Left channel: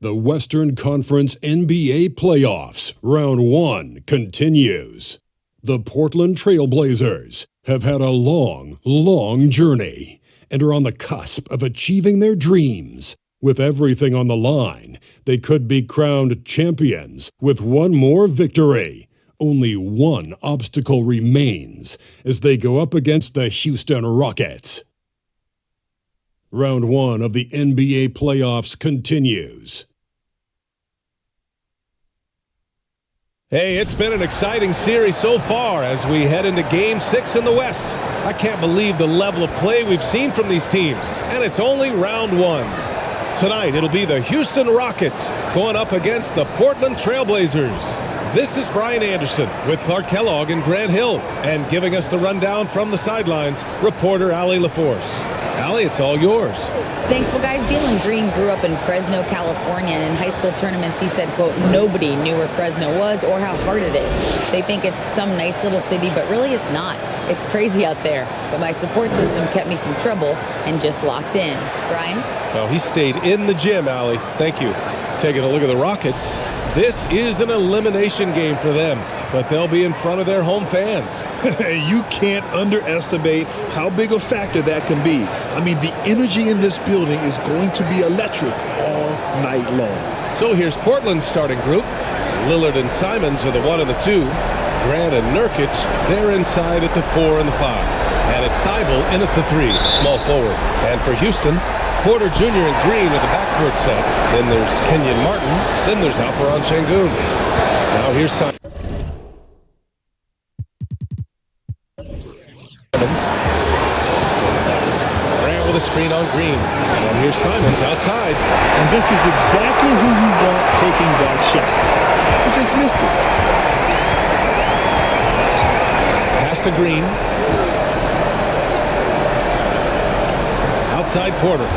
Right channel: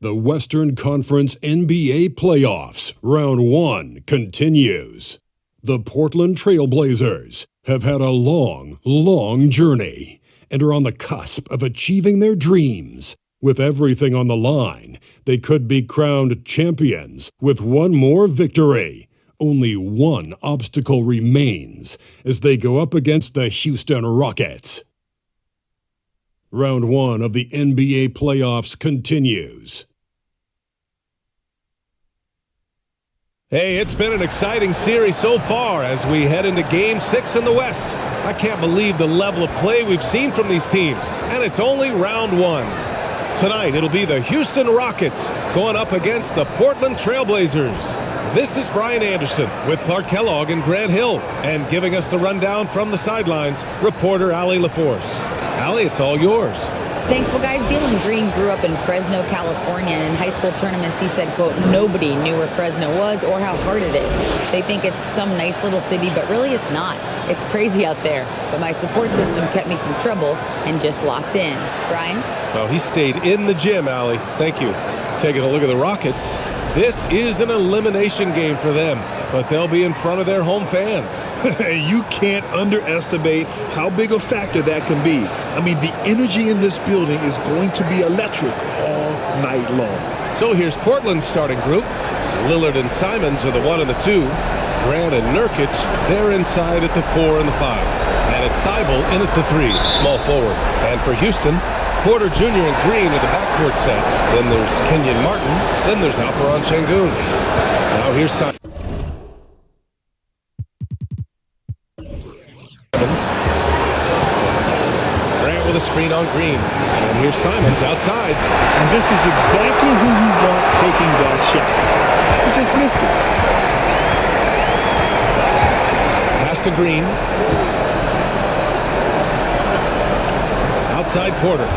The Western Conference NBA Playoffs, Round 1 continues. The Portland Trail Blazers have had a long, long journey and are on the cusp of achieving their dreams. With everything on the line, they could be crowned champions with one more victory. Only one obstacle remains as they go up against the Houston Rockets. Round 1 of the NBA playoffs continues. Hey, it's been an exciting series so far as we head into Game 6 in the West. I can't believe the level of play we've seen from these teams, and it's only round 1. Tonight, it'll be the Houston Rockets going up against the Portland Trail Blazers. This is Brian Anderson with Clark Kellogg and Grant Hill, and giving us the rundown from the sidelines, reporter Allie LaForce. Allie, it's all yours. Thanks. Well, guys, Jalen Green grew up in Fresno, California, and in high school tournaments, he said, quote, nobody knew where Fresno was or how hard it is. They think it's some nice little city, but really it's not. It's crazy out there. But my support system kept me from trouble and just locked in. Brian? Well, he stayed in the gym, Allie. Thank you. Taking a look at the Rockets. This is an elimination game for them, but they'll be in front of their home fans. You can't underestimate how big a factor that can be. I mean, the energy in this building is going to be electric all night long. So here's Portland's starting group. Lillard and Simons are the 1 and the 2. Grant and Nurkic, they're inside at the 4 and the 5. And it's Thybulle in at the 3, small forward. And for Houston, Porter Jr. and Green are the backcourt set. Then there's Kenyon Martin. Then there's Alperen Sengun. Now here's Simons. Grant with a screen on Green. And here's Simons outside. And this is exactly who you want taking that shot. He just missed it. Pass to Green. Outside Porter.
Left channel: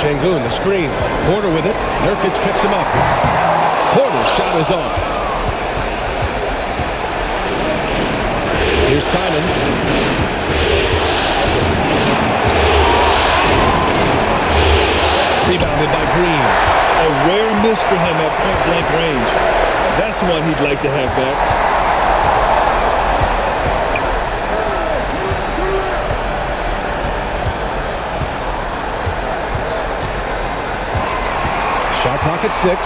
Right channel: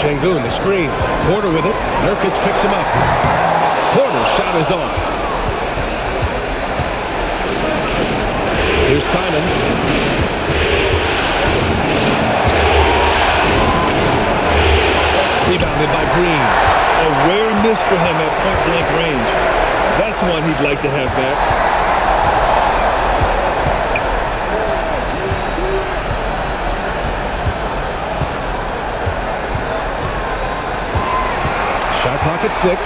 Sengun, the screen. Porter with it. Nurkic picks him up. Porter's shot is off. Here's Simons. Rebounded by Green. A rare miss for him at point-blank range. That's one he'd like to have back. Shot clock at 6.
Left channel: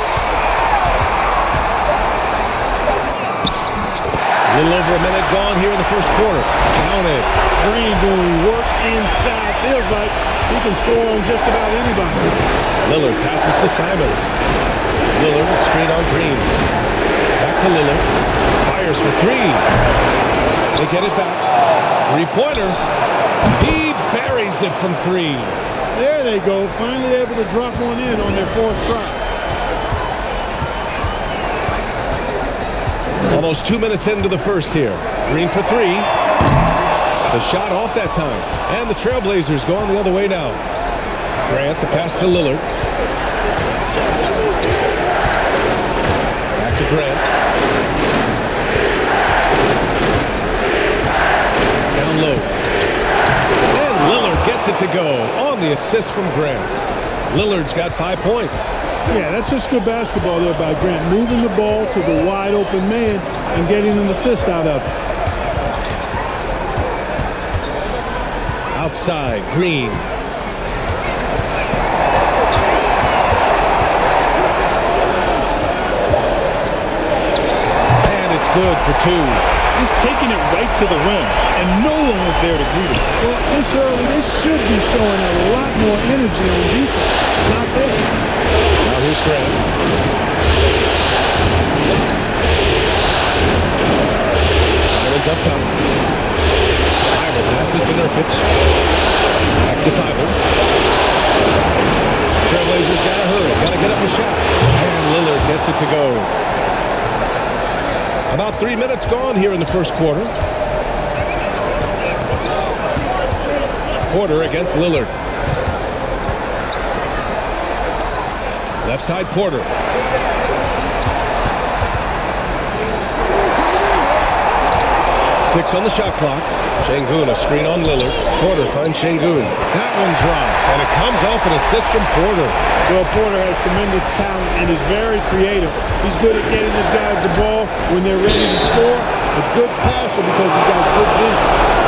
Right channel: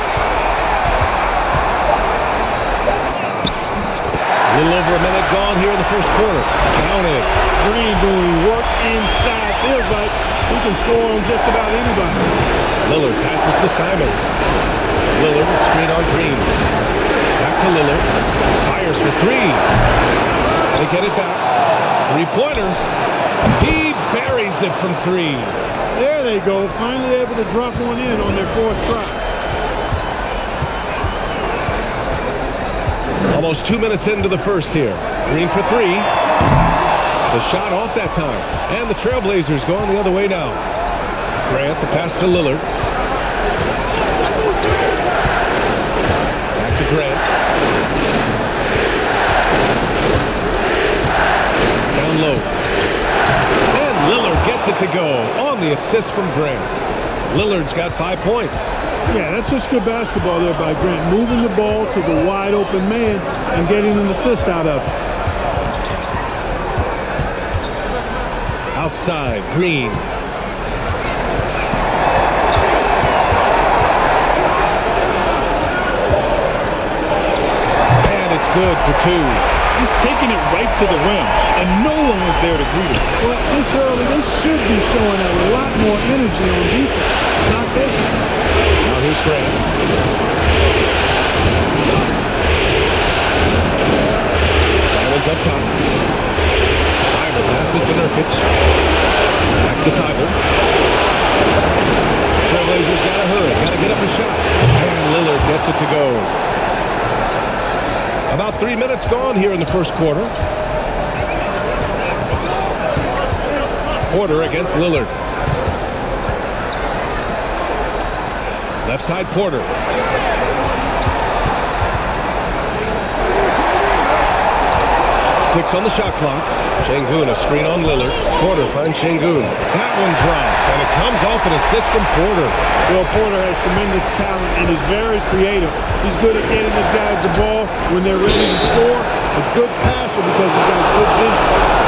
A little over a minute gone here in the first quarter. Counted. Green doing work inside. Feels like he can score on just about anybody. Lillard passes to Simons. Lillard, screen on Green. Back to Lillard. Fires for 3. They get it back. 3-pointer. He buries it from 3. There they go. Finally able to drop one in on their 4th try. Almost 2 minutes into the first here. Green for 3. The shot off that time. And the Trailblazers going the other way now. Grant, the pass to Lillard. Back to Grant. Down low. And Lillard gets it to go on the assist from Grant. Lillard's got 5 points. Yeah, that's just good basketball there by Grant. Moving the ball to the wide open man and getting an assist out of it. Outside, Green. And it's good for 2. Just taking it right to the rim, and no one was there to greet him. Well, this early, they should be showing a lot more energy on defense. Not there. Now here's Grant. Simons up top. Thybulle passes to Nurkic. Back to Thybulle. Trailblazers gotta hurry, gotta get up a shot. And Lillard gets it to go. About 3 minutes gone here in the first quarter. Porter against Lillard. Left side Porter. 6 on the shot clock. Şengün, a screen on Lillard. Porter finds Şengün. That one drops, and it comes off an assist from Porter. Well, Porter has tremendous talent and is very creative. He's good at getting his guys the ball when they're ready to score. A good passer because he's got good vision.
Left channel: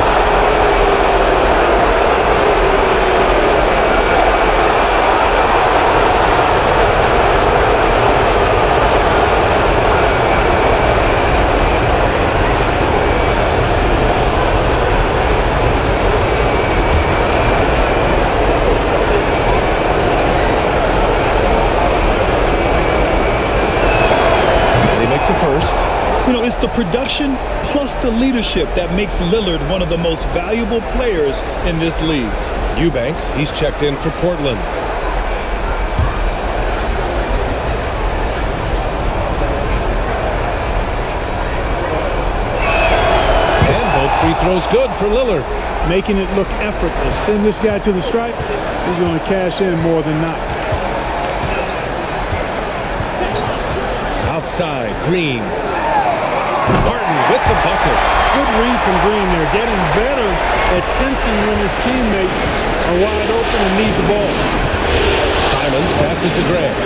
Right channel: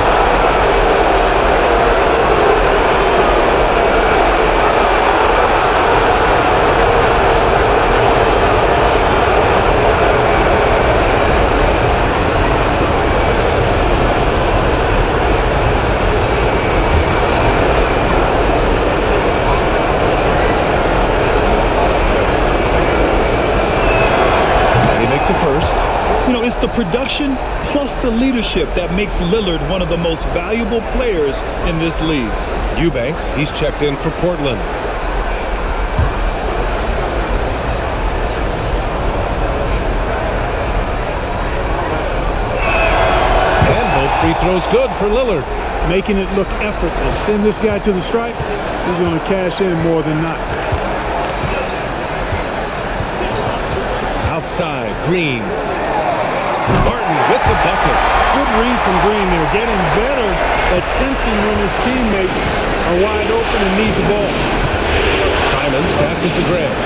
The first. You know, it's the production plus the leadership that makes Lillard one of the most valuable players in this league. Eubanks, he's checked in for Portland. And both free throws good for Lillard. Making it look effortless. Send this guy to the stripe, he's going to cash in more than not. Outside, Green. Martin with the bucket. Good read from Green there. Getting better at sensing when his teammates are wide open and need the ball. Simons passes to Graham.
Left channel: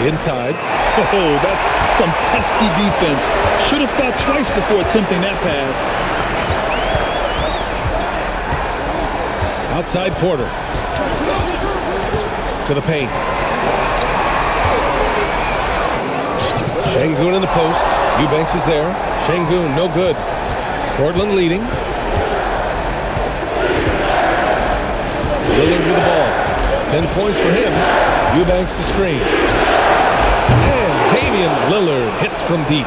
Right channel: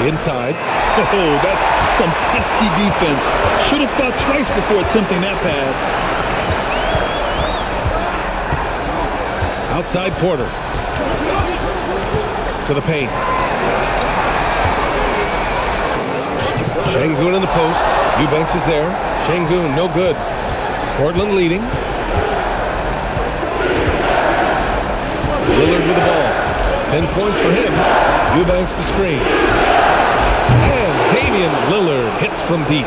Inside. Oh, that's some pesky defense. Should have thought twice before attempting that pass. Outside Porter. To the paint. Şengün in the post. Eubanks is there. Şengün, no good. Portland leading. Lillard with the ball. 10 points for him. Eubanks the screen. And Damian Lillard hits from deep.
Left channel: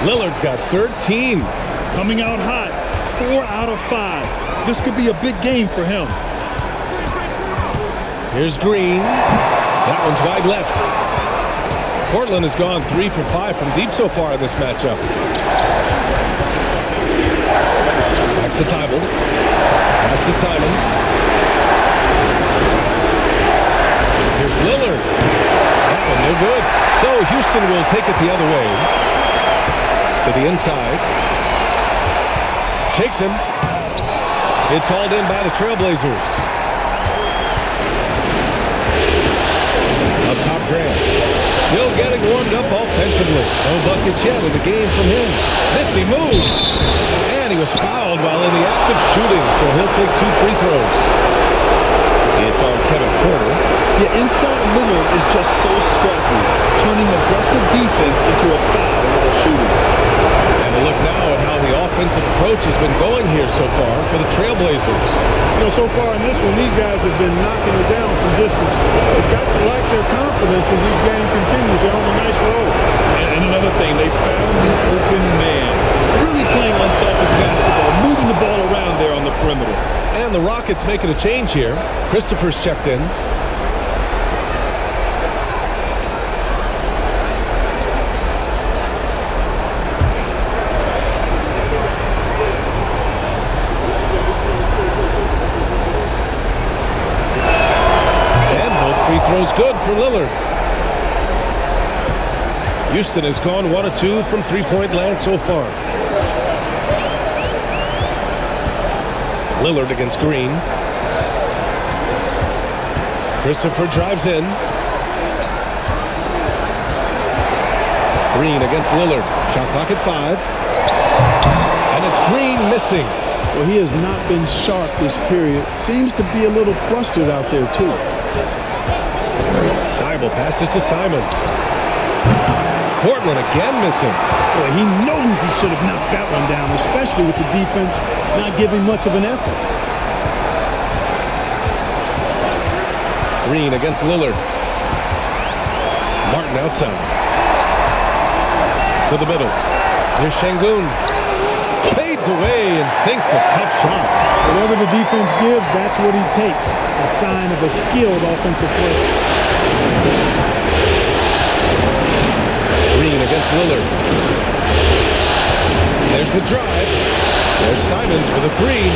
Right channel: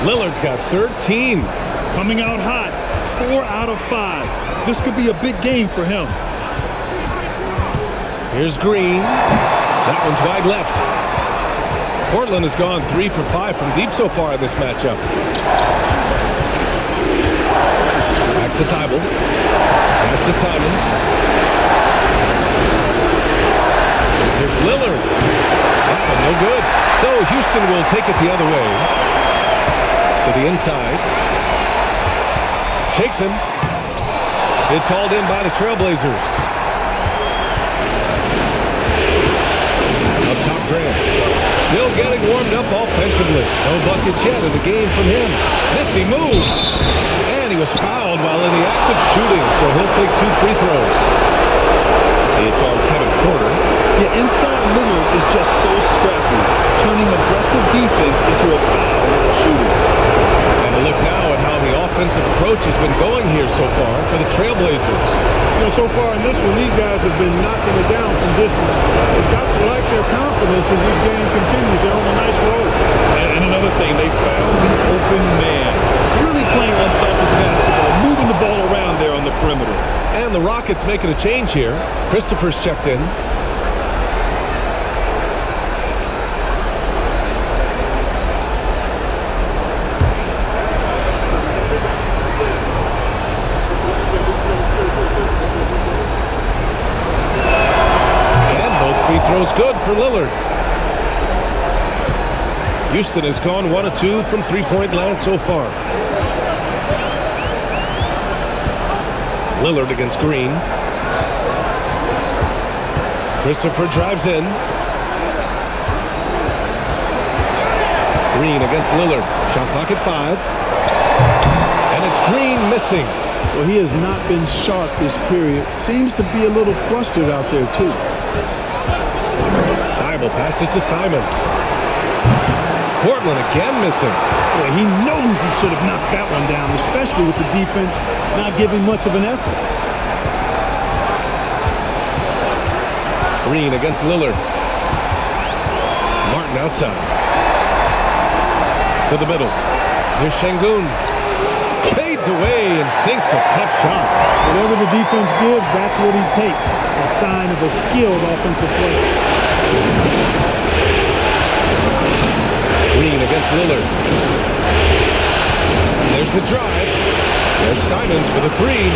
Lillard's got 13. Coming out hot. 4 out of 5. This could be a big game for him. Here's Green. That one's wide left. Portland has gone 3 for 5 from deep so far in this matchup. Back to Thybulle. Pass to Simons. Here's Lillard. That one no good. So Houston will take it the other way. To the inside. Shakes him. It's hauled in by the Trailblazers. Up top, Grant. Still getting warmed up offensively. No buckets yet in the game from him. Nifty move. And he was fouled while in the act of shooting, so he'll take 2 free throws. It's on Kevin Porter. Yeah, inside Lillard is just so scrappy, turning aggressive defense into a foul while shooting. And a look now at how the offensive approach has been going here so far for the Trailblazers. You know, so far in this one, these guys have been knocking it down from distance. They've got to like their confidence as this game continues. They're on a nice roll. And another thing, they found the open man. Really playing unselfish basketball, moving the ball around there on the perimeter. And the Rockets making a change here. Christopher's checked in. Free throws good for Lillard. Houston has gone 1 of 2 from three-point land so far. Lillard against Green. Christopher drives in. Green against Lillard. Shot clock at 5. And it's Green missing. Well, he has not been sharp this period. Seems to be a little flustered out there, too. Thybulle passes to Simons. Portland again missing. Boy, he knows he should have knocked that one down, especially with the defense not giving much of an effort. Green against Lillard. Martin outside. To the middle. Here's Şengün. fades away and sinks the tough shot. Whatever the defense gives, that's what he takes. A sign of a skilled offensive player. Green against Lillard. There's the drive. There's Simons for the three.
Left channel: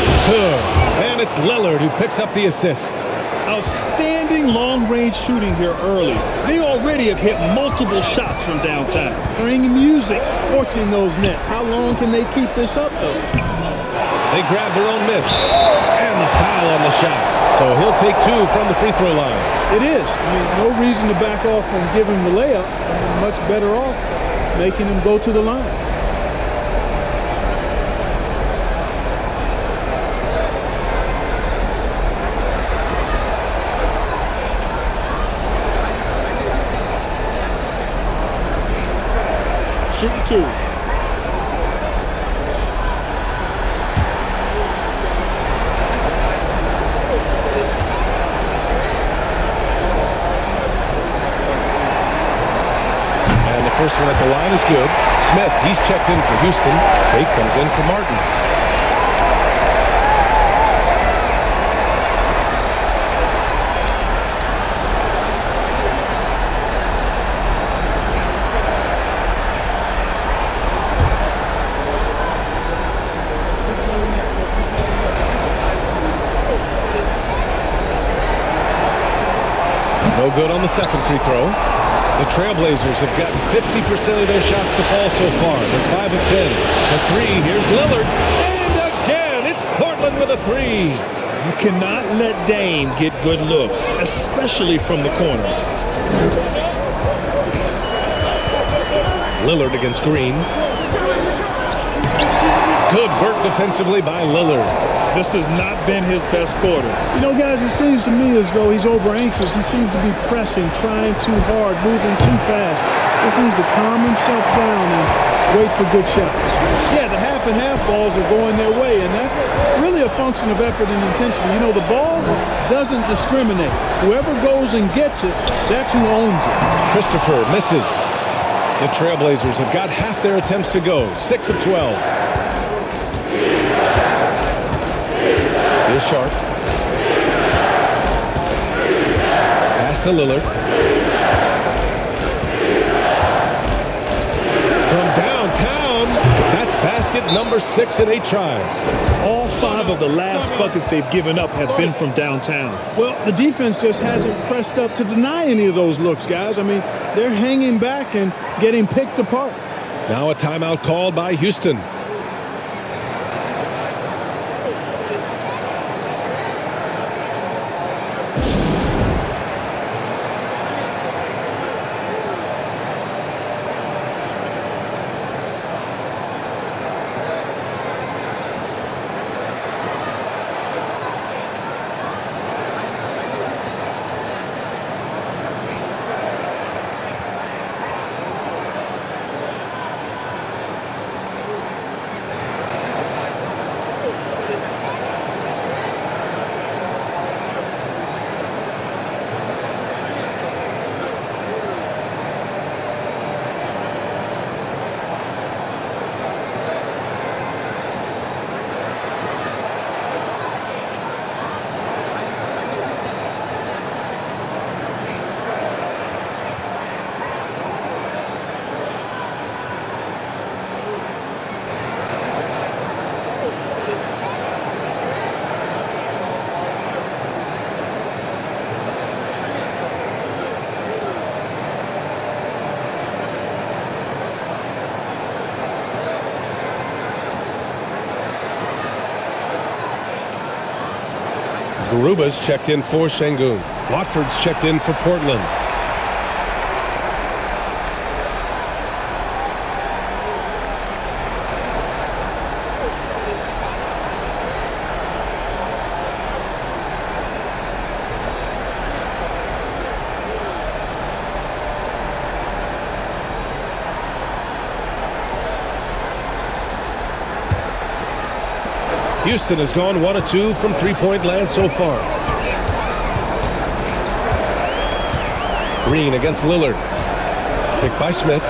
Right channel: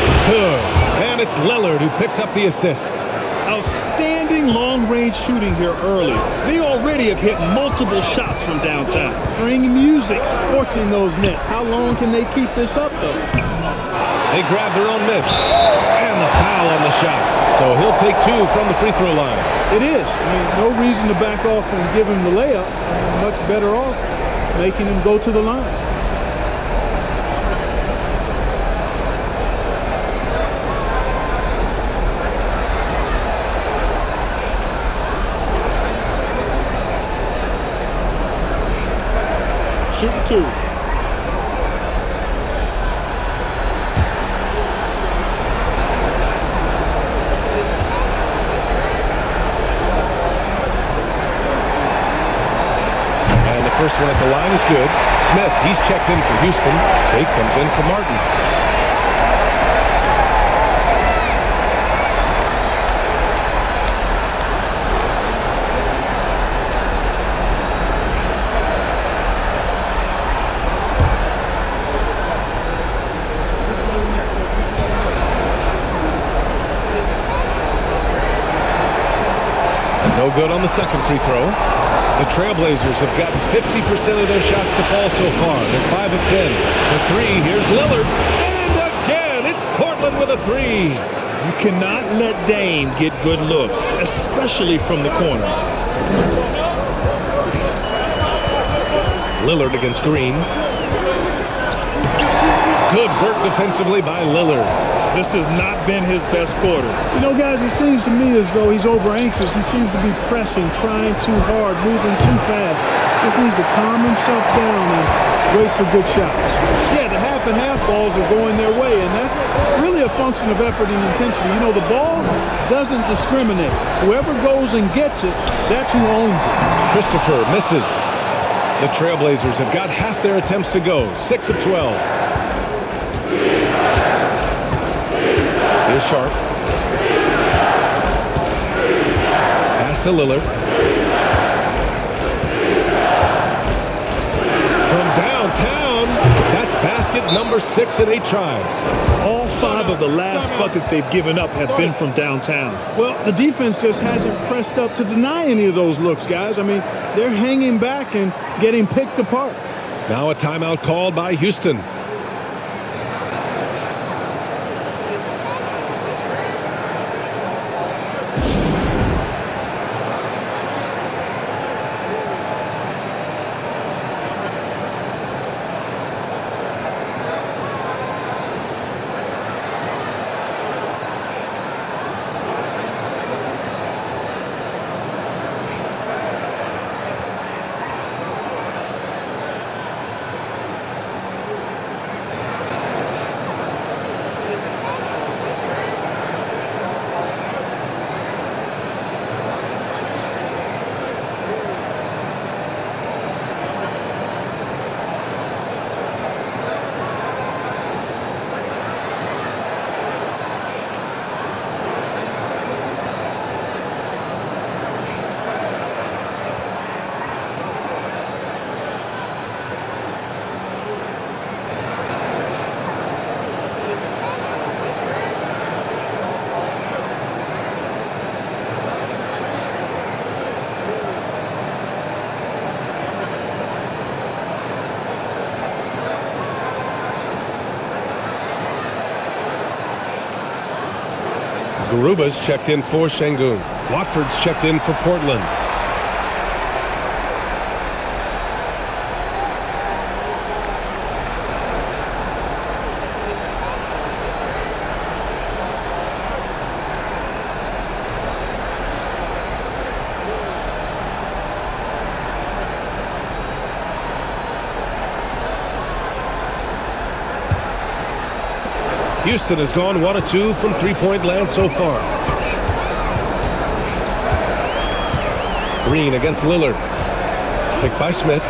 And it's Lillard who picks up the assist. Outstanding long-range shooting here early. They already have hit multiple shots from downtown. Bring music, scorching those nets. How long can they keep this up, though? They grab their own miss. And the foul on the shot. So he'll take two from the free throw line. It is. I mean, no reason to back off and give him the layup. I mean, much better off making him go to the line. Shooting two. And the first one at the line is good. Smith, he's checked in for Houston. Tate comes in for Martin. No good on the second free throw. The Trailblazers have gotten 50% of their shots to fall so far. They're 5 of 10. The three, here's Lillard. And again, it's Portland with a three. You cannot let Dame get good looks, especially from the corner. Lillard against Green. Good work defensively by Lillard. This has not been his best quarter. You know, guys, it seems to me as though he's over anxious. He seems to be pressing, trying too hard, moving too fast. Just needs to calm himself down and wait for good shots. Yeah, the half and half balls are going their way, and that's really a function of effort and intensity. You know, the ball doesn't discriminate. Whoever goes and gets it, that's who owns it. Christopher misses. The Trailblazers have got half their attempts to go, 6 of 12. Here's Sharp. Pass to Lillard. From downtown, that's basket number 6 in 8 tries. All 5 of the last buckets they've given up have been from downtown. Well, the defense just hasn't pressed up to deny any of those looks, guys. I mean, they're hanging back and getting picked apart. Now a timeout called by Houston. Garuba's checked in for Şengün. Watford's checked in for Portland. Houston has gone 1 of 2 from three-point land so far. Green against Lillard. Picked by Smith.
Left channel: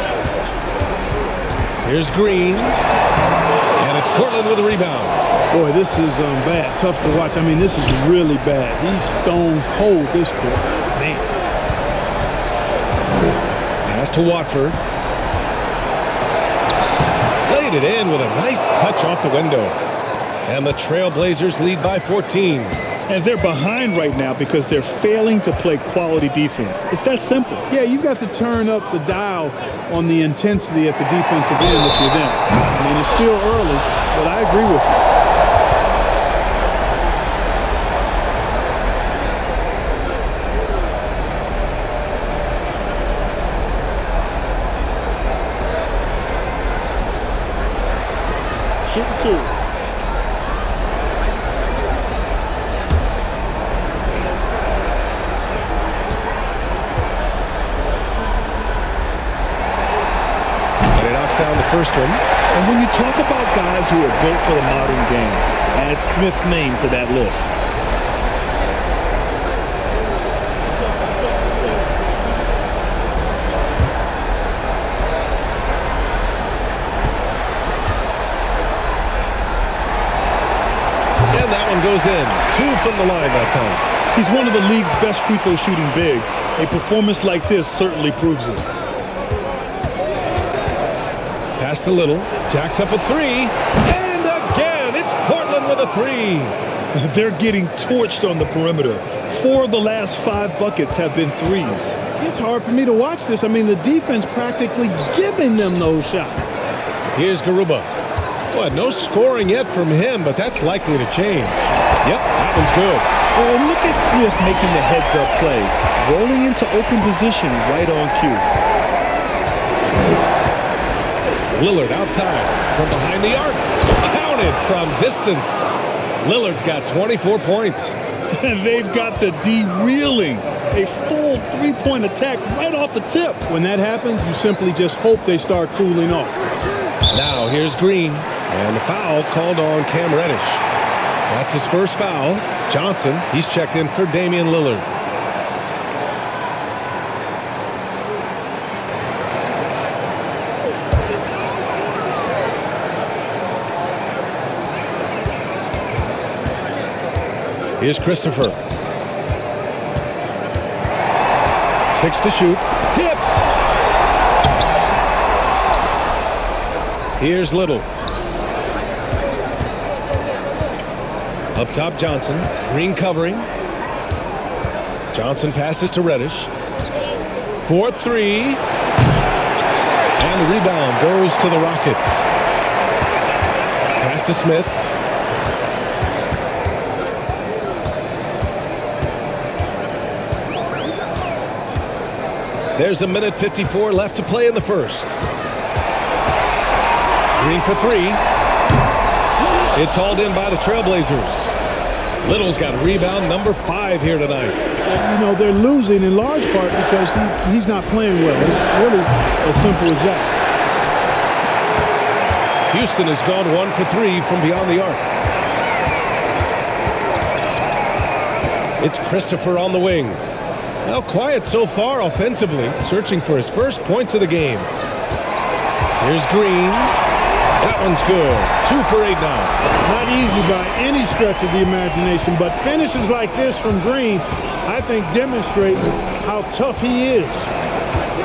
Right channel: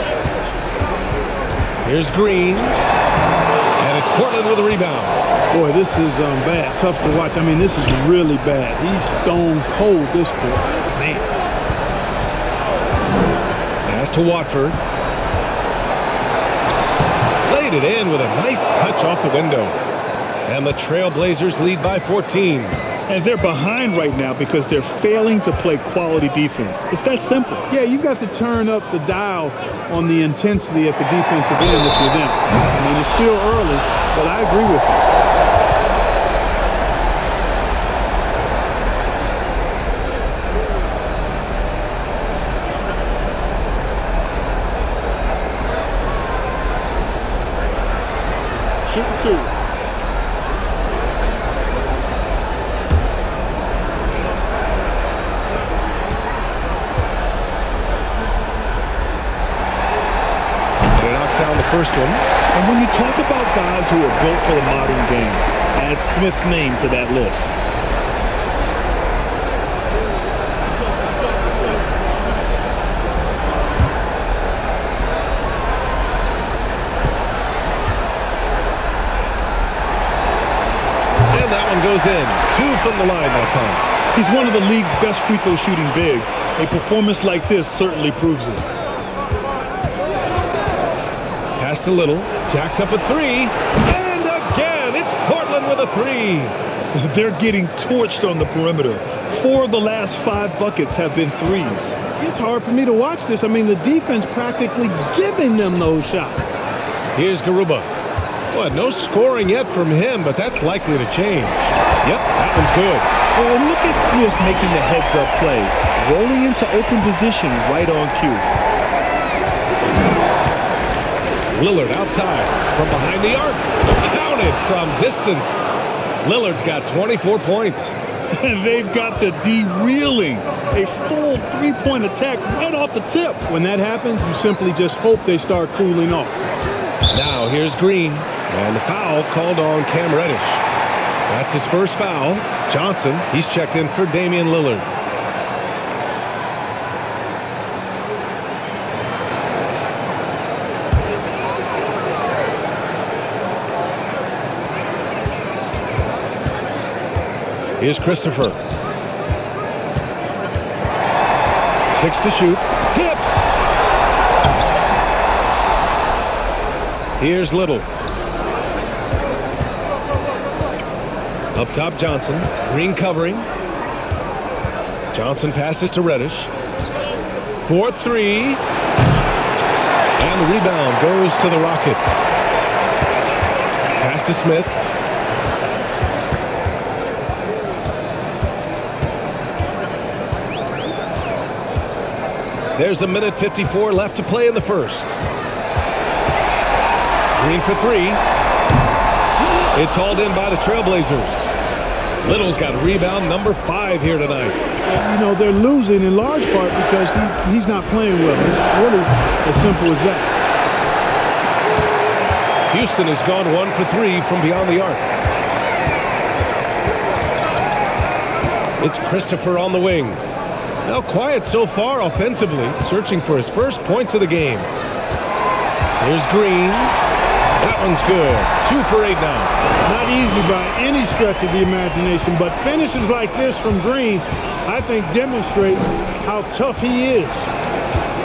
Here's Green. And it's It's Portland with a rebound. Boy, this is bad. Tough to watch. I mean, this is really bad. He's stone cold this quarter. Man. Pass to Watford. Laid it in with a nice touch off the window. And the Trailblazers lead by 14. And they're behind right now because they're failing to play quality defense. It's that simple. Yeah, you've got to turn up the dial on the intensity at the defensive end if you're them. I mean, it's still early, but I agree with you. Shooting two. And he knocks down the first one. And when you talk about guys who are built for the modern game, add Smith's name to that list. And that one goes in. 2 from the line that time. He's one of the league's best free throw shooting bigs. A performance like this certainly proves it. Pass to Little. Jacks up a 3. And again, it's Portland with a 3. They're getting torched on the perimeter. 4 of the last 5 buckets have been threes. It's hard for me to watch this. I mean, the defense practically giving them those shots. Here's Garuba. Well, no scoring yet from him, but that's likely to change. Yep, that one's good. And look at Smith making the heads-up play, rolling into open position right on cue. Lillard outside from behind the arc. Counted from distance. Lillard's got 24 points. They've got the D reeling. A full three-point attack right off the tip. When that happens, you simply just hope they start cooling off. Now here's Green. And the foul called on Cam Reddish. That's his first foul. Johnson, he's checked in for Damian Lillard. Here's Christopher. 6 to shoot. Tipped. Here's Little. Up top, Johnson. Green covering. Johnson passes to Reddish. 4-3. And the rebound goes to the Rockets. Pass to Smith. There's a minute 54 left to play in the first. Green for 3. It's hauled in by the Trailblazers. Little's got rebound number 5 here tonight. And, you know, they're losing in large part because he's not playing well. It's really as simple as that. Houston has gone 1 for 3 from beyond the arc. It's Christopher on the wing. Now quiet so far offensively, searching for his first points of the game. Here's Green. That one's good. 2 for 8 now. Not easy by any stretch of the imagination, but finishes like this from Green, I think, demonstrate how tough he is.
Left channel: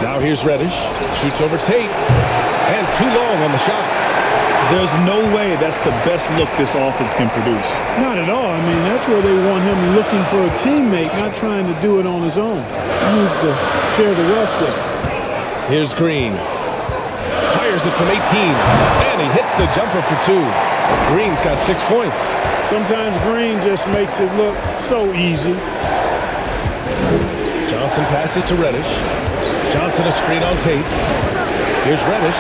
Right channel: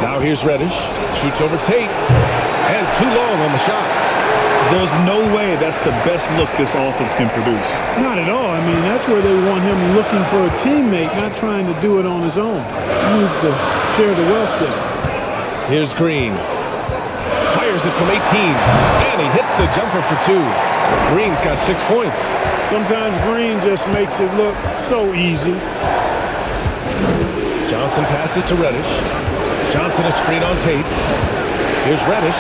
Now here's Reddish. Shoots over Tate. And too long on the shot. There's no way that's the best look this offense can produce. Not at all. I mean, that's where they want him looking for a teammate, not trying to do it on his own. He needs to share the wealth there. Here's Green. Fires it from 18. And he hits the jumper for 2. Green's got 6 points. Sometimes Green just makes it look so easy. Johnson passes to Reddish. Johnson a screen on Tate. Here's Reddish.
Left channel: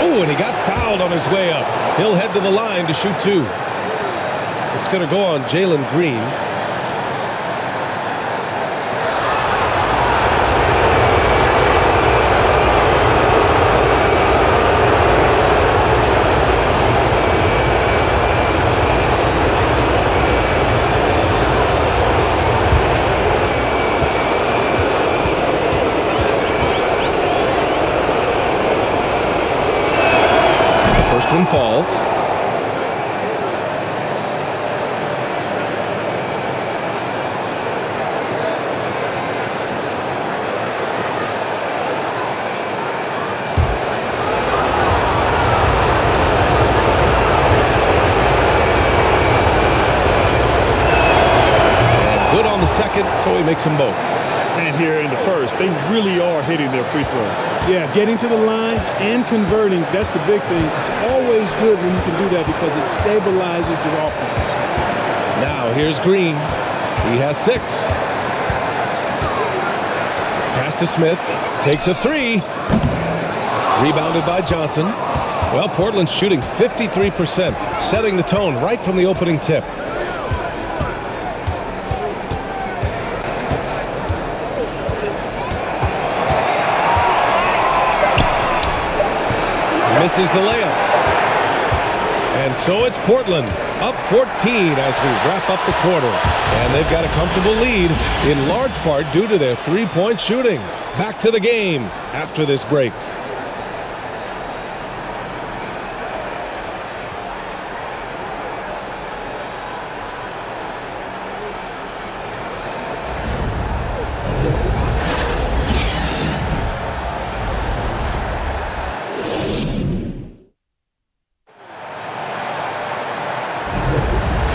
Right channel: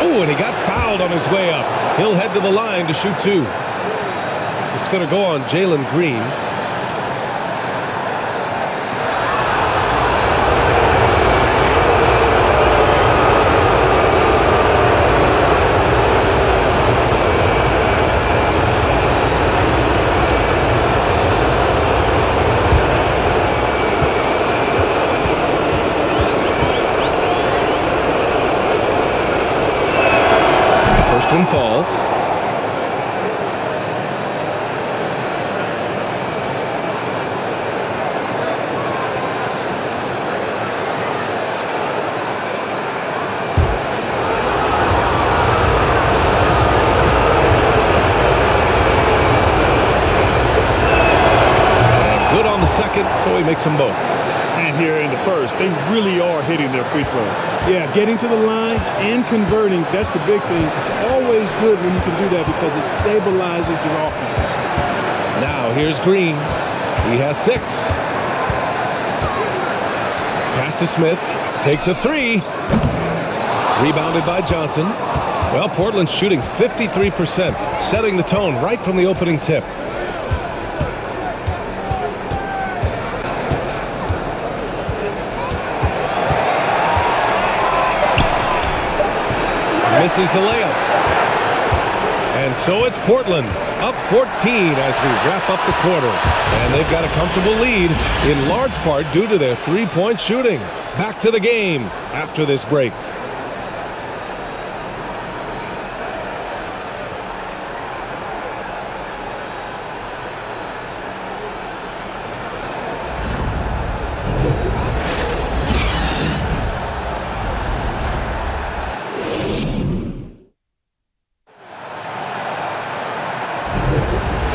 Oh, and he got fouled on his way up. He'll head to the line to shoot 2. It's going to go on Jalen Green. First one falls. on the second, so he makes them both. And here in the first, they really are hitting their free throws. Yeah, getting to the line and converting, that's the big thing. It's always good when you can do that because it stabilizes your offense. Now here's Green. He has 6. Pass to Smith. Takes a 3. Rebounded by Johnson. Well, Portland's shooting 53%, setting the tone right from the opening tip. Misses the layup. And so it's Portland up 14 as we wrap up the quarter. And they've got a comfortable lead in large part due to their three-point shooting. Back to the game after this break.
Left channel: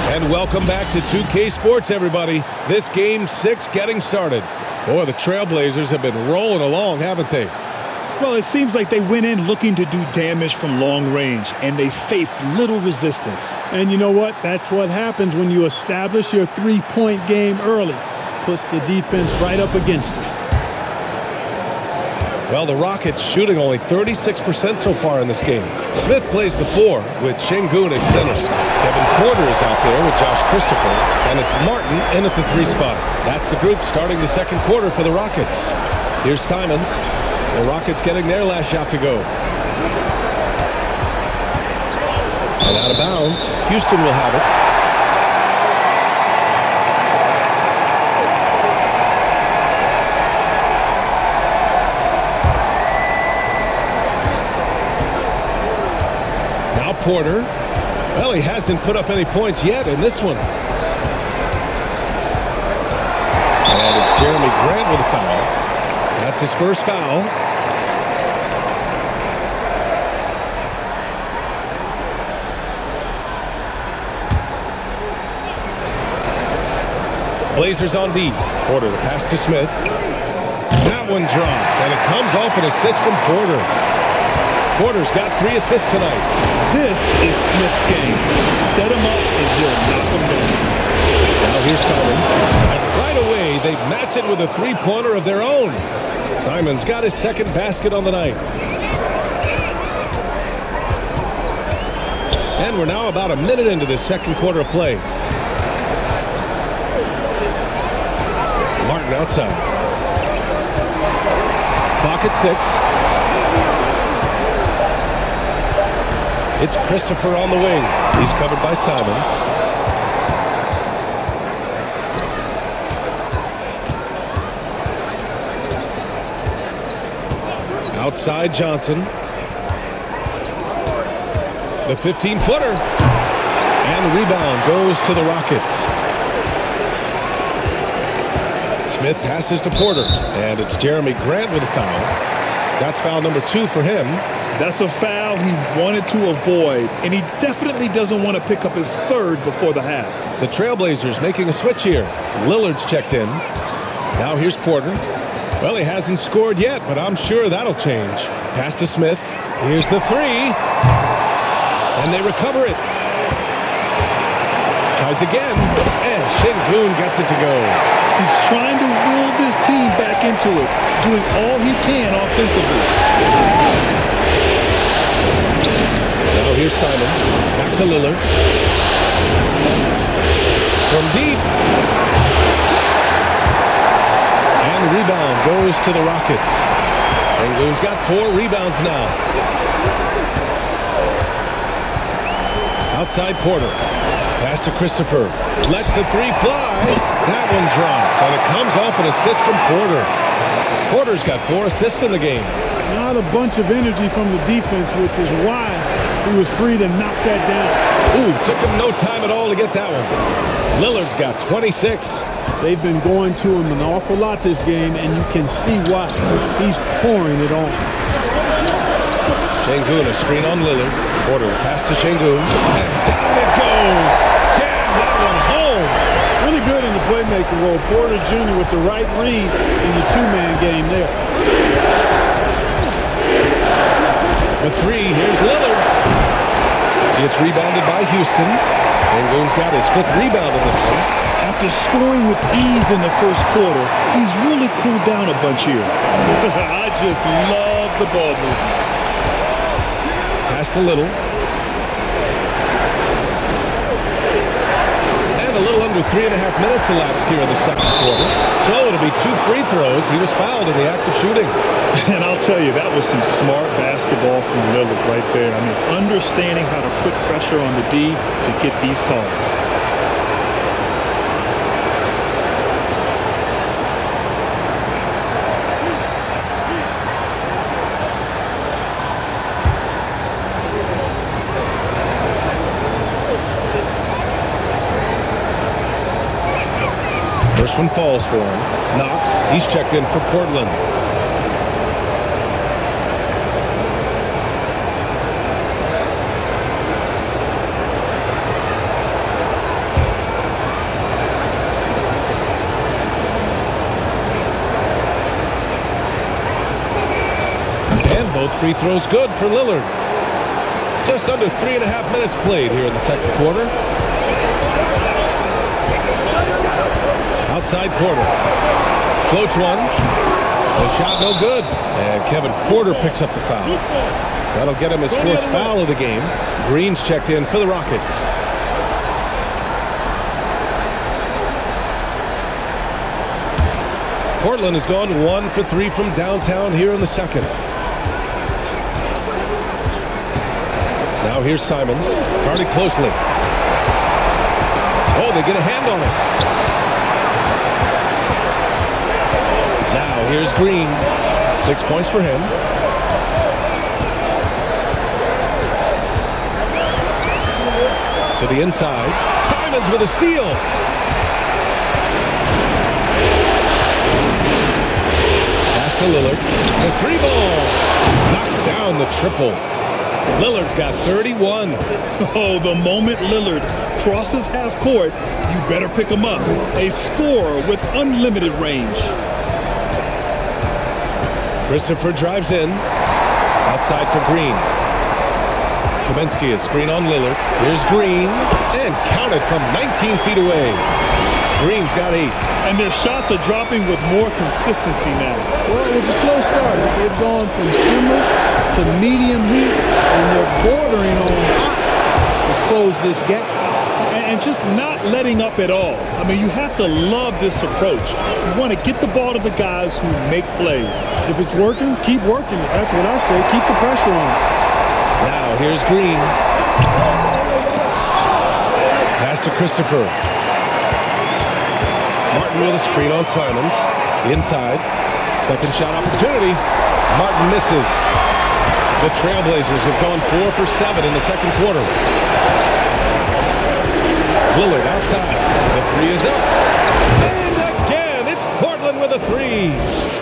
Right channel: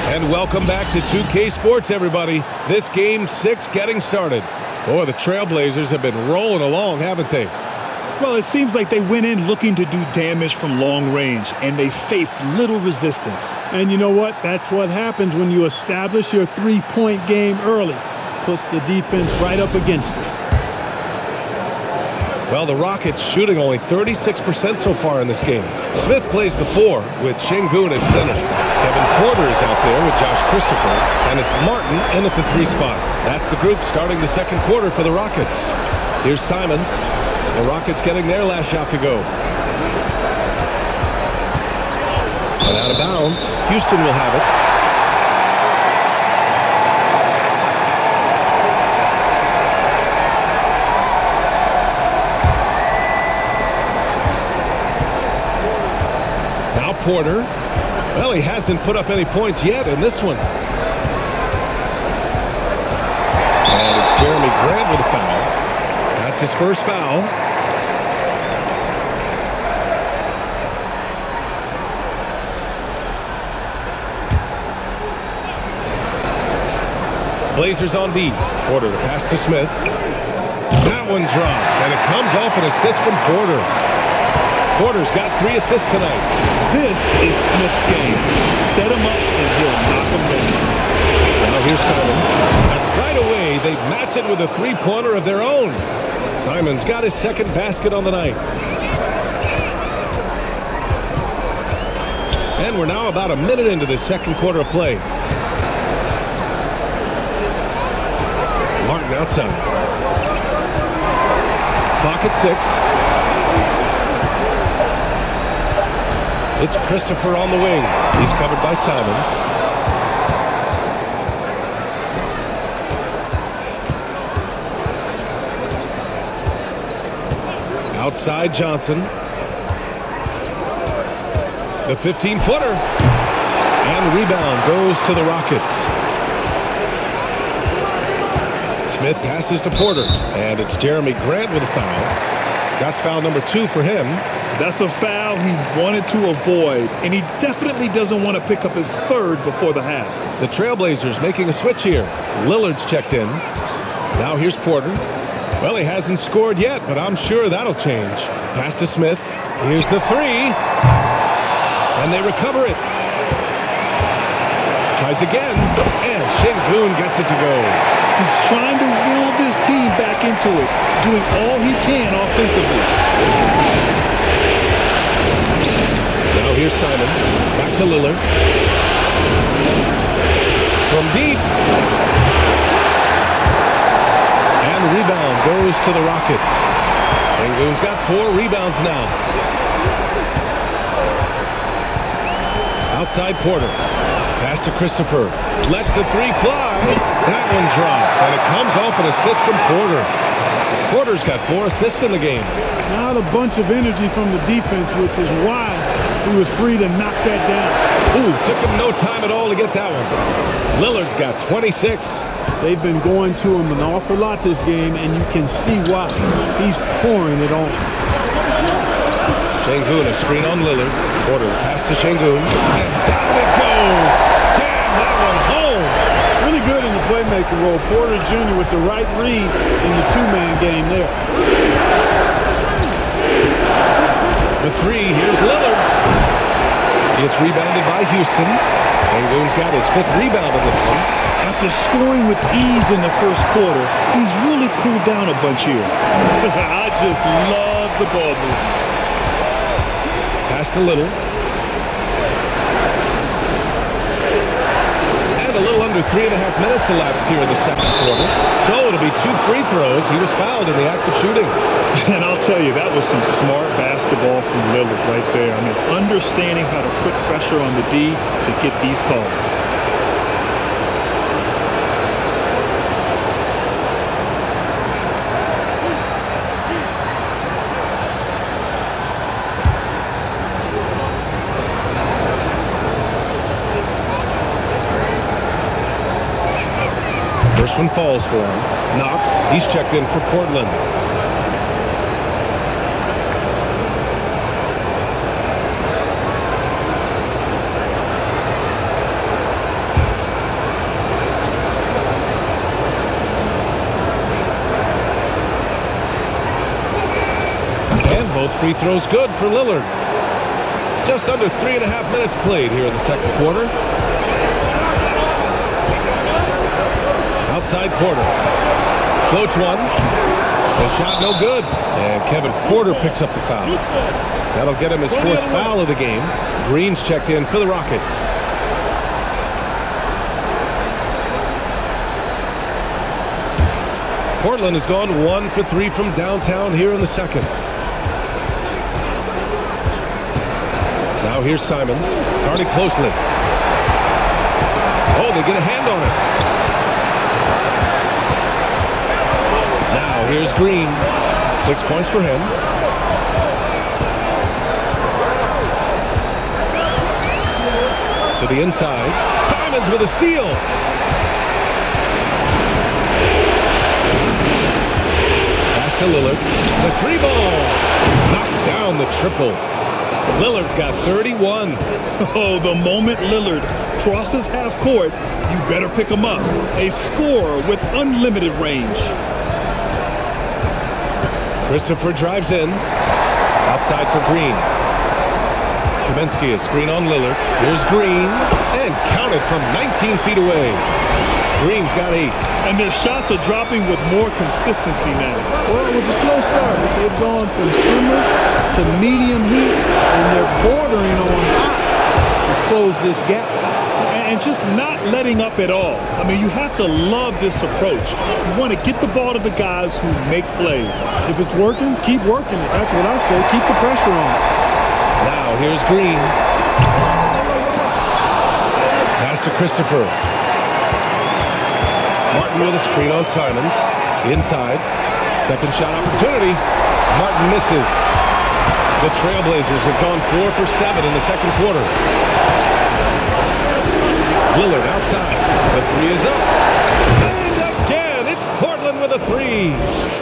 And welcome back to 2K Sports, everybody. This Game 6 getting started. Boy, the Trailblazers have been rolling along, haven't they? Well, it seems like they went in looking to do damage from long range, and they faced little resistance. And you know what? That's what happens when you establish your three-point game early. Puts the defense right up against it. Well, the Rockets shooting only 36% so far in this game. Smith plays the 4 with Şengün at center. Kevin Porter is out there with Josh Christopher, and it's Martin in at the 3 spot. That's the group starting the second quarter for the Rockets. Here's Simons. The Rockets getting their last shot to go. And out of bounds, Houston will have it. Now Porter. Well, he hasn't put up any points yet in this one. And it's Jeremy Grant with a foul. That's his first foul. Blazers on D. Porter, the pass to Smith. That one drops, and it comes off an assist from Porter. Porter's got 3 assists tonight. This is Smith's game. Set him up and he'll knock him down. Now here's Simons. And right away, they match it with a three-pointer of their own. Simons got his second basket on the night. And we're now about a minute into this second quarter of play. Martin outside. Clock at 6. It's Christopher on the wing. He's covered by Simons. Outside Johnson. The 15-footer. And the rebound goes to the Rockets. Smith passes to Porter. And it's Jeremy Grant with a foul. That's foul number 2 for him. That's a foul he wanted to avoid, and he definitely doesn't want to pick up his third before the half. The Trailblazers making a switch here. Lillard's checked in. Now here's Porter. Well, he hasn't scored yet, but I'm sure that'll change. Pass to Smith. Here's the 3. And they recover it. Tries again, and Şengün gets it to go. He's trying to will this team back into it, doing all he can offensively. Now here's Simons. Back to Lillard. From deep. And the rebound goes to the Rockets. Şengün's got 4 rebounds now. Outside Porter. Pass to Christopher. Lets the 3 fly. That one drops, and it comes off an assist from Porter. Porter's got 4 assists in the game. Not a bunch of energy from the defense, which is why he was free to knock that down. Ooh, took him no time at all to get that one. Lillard's got 26. They've been going to him an awful lot this game, and you can see why. He's pouring it on. Şengün, a screen on Lillard. Porter, pass to Şengün. And down it goes. Jam that one home. really good in the playmaking role. Porter Jr. with the right read in the two-man game there. The three, here's Lillard. It's rebounded by Houston. Sengun's got his 5th rebound in this one. After scoring with ease in the first quarter, he's really cooled down a bunch here. I just love the ball movement. Pass to Little. And a little under 3.5 minutes elapsed here in the second quarter. So it'll be 2 free throws. He was fouled in the act of shooting. And I'll tell you, that was some smart basketball from Lillard right there. I mean, understanding how to put pressure on the D to get these calls. First one falls for him. Knox, he's checked in for Portland. And both free throws good for Lillard. Just under 3.5 minutes played here in the second quarter. Outside Porter. Floats one. The shot no good. And Kevin Porter picks up the foul. That'll get him his 4th foul of the game. Green's checked in for the Rockets. Portland has gone 1 for 3 from downtown here in the second. Now here's Simons. Guarded closely. Oh, they get a hand on it. Now here's Green. 6 points for him. To the inside. Simons with a steal. Pass to Lillard. The 3 ball. Knocks down the triple. Lillard's got 31. Oh, the moment Lillard crosses half court, you better pick him up. A scorer with unlimited range. Christopher drives in. Outside for Green. Kaminsky is screen on Lillard. Here's Green. And counted from 19 feet away. Green's got 8. And their shots are dropping with more consistency now. Well, it was a slow start, but they've gone from simmer to medium heat, and they're bordering on hot to close this gap. And just not letting up at all. I mean, you have to love this approach. You want to get the ball to the guys who make plays. If it's working, keep working it. That's what I say. Keep the pressure on. Now here's Green. Pass to Christopher. Martin with a screen on Simons. Inside. Second shot opportunity. Martin misses. The Trailblazers have gone 4 for 7 in the second quarter. Lillard outside. The 3 is up. And again, it's Portland with a 3.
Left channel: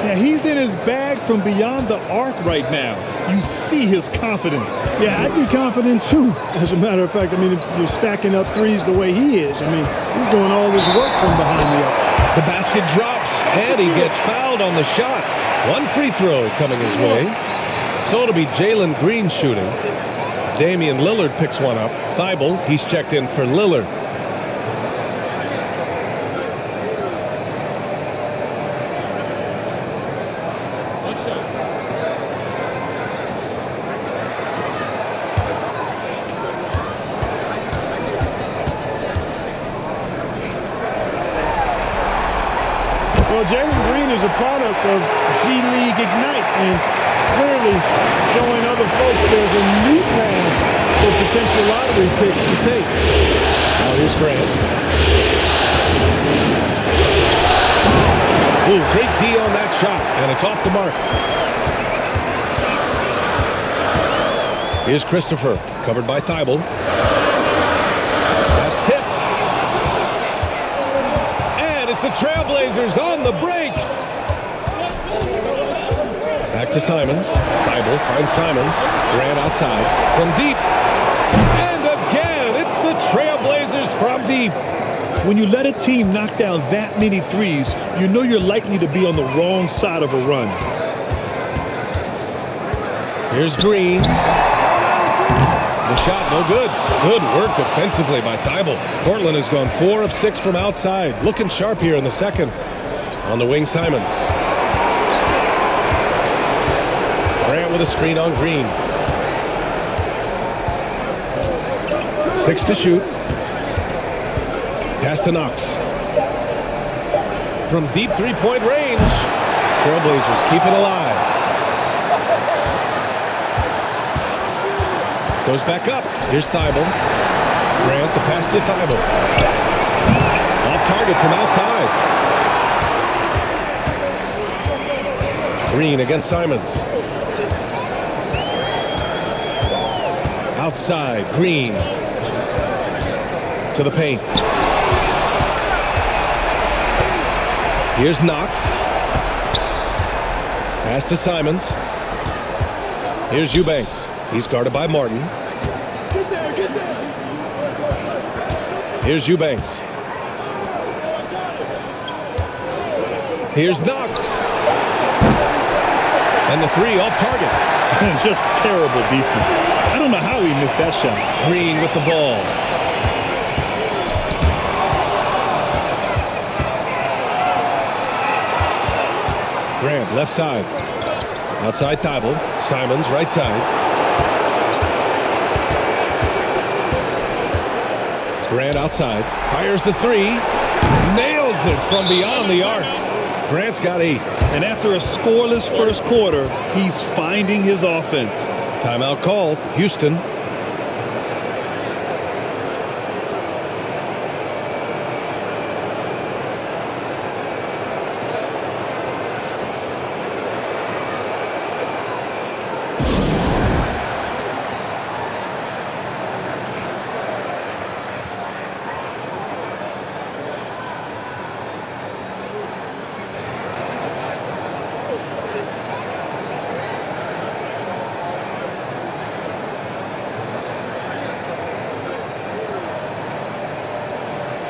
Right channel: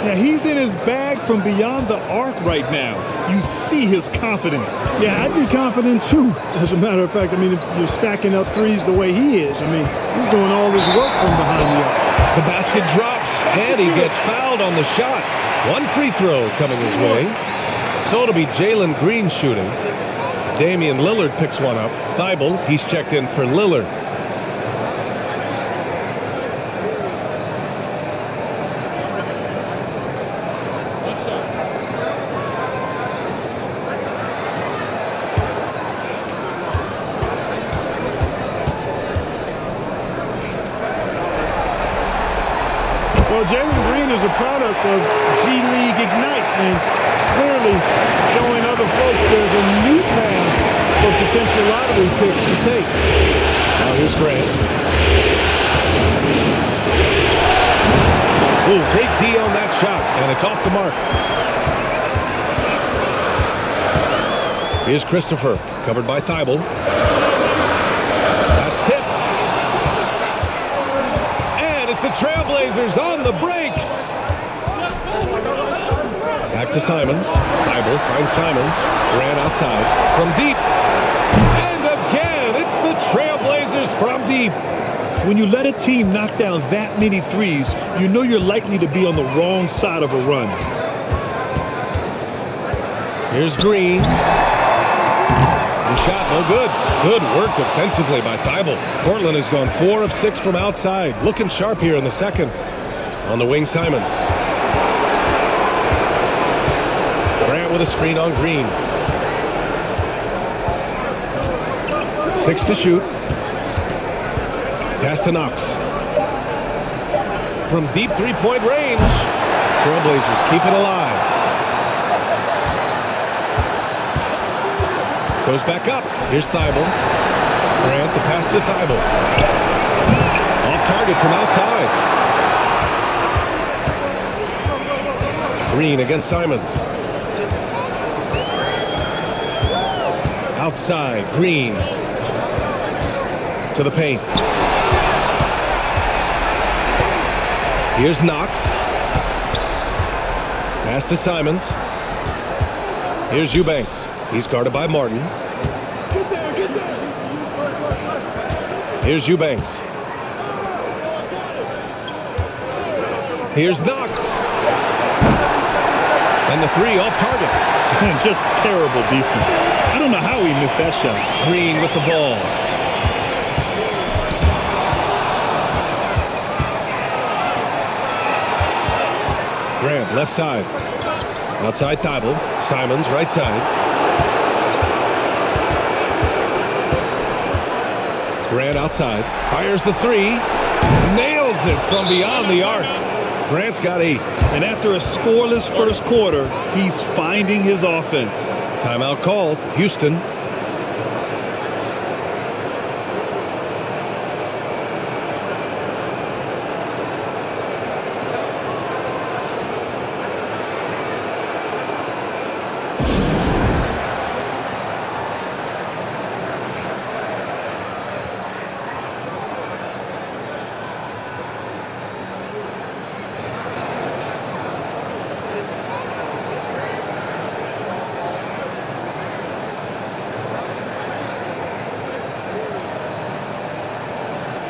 Yeah, he's in his bag from beyond the arc right now. You see his confidence. Yeah, I'd be confident too, as a matter of fact. I mean, if you're stacking up threes the way he is, I mean, he's doing all this work from behind the arc. The basket drops, and he gets fouled on the shot. 1 free throw coming his way. So it'll be Jalen Green shooting. Damian Lillard picks one up. Thibault, he's checked in for Lillard. What's up? Well, Jalen Green is a product of G League Ignite, and clearly showing other folks there's a new path for potential lottery picks to take. Now here's Grant. Ooh, great D on that shot, and it's off the mark. Here's Christopher, covered by Thibault. That's tipped. And it's the Trailblazers on the break. Back to Simons. Thibault finds Simons. Grant outside from deep. And again, it's the Trailblazers from deep. When you let a team knock down that many threes, you know you're likely to be on the wrong side of a run. Here's Green. The shot, no good. Good work defensively by Thibault. Portland has gone 4 of 6 from outside. Looking sharp here in the second. On the wing, Simons. Grant with a screen on Green. 6 to shoot. Pass to Knox. From deep three-point range. Trailblazers keep it alive. Goes back up. Here's Thibault. Grant, the pass to Thibault. Off target from outside. Green against Simons. Outside, Green. To the paint. Here's Knox. Pass to Simons. Here's Eubanks. He's guarded by Martin. Get there, get there. Here's Eubanks. Here's Knox. And the three off target. And just terrible defense. I don't know how he missed that shot. Green with the ball. Grant, left side. Outside Thibault. Simons, right side. Grant outside. Fires the three. Nails it from beyond the arc. Grant's got 8. And after a scoreless first quarter, he's finding his offense. Timeout called. Houston.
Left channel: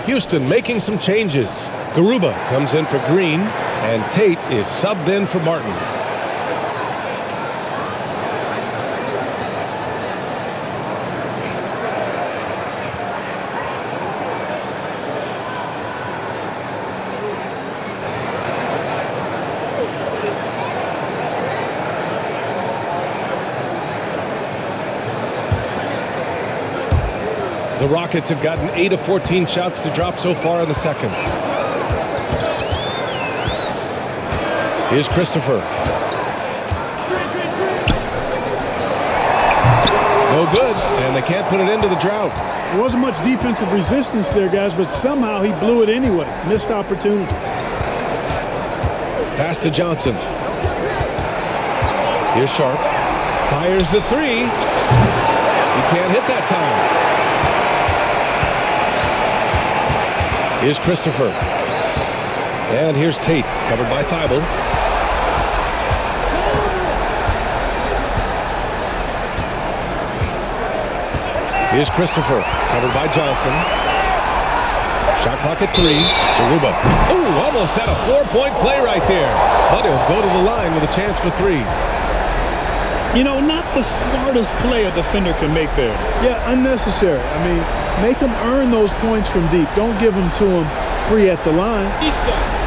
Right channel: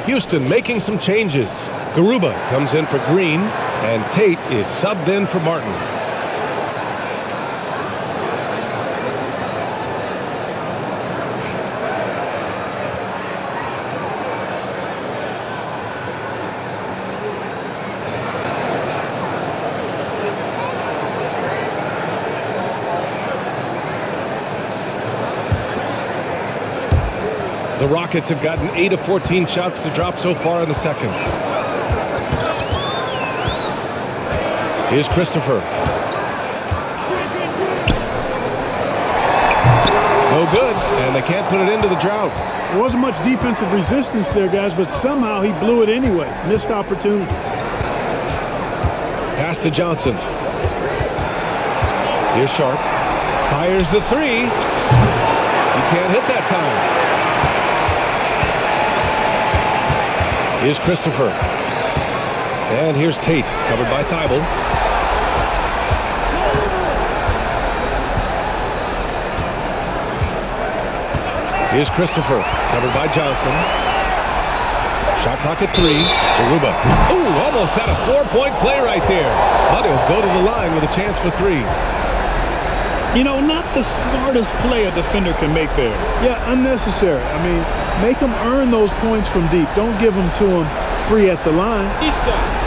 Houston making some changes. Garuba comes in for Green, and Tate is subbed in for Martin. The Rockets have gotten 8 of 14 shots to drop so far in the second. Here's Christopher. No good, and they can't put it into the drought. There wasn't much defensive resistance there, guys, but somehow he blew it anyway. Missed opportunity. Pass to Johnson. Here's Sharp. Fires the three. He can't hit that time. Here's Christopher. And here's Tate, covered by Thibault. Here's Christopher, covered by Johnson. Shot clock at 3. Garuba. Oh, almost had a 4-point play right there. But he'll go to the line with a chance for 3. You know, not the smartest play a defender can make there. Yeah, unnecessary. I mean, make them earn those points from deep. Don't give them to them free at the line. 3 shots.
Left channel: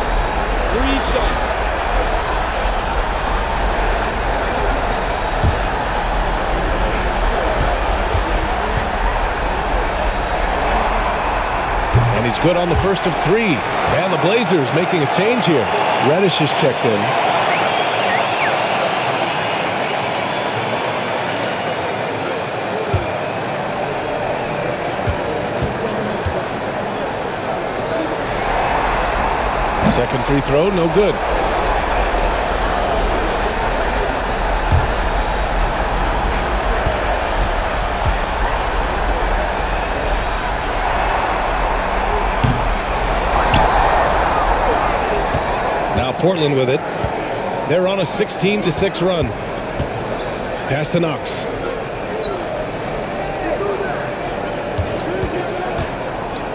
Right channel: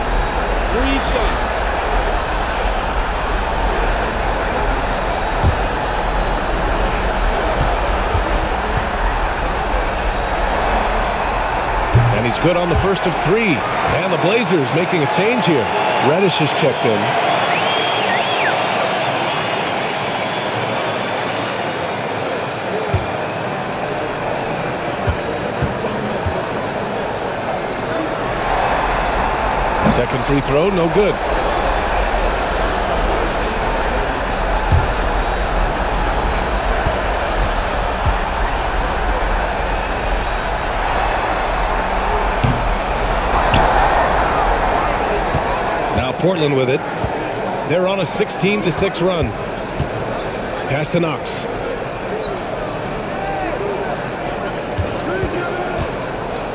And he's good on the first of 3. And the Blazers making a change here. Reddish is checked in. Second free throw, no good. Now Portland with it. They're on a 16-6 run. Pass to Knox.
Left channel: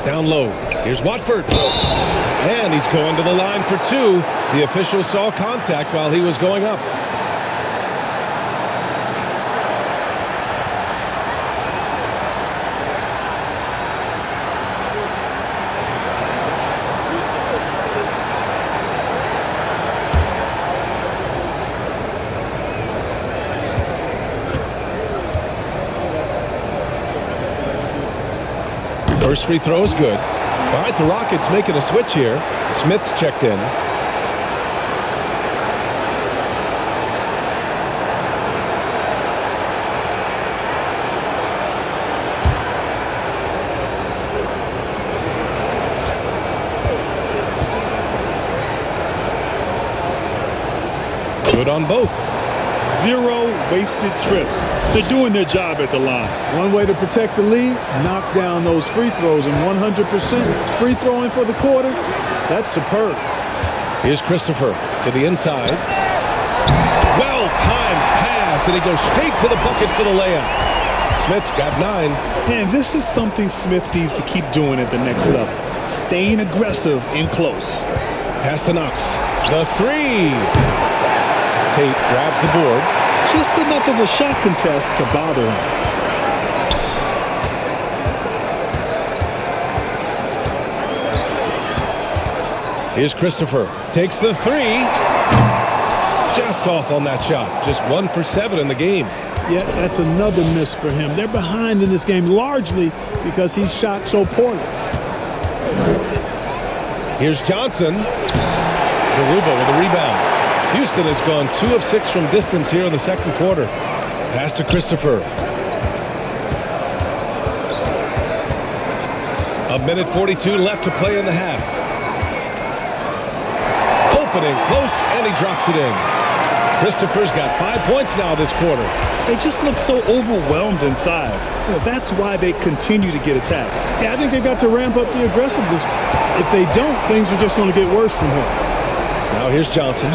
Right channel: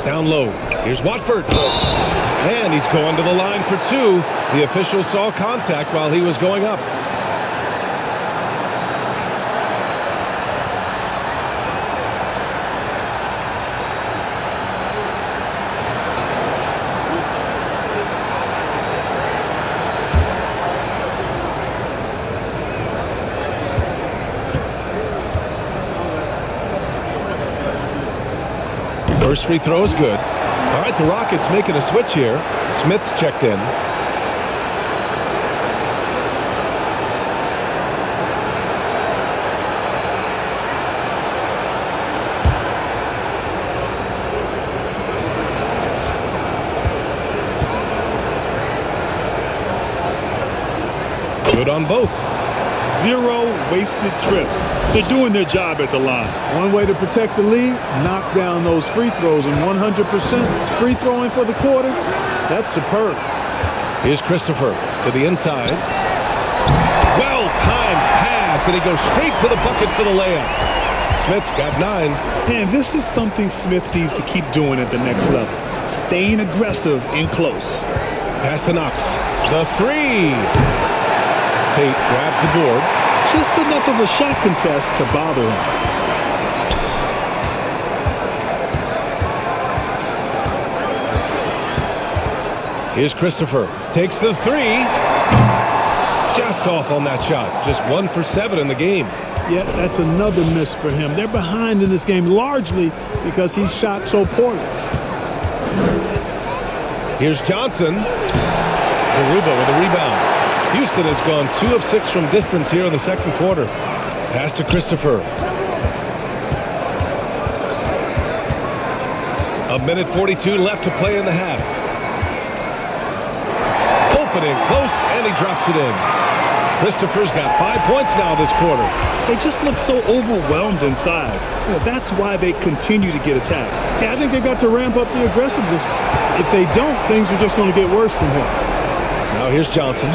Down low. Here's Watford. And he's going to the line for two. The official saw contact while he was going up. First free throw is good. All right, the Rockets making a switch here. Smith's checked in. Good on both. 0 wasted trips. They're doing their job at the line. One way to protect the lead, knock down those free throws, and 100% free throwing for the quarter, that's superb. Here's Christopher to the inside. Well-timed pass, and he goes straight to the bucket for the layup. Smith's got 9. And this is something Smith needs to keep doing at the next level. Staying aggressive in close. Pass to Knox. The 3. Tate grabs the board. Just enough of a shot contest to bother him. Here's Christopher. Takes the 3. Just off on that shot. Just 1 for 7 in the game. Yeah, that's another miss for him. They're behind in this game largely because he shot so poorly. Here's Johnson. Garuba with a rebound. Houston has gone 2 of 6 from distance here in the second quarter. Pass to Christopher. 1:42 left to play in the half. Opening close, and he drops it in. Christopher's got 5 points now this quarter. They just look so overwhelmed inside. You know, that's why they continue to get attacked. Yeah, I think they've got to ramp up the aggressiveness. If they don't, things are just going to get worse from here. Now here's Johnson.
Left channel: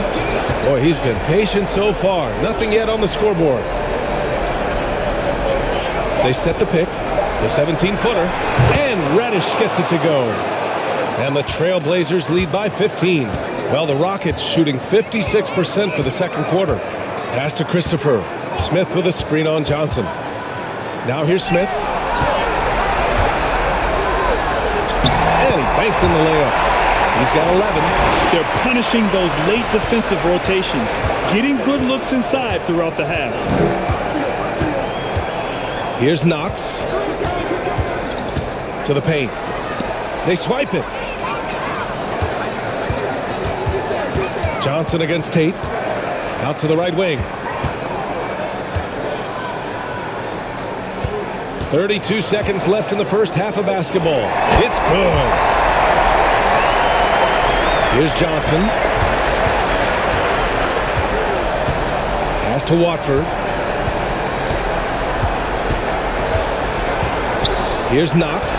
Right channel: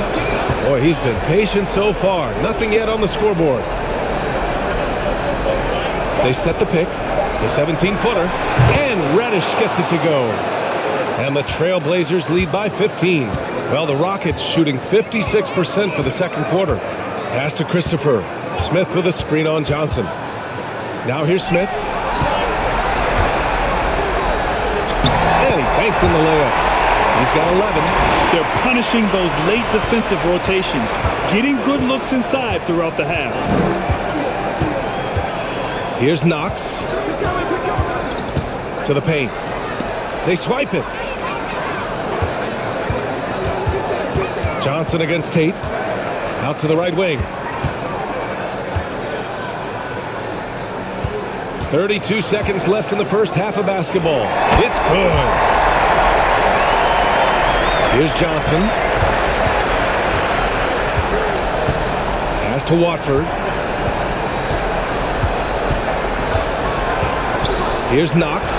Boy, he's been patient so far. Nothing yet on the scoreboard. They set the pick. The 17-footer. And Reddish gets it to go. And the Trailblazers lead by 15. Well, the Rockets shooting 56% for the second quarter. Pass to Christopher. Smith with a screen on Johnson. Now here's Smith. And he banks in the layup. He's got 11. They're punishing those late defensive rotations, getting good looks inside throughout the half. Here's Knox. To the paint. They swipe it. Johnson against Tate. Out to the right wing. 32 seconds left in the first half of basketball. It's good. Here's Johnson. Pass to Watford. Here's Knox.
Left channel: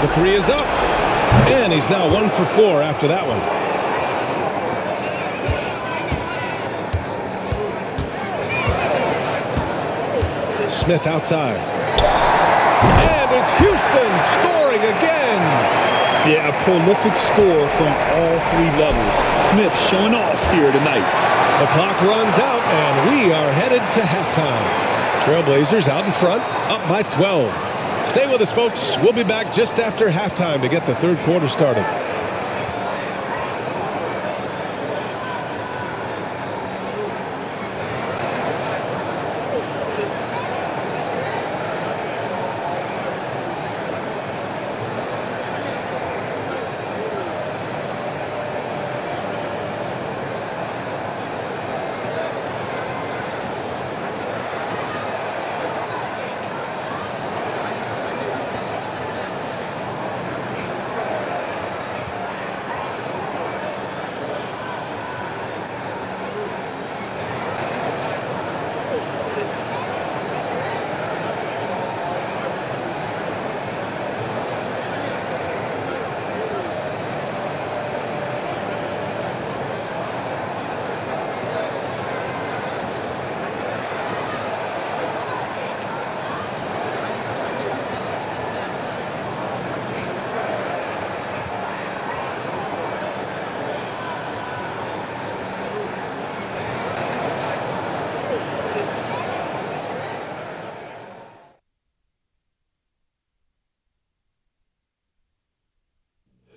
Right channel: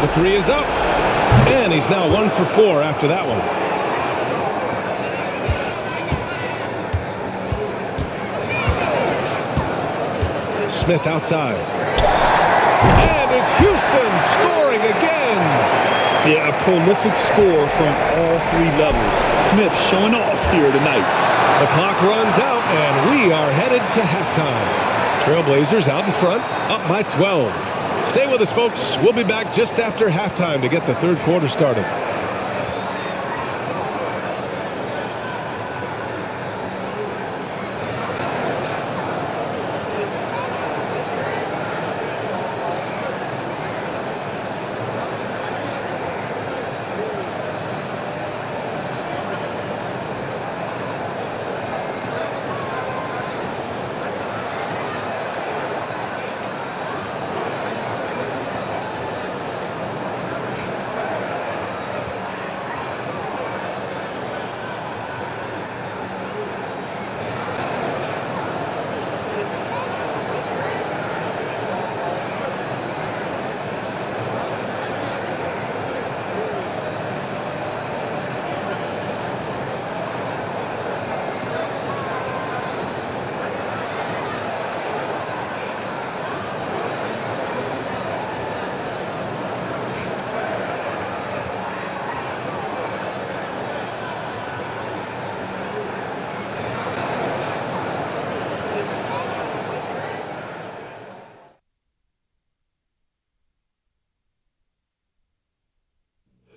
The 3 is up. And he's now 1 for 4 after that one. Smith outside. And it's Houston scoring again. Yeah, a prolific score from all 3 levels. Smith showing off here tonight. The clock runs out, and we are headed to halftime. Trailblazers out in front, up by 12. Stay with us, folks. We'll be back just after halftime to get the third quarter started.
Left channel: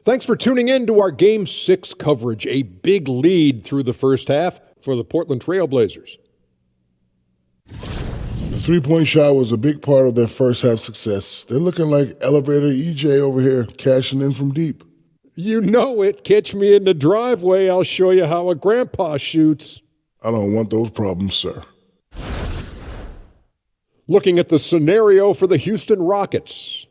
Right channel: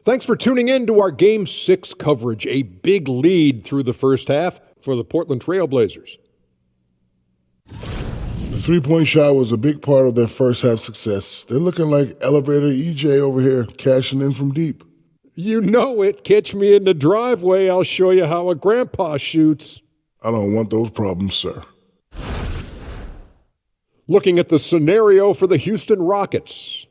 Thanks for tuning in to our Game 6 coverage. A big lead through the first half for the Portland Trail Blazers. The three-point shot was a big part of their first half success. They're looking like Elevator EJ over here, cashing in from deep. You know it. Catch me in the driveway. I'll show you how a grandpa shoots. I don't want those problems, sir. Looking at the scenario for the Houston Rockets.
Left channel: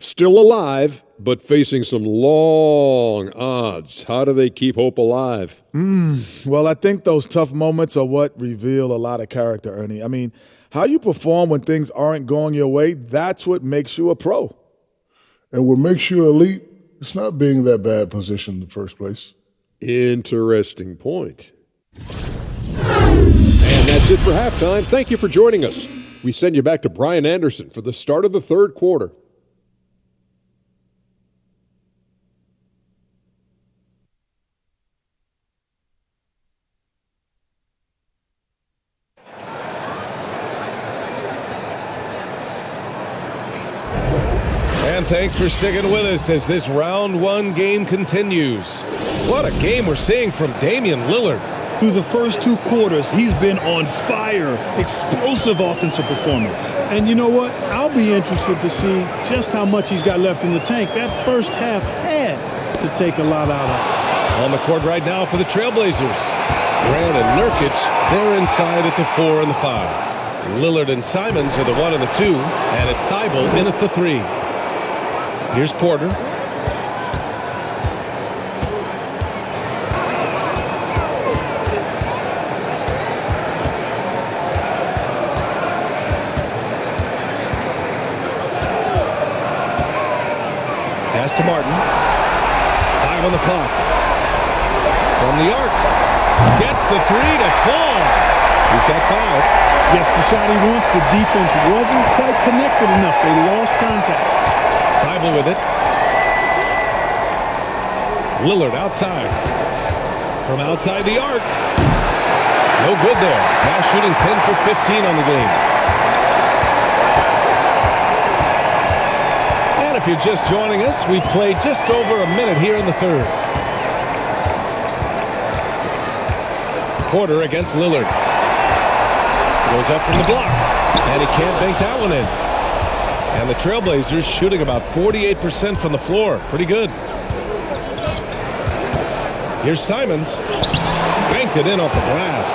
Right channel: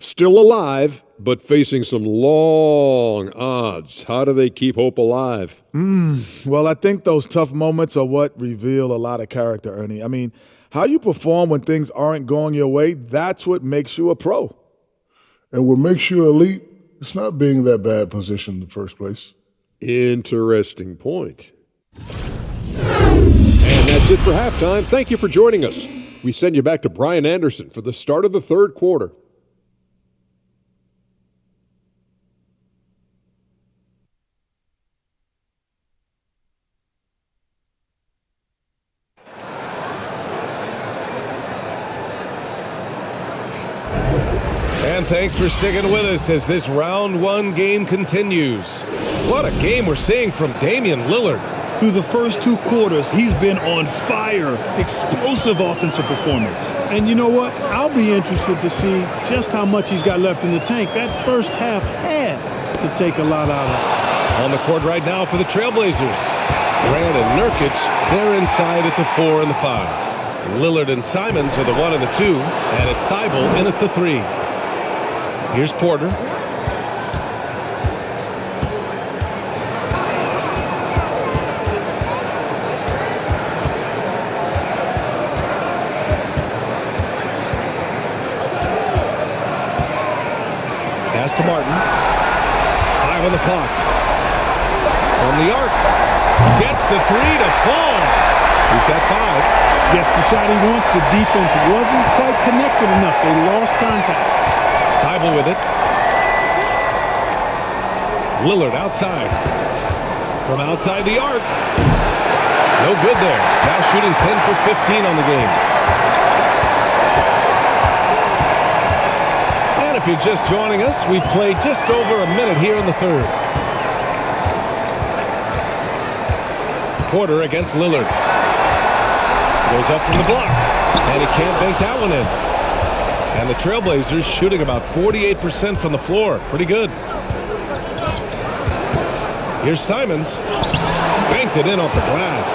Still alive, but facing some long odds. How do they keep hope alive? Well, I think those tough moments are what reveal a lot of character, Ernie. I mean, how you perform when things aren't going your way, that's what makes you a pro. And what makes you elite, it's not being in that bad position in the first place. Interesting point. And that's it for halftime. Thank you for joining us. We send you back to Brian Anderson for the start of the third quarter. And thanks for sticking with us as this round one game continues. What a game we're seeing from Damian Lillard. Through the first two quarters, he's been on fire. Explosive offensive performance. And you know what? I'll be interested to see just how much he's got left in the tank. That first half had to take a lot out of it. On the court right now for the Trailblazers. Grant and Nurkic, they're inside at the 4 and the 5. Lillard and Simons are the 1 and the 2, and it's Thybulle in at the 3. Here's Porter. Pass to Martin. 5 on the clock. From the arc. Gets the 3 to fall. He's got 5. Gets the shot he wants. The defense wasn't quite connected enough. They lost contact. Thybulle with it. Lillard outside. From outside the arc. No good there. Now shooting 10 for 15 on the game. And if you're just joining us, we've played just over a minute here in the third. Porter against Lillard. Goes up from the block. And he can't bank that one in. And the Trailblazers shooting about 48% from the floor. Pretty good. Here's Simons. Banked it in off the glass.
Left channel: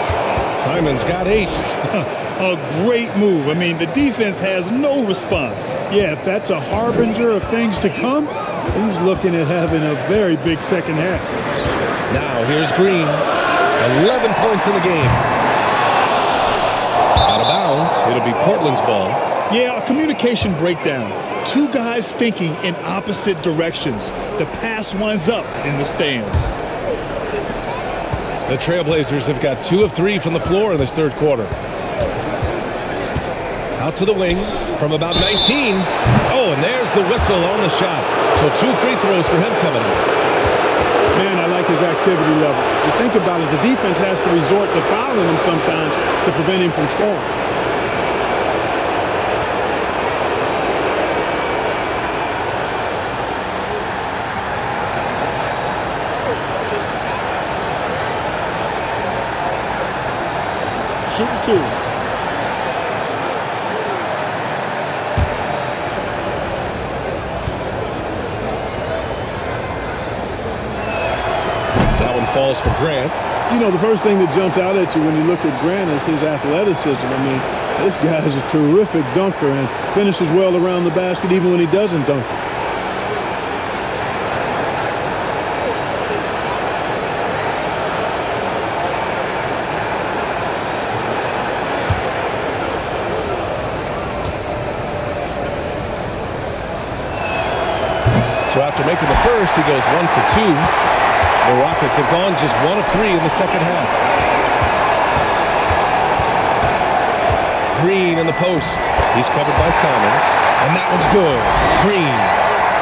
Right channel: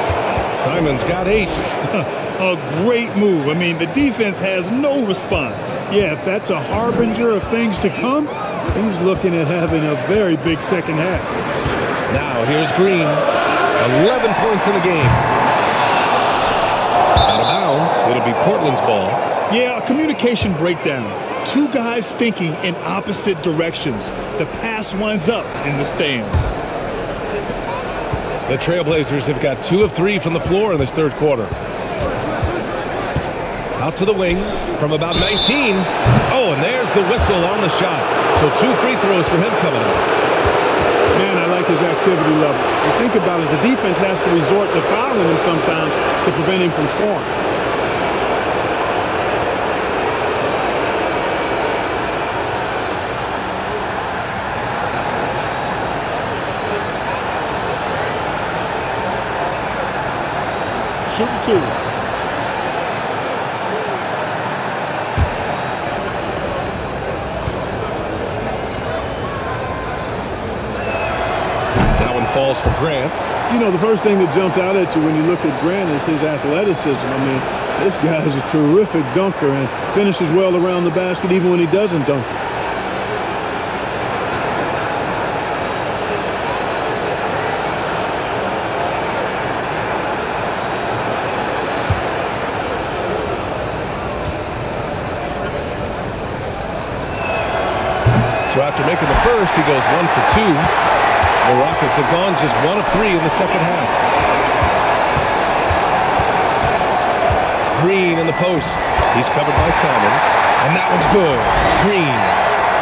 Simons got 8. A great move. I mean, the defense has no response. Yeah, if that's a harbinger of things to come, he's looking at having a very big second half. Now here's Green. 11 points in the game. Out of bounds. It'll be Portland's ball. Yeah, a communication breakdown. Two guys thinking in opposite directions. The pass winds up in the stands. The Trailblazers have got 2 of 3 from the floor in this third quarter. Out to the wing from about 19. Oh, and there's the whistle on the shot. So 2 free throws for him coming up. Man, I like his activity level. You think about it, the defense has to resort to fouling him sometimes to prevent him from scoring. Shooting 2. That one falls for Grant. You know, the first thing that jumps out at you when you look at Grant is his athleticism. I mean, this guy is a terrific dunker and finishes well around the basket even when he doesn't dunk. So after making the first, he goes 1 for 2. The Rockets have gone just 1 of 3 in the second half. Green in the post. He's covered by Simons. And that one's good. Green.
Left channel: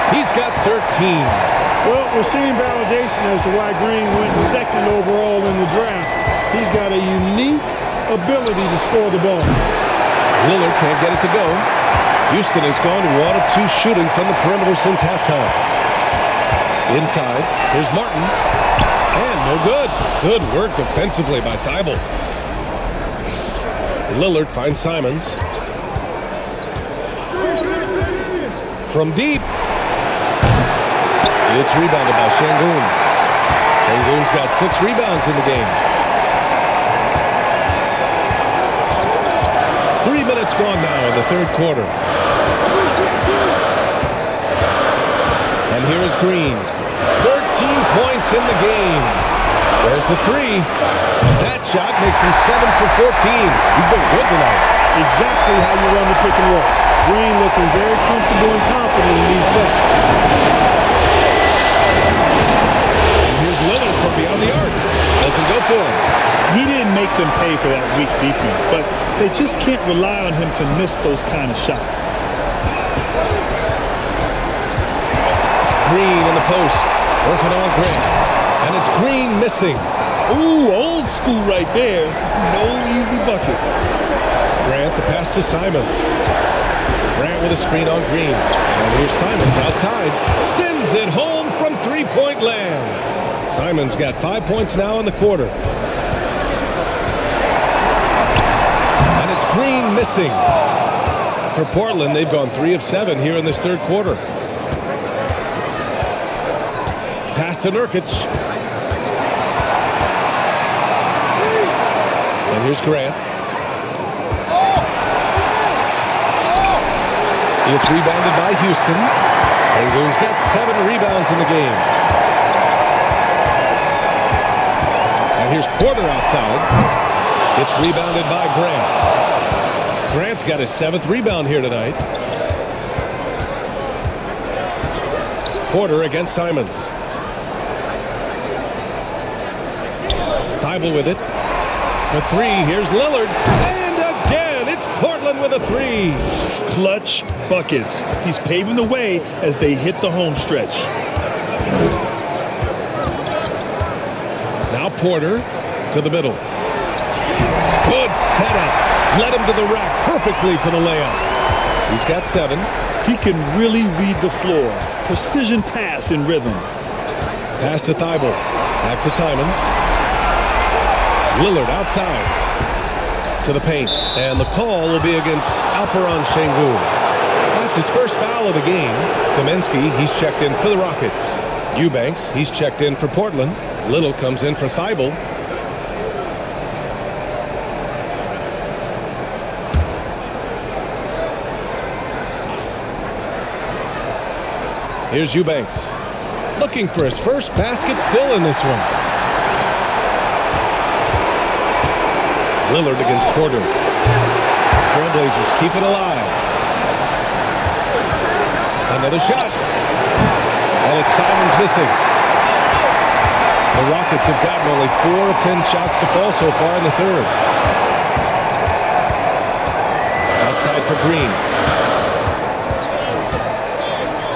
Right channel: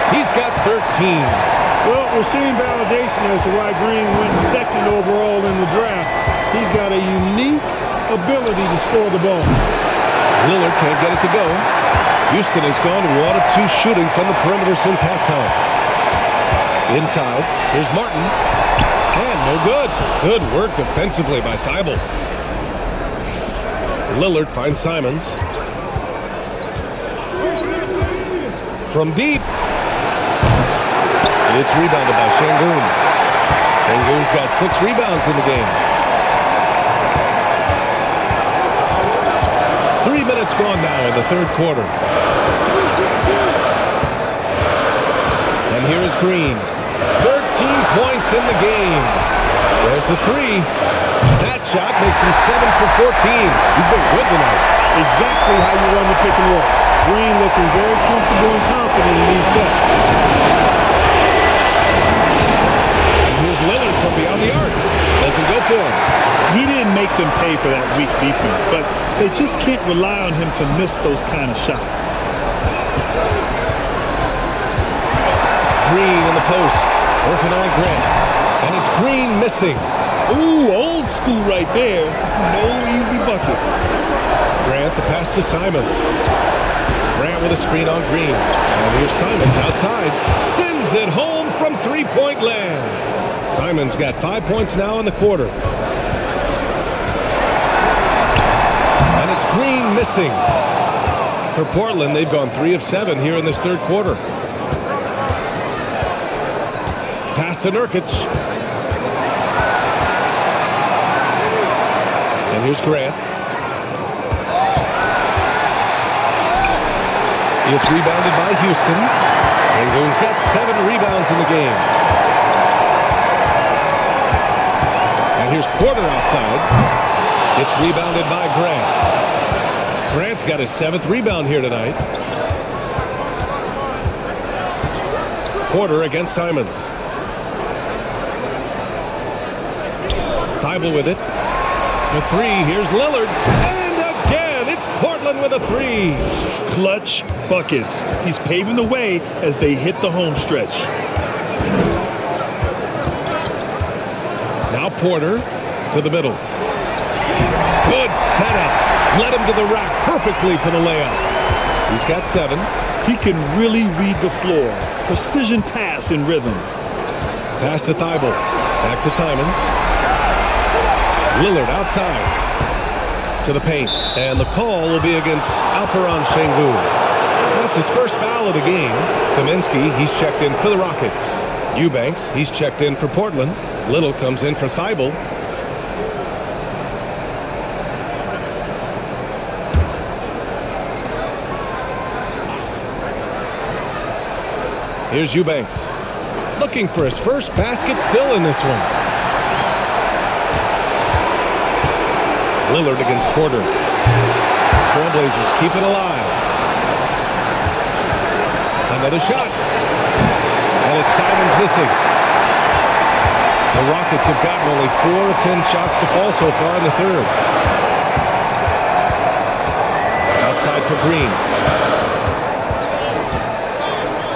He's got 13. Well, we're seeing validation as to why Green went second overall in the draft. He's got a unique ability to score the ball. Lillard can't get it to go. Houston has gone 1 of 2 shooting from the perimeter since halftime. Inside, here's Martin. And no good. Good work defensively by Thibault. Lillard finds Simons. From deep. It's rebounded by Şengün. Şengün's got 6 rebounds in the game. 3 minutes gone now in the third quarter. And here is Green. 13 points in the game. There's the three. That shot makes him 7 for 14. He's been good tonight. Exactly how you run the pick and roll. Green looking very comfortable and confident in these sets. And here's Lillard from beyond the arc. Doesn't go for him. He didn't make them pay for that weak defense, but they just can't rely on him to miss those kind of shots. Green in the post, working on Grant. And it's Green missing. Ooh, old school right there. No easy buckets. Grant, the pass to Simons. Grant with a screen on Green. And here's Simons outside. Sends it home from three-point land. Simons got 5 points now in the quarter. And it's Green missing. For Portland, they've gone 3 of 7 here in this third quarter. Pass to Nurkic. And here's Grant. It's rebounded by Houston. Şengün's got 7 rebounds in the game. And here's Porter outside. It's rebounded by Grant. Grant's got his 7th rebound here tonight. Porter against Simons. Thibault with it. For 3, here's Lillard. And again, it's Portland with a 3. Clutch buckets. He's paving the way as they hit the home stretch. Now Porter to the middle. Good setup. Led him to the rack perfectly for the layup. He's got 7. He can really read the floor. Precision pass in rhythm. Pass to Thibault. Back to Simons. Lillard outside to the paint. And the call will be against Alperen Şengün. That's his first foul of the game. Kaminsky, he's checked in for the Rockets. Eubanks, he's checked in for Portland. Little comes in for Thibault. Here's Eubanks. Looking for his first basket still in this one. Lillard against Porter. Trailblazers keep it alive. Another shot. And it's Simons missing. The Rockets have gotten only 4 of 10 shots to fall so far in the third. Outside for Green.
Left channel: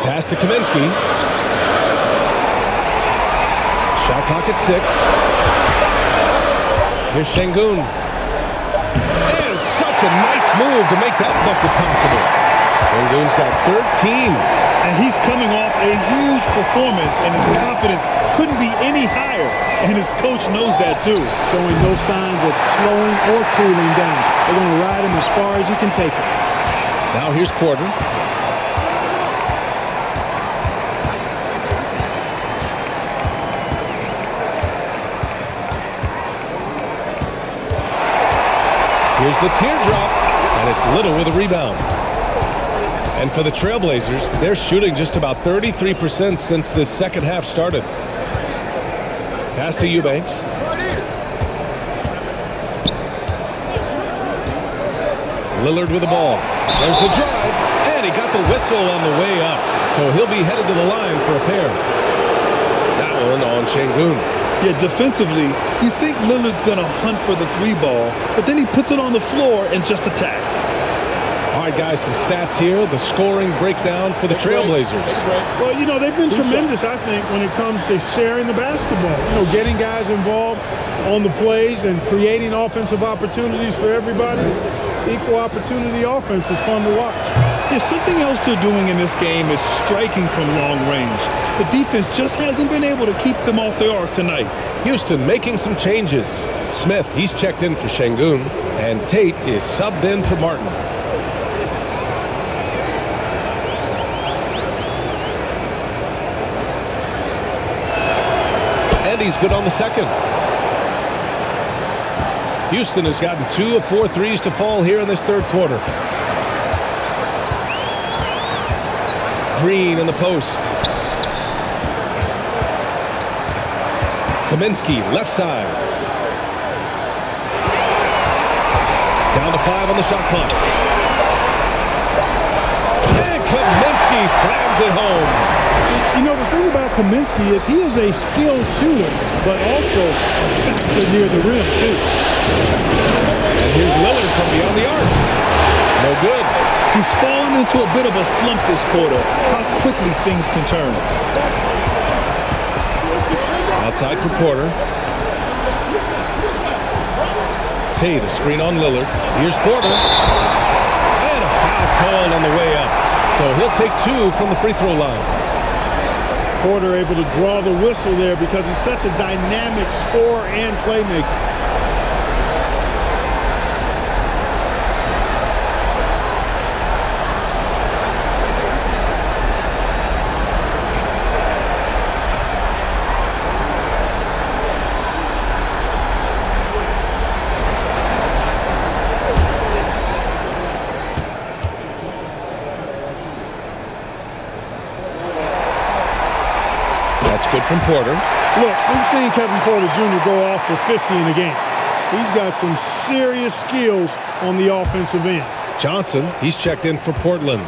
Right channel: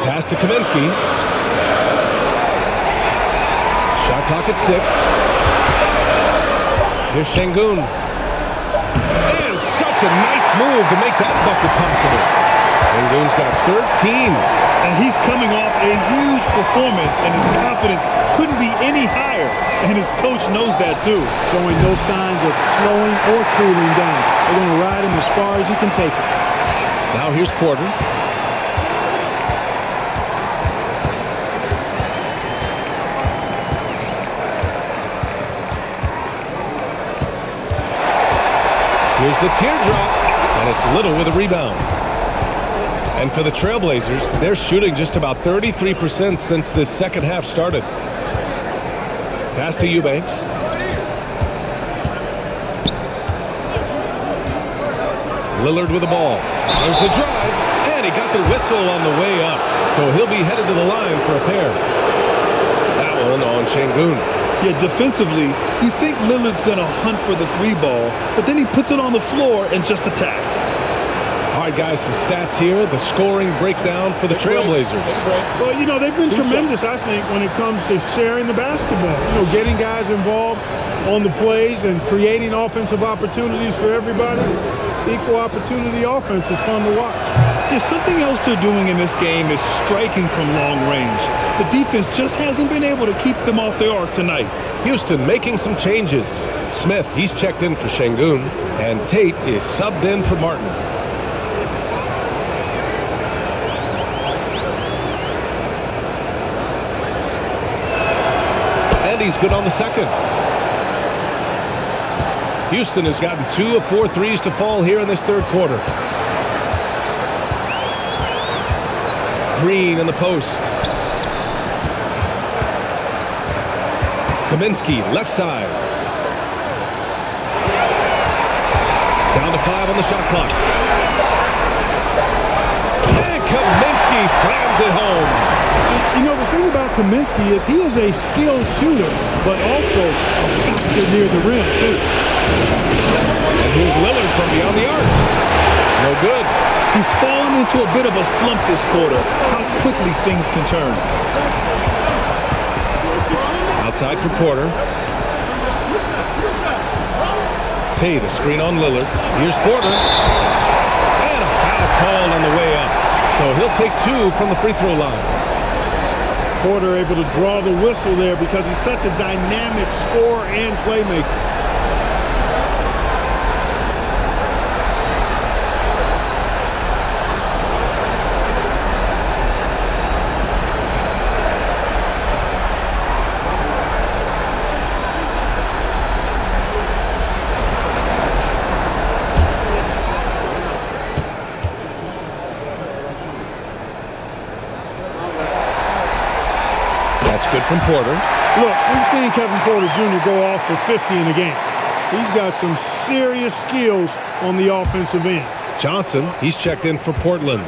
Pass to Kaminsky. Shot clock at 6. Here's Şengün. And such a nice move to make that bucket possible. Şengün's got 13. And he's coming off a huge performance, and his confidence couldn't be any higher. And his coach knows that too. Showing no signs of slowing or cooling down. They're going to ride him as far as he can take it. Now here's Porter. Here's the teardrop, and it's Little with a rebound. And for the Trailblazers, they're shooting just about 33% since this second half started. Pass to Eubanks. Lillard with the ball. There's the drive, and he got the whistle on the way up. So he'll be headed to the line for a pair. That one on Şengün. Yeah, defensively, you think Lillard's going to hunt for the 3 ball, but then he puts it on the floor and just attacks. All right, guys, some stats here. The scoring breakdown for the Trailblazers. Well, you know, they've been tremendous, I think, when it comes to sharing the basketball. You know, getting guys involved on the plays and creating offensive opportunities for everybody. Equal opportunity offense is fun to watch. Yeah, something else they're doing in this game is striking from long range. The defense just hasn't been able to keep them off the arc tonight. Houston making some changes. Smith, he's checked in for Şengün, and Tate is subbed in for Martin. And he's good on the second. Houston has gotten 2 of 4 threes to fall here in this third quarter. Green in the post. Kaminsky, left side. Down to 5 on the shot clock. And Kaminsky slams it home. You know, the thing about Kaminsky is he is a skilled shooter, but also a factor near the rim, too. And here's Lillard from beyond the arc. No good. He's fallen into a bit of a slump this quarter. How quickly things can turn. Outside for Porter. Tate, a screen on Lillard. Here's Porter. And a foul called on the way up. So he'll take 2 from the free throw line. Porter able to draw the whistle there because he's such a dynamic scorer and playmaker. That's good from Porter. Look, we've seen Kevin Porter Jr. go off for 50 in a game. He's got some serious skills on the offensive end. Johnson, he's checked in for Portland.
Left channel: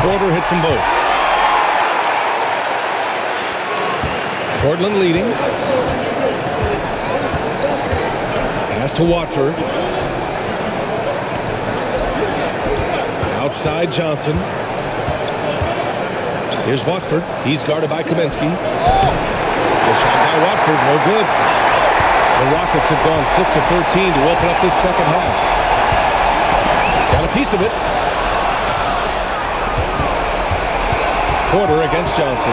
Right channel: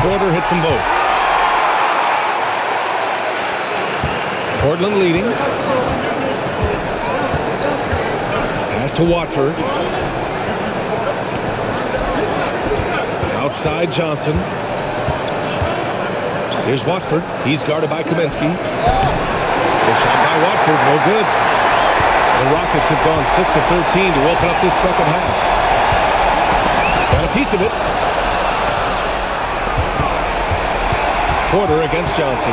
Porter hits them both. Portland leading. Pass to Watford. Outside Johnson. Here's Watford. He's guarded by Kaminsky. The shot by Watford, no good. The Rockets have gone 6 of 13 to open up this second half. Got a piece of it. Porter against Johnson.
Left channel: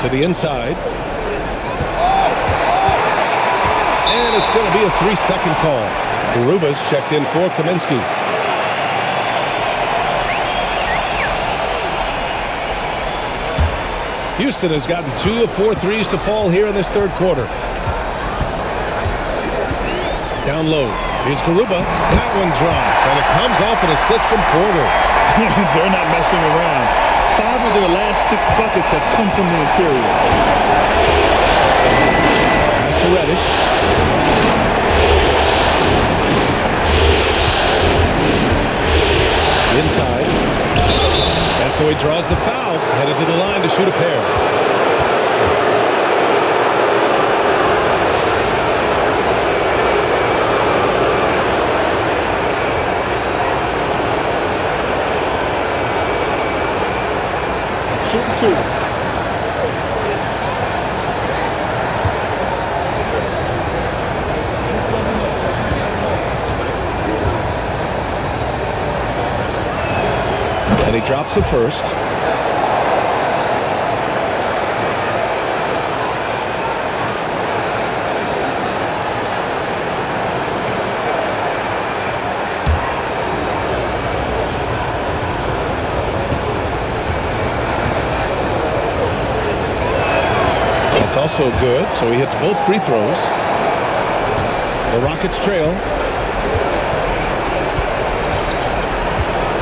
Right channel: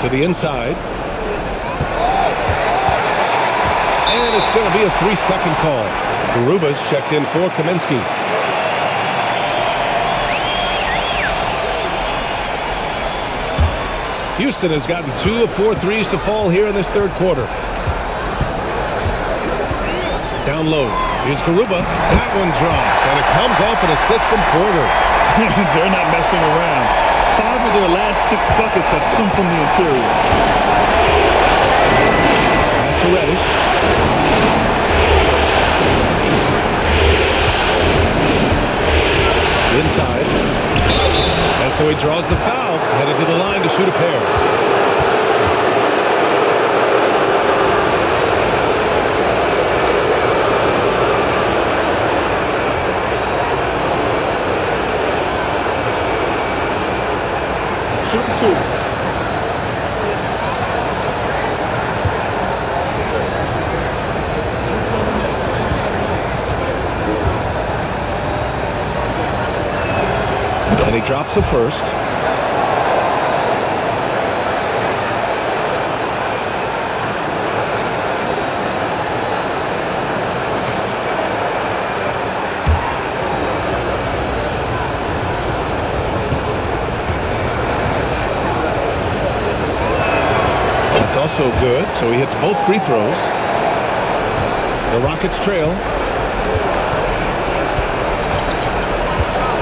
To the inside. And it's going to be a 3-second call. Garuba's checked in for Kaminsky. Houston has gotten 2 of 4 threes to fall here in this third quarter. Down low. Here's Garuba. That one drops, and it comes off an assist from Porter. They're not messing around. 5 of their last 6 buckets have come from the interior. Pass to Reddish. Inside. And so he draws the foul, headed to the line to shoot a pair. Shooting 2. And he drops the first. That's also good, so he hits both free throws. The Rockets trail.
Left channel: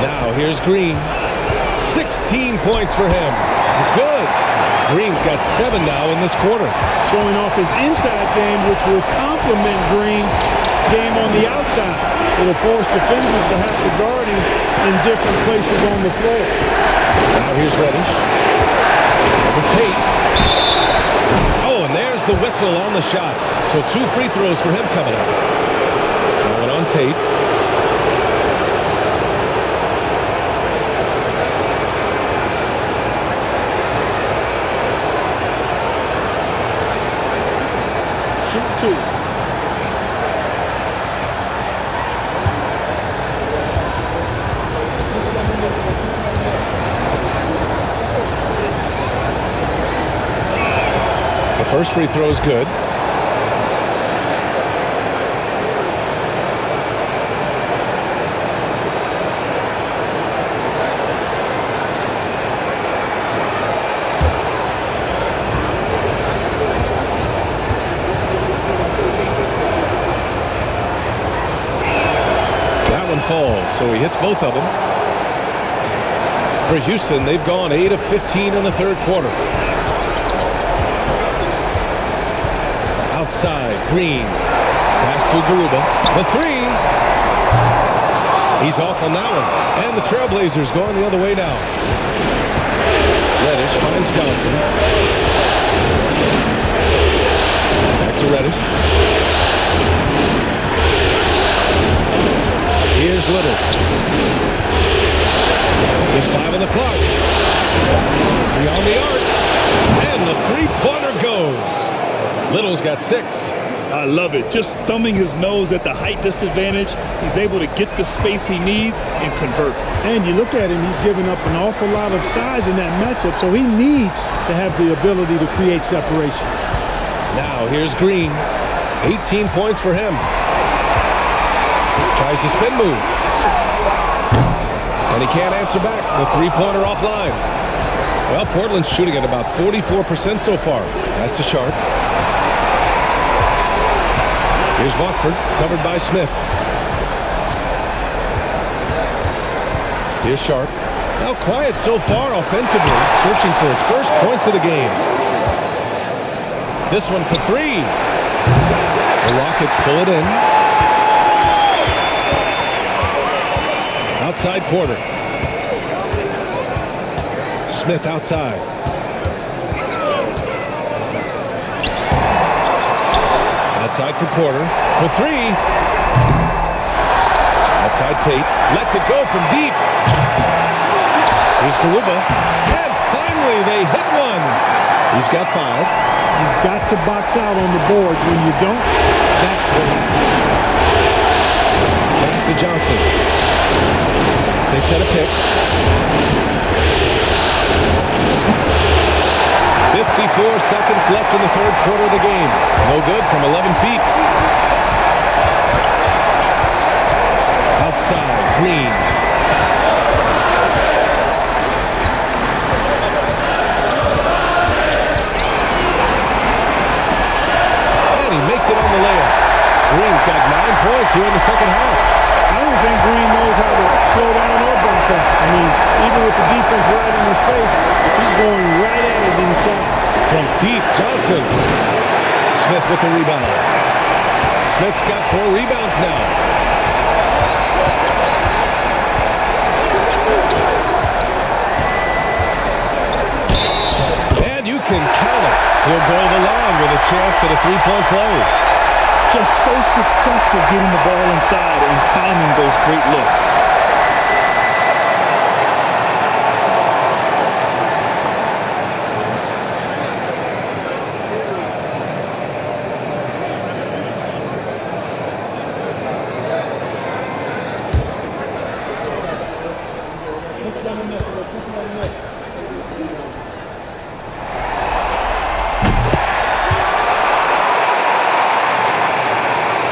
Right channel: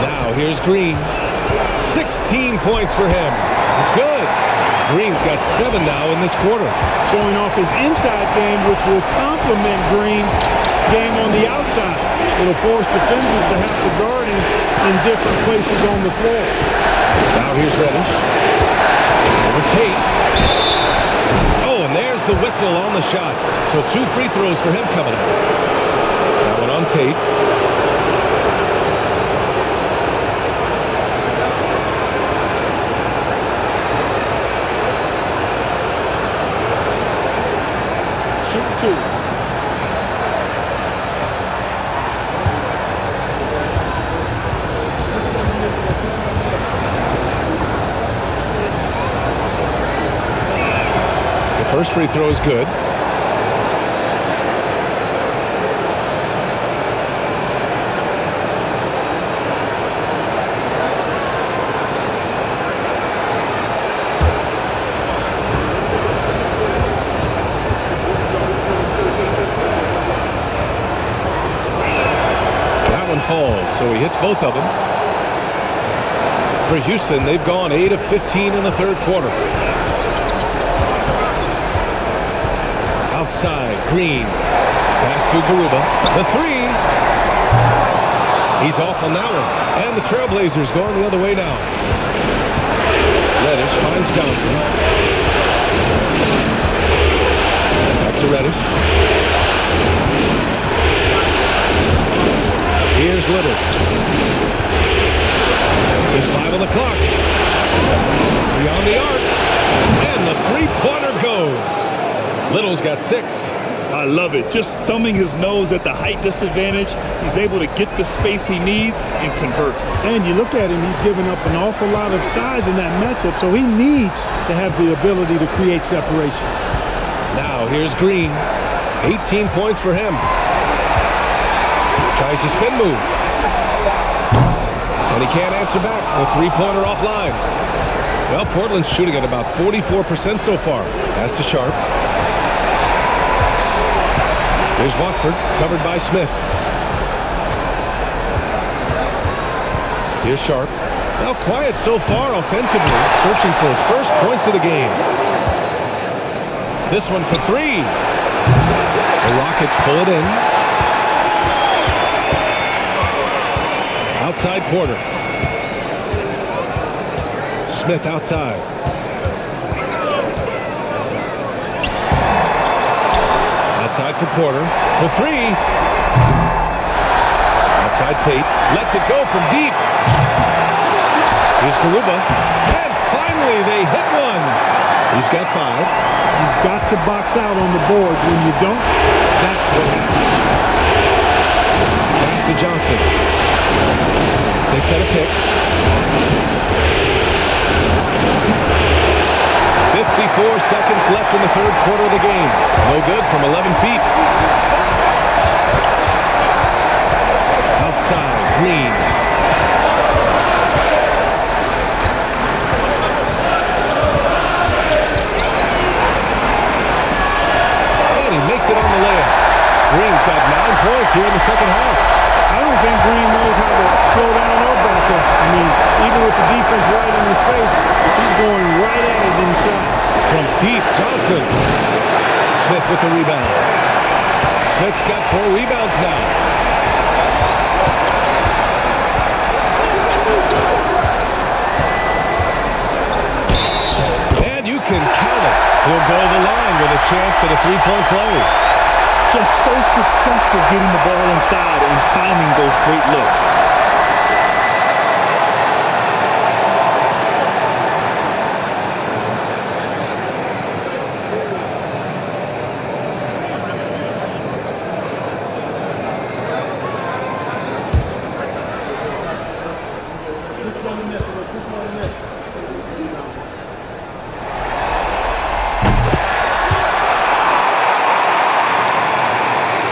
Now here's Green. 16 points for him. It's good. Green's got 7 now in this quarter. Showing off his inside game, which will complement Green's game on the outside. It'll force defenders to have to guard him in different places on the floor. Now here's Reddish. Over Tate. Oh, and there's the whistle on the shot. So 2 free throws for him coming up. That one on Tate. Shooting 2. The first free throw is good. That one falls, so he hits both of them. For Houston, they've gone 8 of 15 in the third quarter. Outside, Green. Pass to Garuba. The three. He's off on that one. And the Trailblazers going the other way now. Reddish finds Johnson. Back to Reddish. Here's Little. Just 5 on the clock. Beyond the arc. And the three-pointer goes. Little's got 6. I love it. Just thumbing his nose at the height disadvantage. He's able to get the space he needs and convert. And you look at him, he's given up an awful lot of size in that matchup, so he needs to have the ability to create separation. Now here's Green. 18 points for him. Tries the spin move. And he can't answer back. The three-pointer offline. Well, Portland's shooting at about 44% so far. Pass to Sharp. Here's Watford, covered by Smith. Here's Sharp. Now quiet so far offensively, searching for his first points of the game. This one for 3. The Rockets pull it in. Outside Porter. Smith outside. Outside for Porter. For 3. Outside Tate. Lets it go from deep. Here's Garuba. And finally they hit one. He's got 5. You've got to box out on the boards. When you don't, that's what happens. Pass to Johnson. They set a pick. 54 seconds left in the third quarter of the game. No good from 11 feet. Outside, Green. And he makes it on the layup. Green's got 9 points here in the second half. I don't think Green knows how to slow down or back off. I mean, even with the defense right in his face, he's going right at it inside. From deep, Johnson. Smith with the rebound. Smith's got 4 rebounds now. And you can count it. He'll go to the line with a chance at a three-point play. Just so successful getting the ball inside and finding those great looks.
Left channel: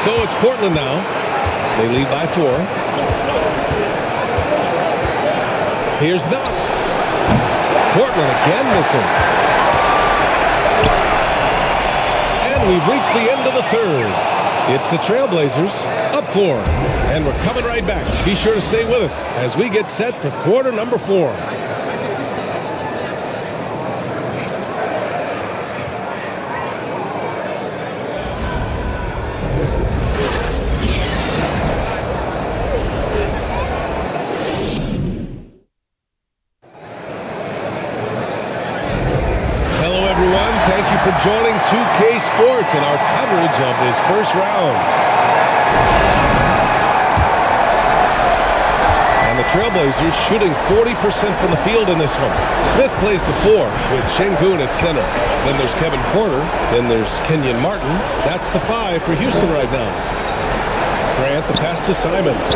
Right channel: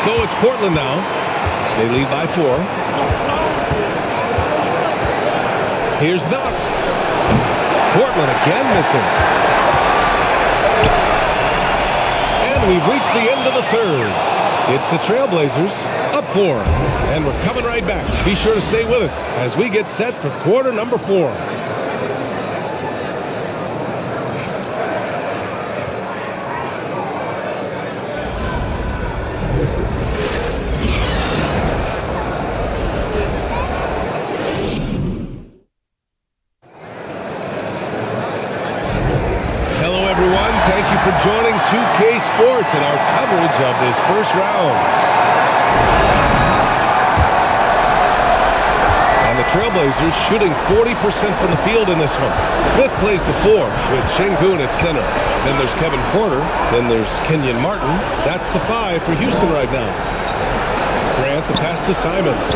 So it's Portland now. They lead by 4. Here's Knox. Portland again missing. And we've reached the end of the third. It's the Trailblazers up 4. And we're coming right back. Be sure to stay with us as we get set for quarter number 4. Everyone, thank you for joining 2K Sports and our coverage of this first round. And the Trailblazers shooting 40% from the field in this one. Smith plays the 4 with Şengün at center. Then there's Kevin Porter. Then there's Kenyon Martin. That's the 5 for Houston right now. Grant, the pass to Simons.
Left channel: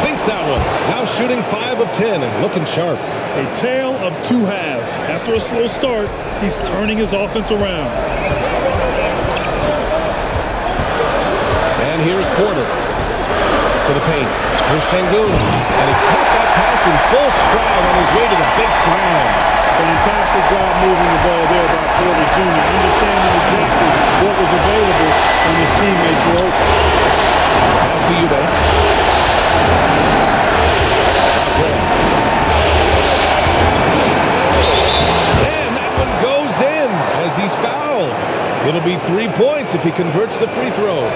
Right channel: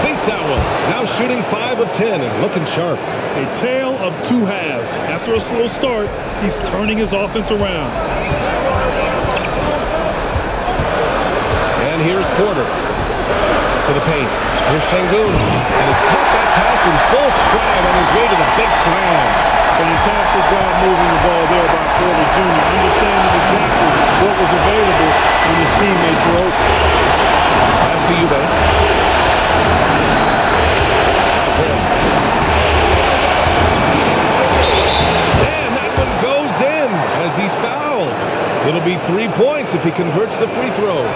Sinks that one. Now shooting 5 of 10 and looking sharp. A tale of 2 halves. After a slow start, he's turning his offense around. And here's Porter to the paint. Here's Şengün. And he caught that pass in full stride on his way to the big slam. Fantastic job moving the ball there by Porter Jr., understanding exactly what was available when his teammates were open. Pass to Eubanks. Now Grant. And that one goes in as he's fouled. It'll be 3 points if he converts the free throw.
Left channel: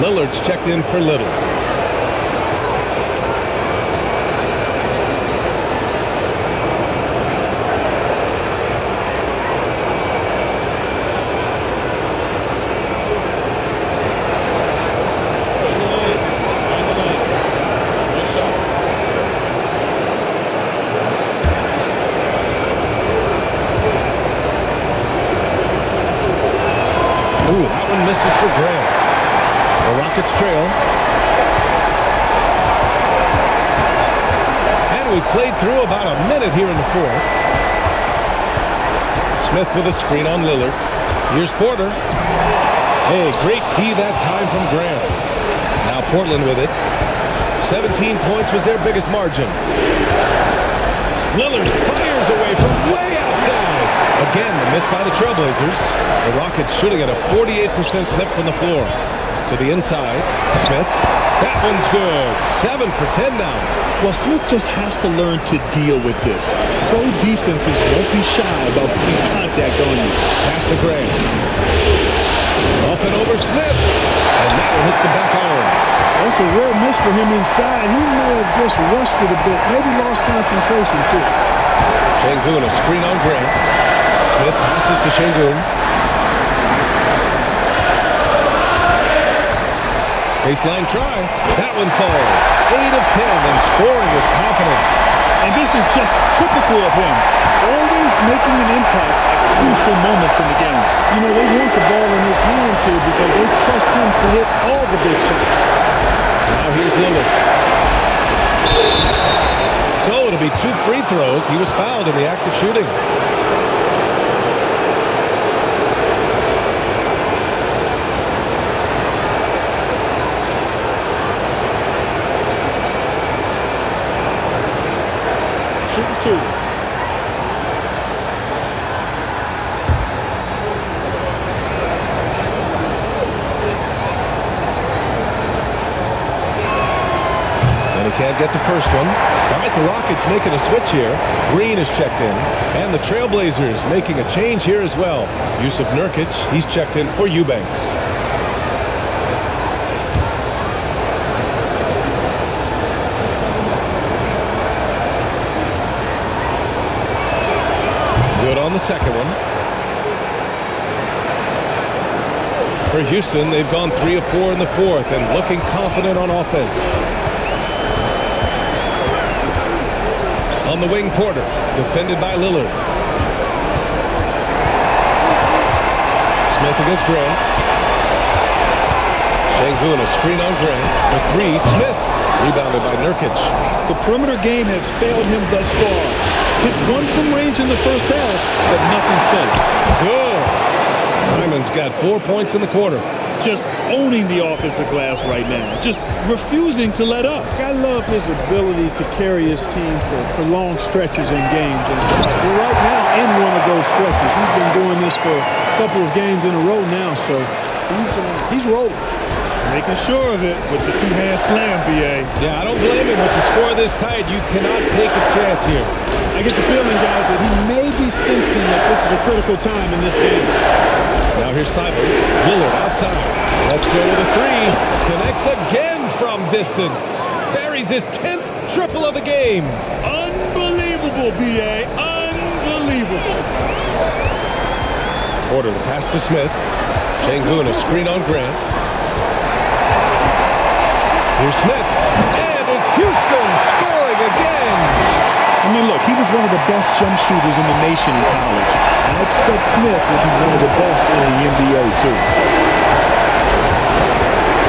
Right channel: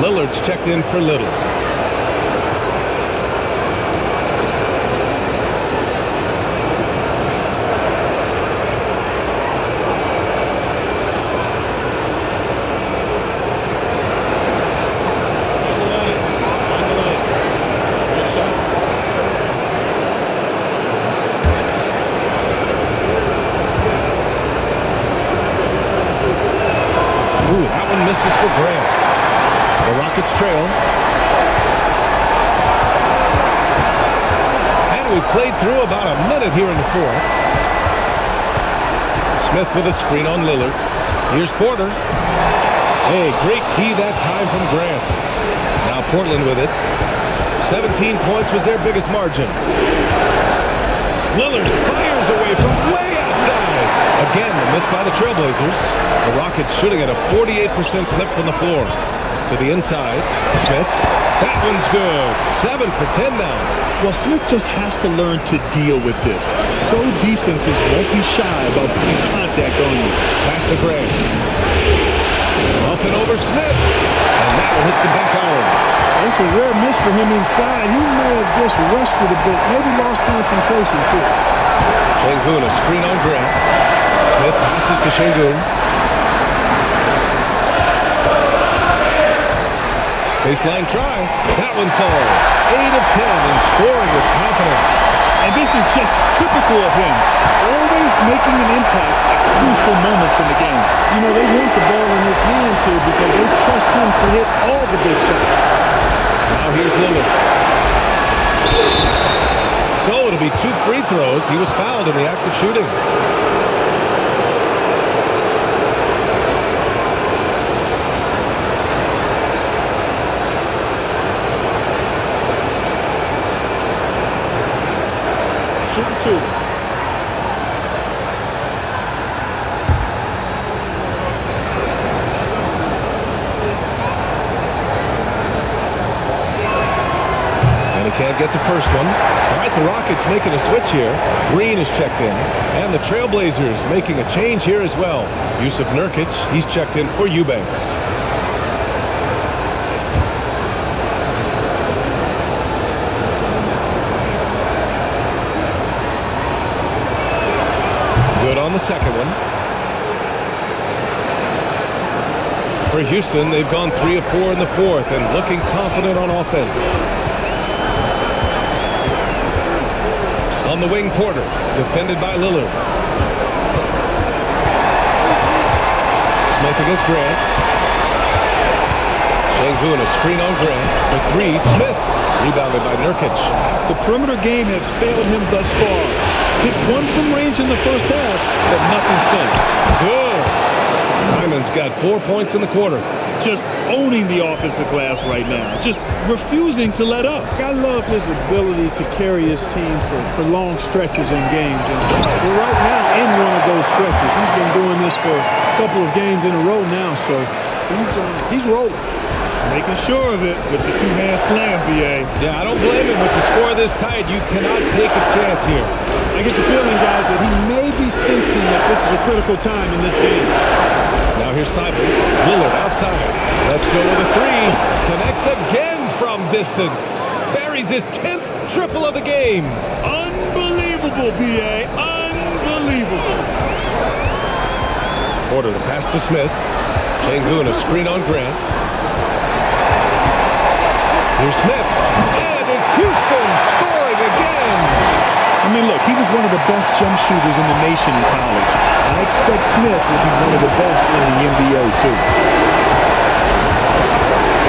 Lillard's checked in for Little. Ooh, that one misses for Grant. The Rockets trail. And we played through about a minute here in the fourth. Smith with a screen on Lillard. Here's Porter. Hey, great D that time from Grant. Now Portland with it. 17 points was their biggest margin. Lillard fires away from way outside. Again, the miss by the Trailblazers. The Rockets shooting at a 48% clip from the floor. To the inside, Smith. That one's good. 7 for 10 now. Well, Smith just has to learn to deal with this. Pro defenses won't be shy about putting contact on you. Pass to Grant. Up and over Smith. And that one hits the back iron. That's a rare miss for him inside. He may have just rushed it a bit, maybe lost concentration too. Şengün, a screen on Grant. Smith passes to Şengün. Baseline try. That one falls. 8 of 10 and scoring with confidence. And this is just typical of him. Always making an impact at crucial moments in the game. You know, they want the ball in his hands here because they trust him to hit all the big shots. Now here's Lillard. So it'll be 2 free throws. He was fouled in the act of shooting. Shooting 2. And he can't get the first one. All right, the Rockets making a switch here. Green is checked in. And the Trailblazers making a change here as well. Jusuf Nurkic, he's checked in for Eubanks. Good on the second one. For Houston, they've gone 3 of 4 in the fourth and looking confident on offense. On the wing, Porter, defended by Lillard. Smith against Grant. Şengün, a screen on Grant. The 3, Smith, rebounded by Nurkic. The perimeter game has failed him thus far. Hit 1 from range in the first half, but nothing since. Good. Simon's got 4 points in the quarter. Just owning the offensive glass right now. Just refusing to let up. I love his ability to carry his team for long stretches in games. And we're right now in one of those stretches. He's been doing this for a couple of games in a row now, so he's rolling. Making sure of it with the 2-hand slam, B.A. Yeah, I don't blame him with the score this tight. You cannot take a chance here. I get the feeling, guys, that he may be sensing that this is a critical time in this game. Now here's Thibault. Lillard outside. Let's go with a 3. Connects again from distance. Buries his 10th triple of the game. Unbelievable, B.A. Unbelievable. Porter the pass to Smith. Şengün, a screen on Grant. Here's Smith. And it's Houston scoring again. I mean, look, he was one of the best jump shooters in the nation in college. I expect Smith will be one of the best in the NBA, too.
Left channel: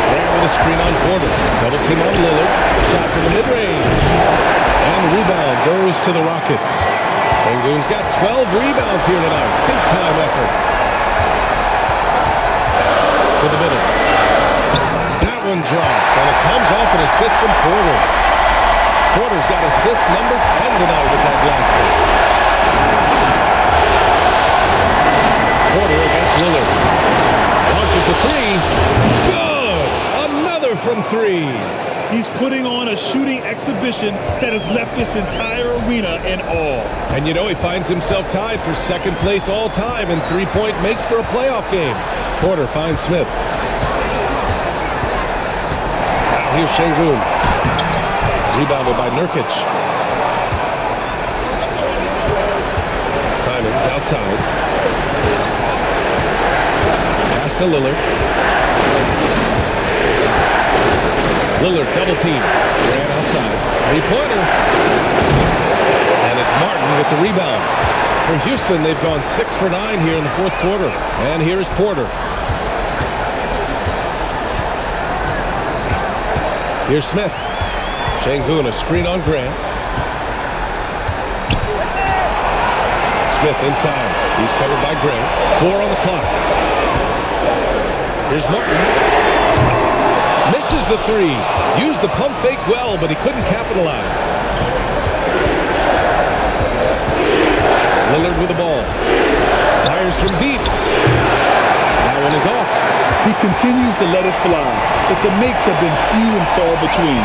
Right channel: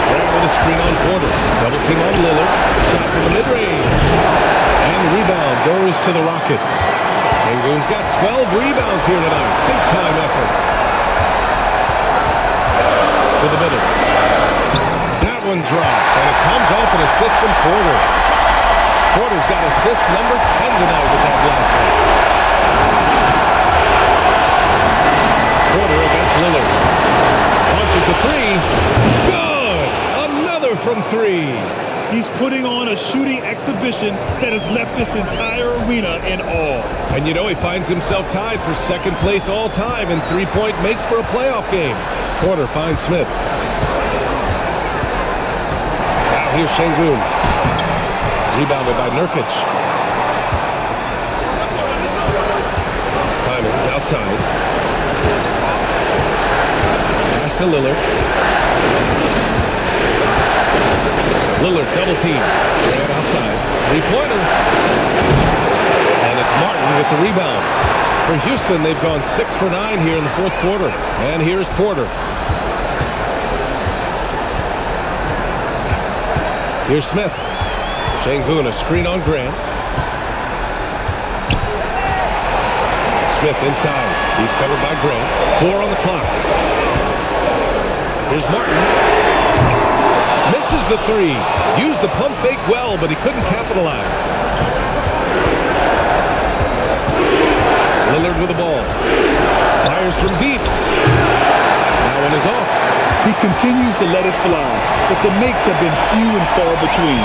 Grant with a screen on Porter. Double team on Lillard. Shot from the mid-range. And the rebound goes to the Rockets. Şengün's got 12 rebounds here tonight. Big-time effort. To the middle. one drops, and it comes off an assist from Porter. Porter's got assist number 10 tonight with that last one. Porter against Lillard. Launches a three. Good! Another from three. He's putting on a shooting exhibition that has left this entire arena in awe. And you know he finds himself tied for second place all time in three-point makes for a playoff game. Porter finds Smith. Now here's Şengün. Rebounded by Nurkic. Simons outside. Pass to Lillard. Lillard double team. Ran outside. Three-pointer. And it's Martin with the rebound. For Houston, they've gone 6 for 9 here in the fourth quarter. And here's Porter. Here's Smith. Şengün, a screen on Grant. Smith inside. He's covered by Grant. 4 on the clock. Here's Martin. Misses the three. Used the pump fake well, but he couldn't capitalize. Lillard with the ball. Fires from deep. That one is off. He continues to let it fly, but the makes have been few and far between.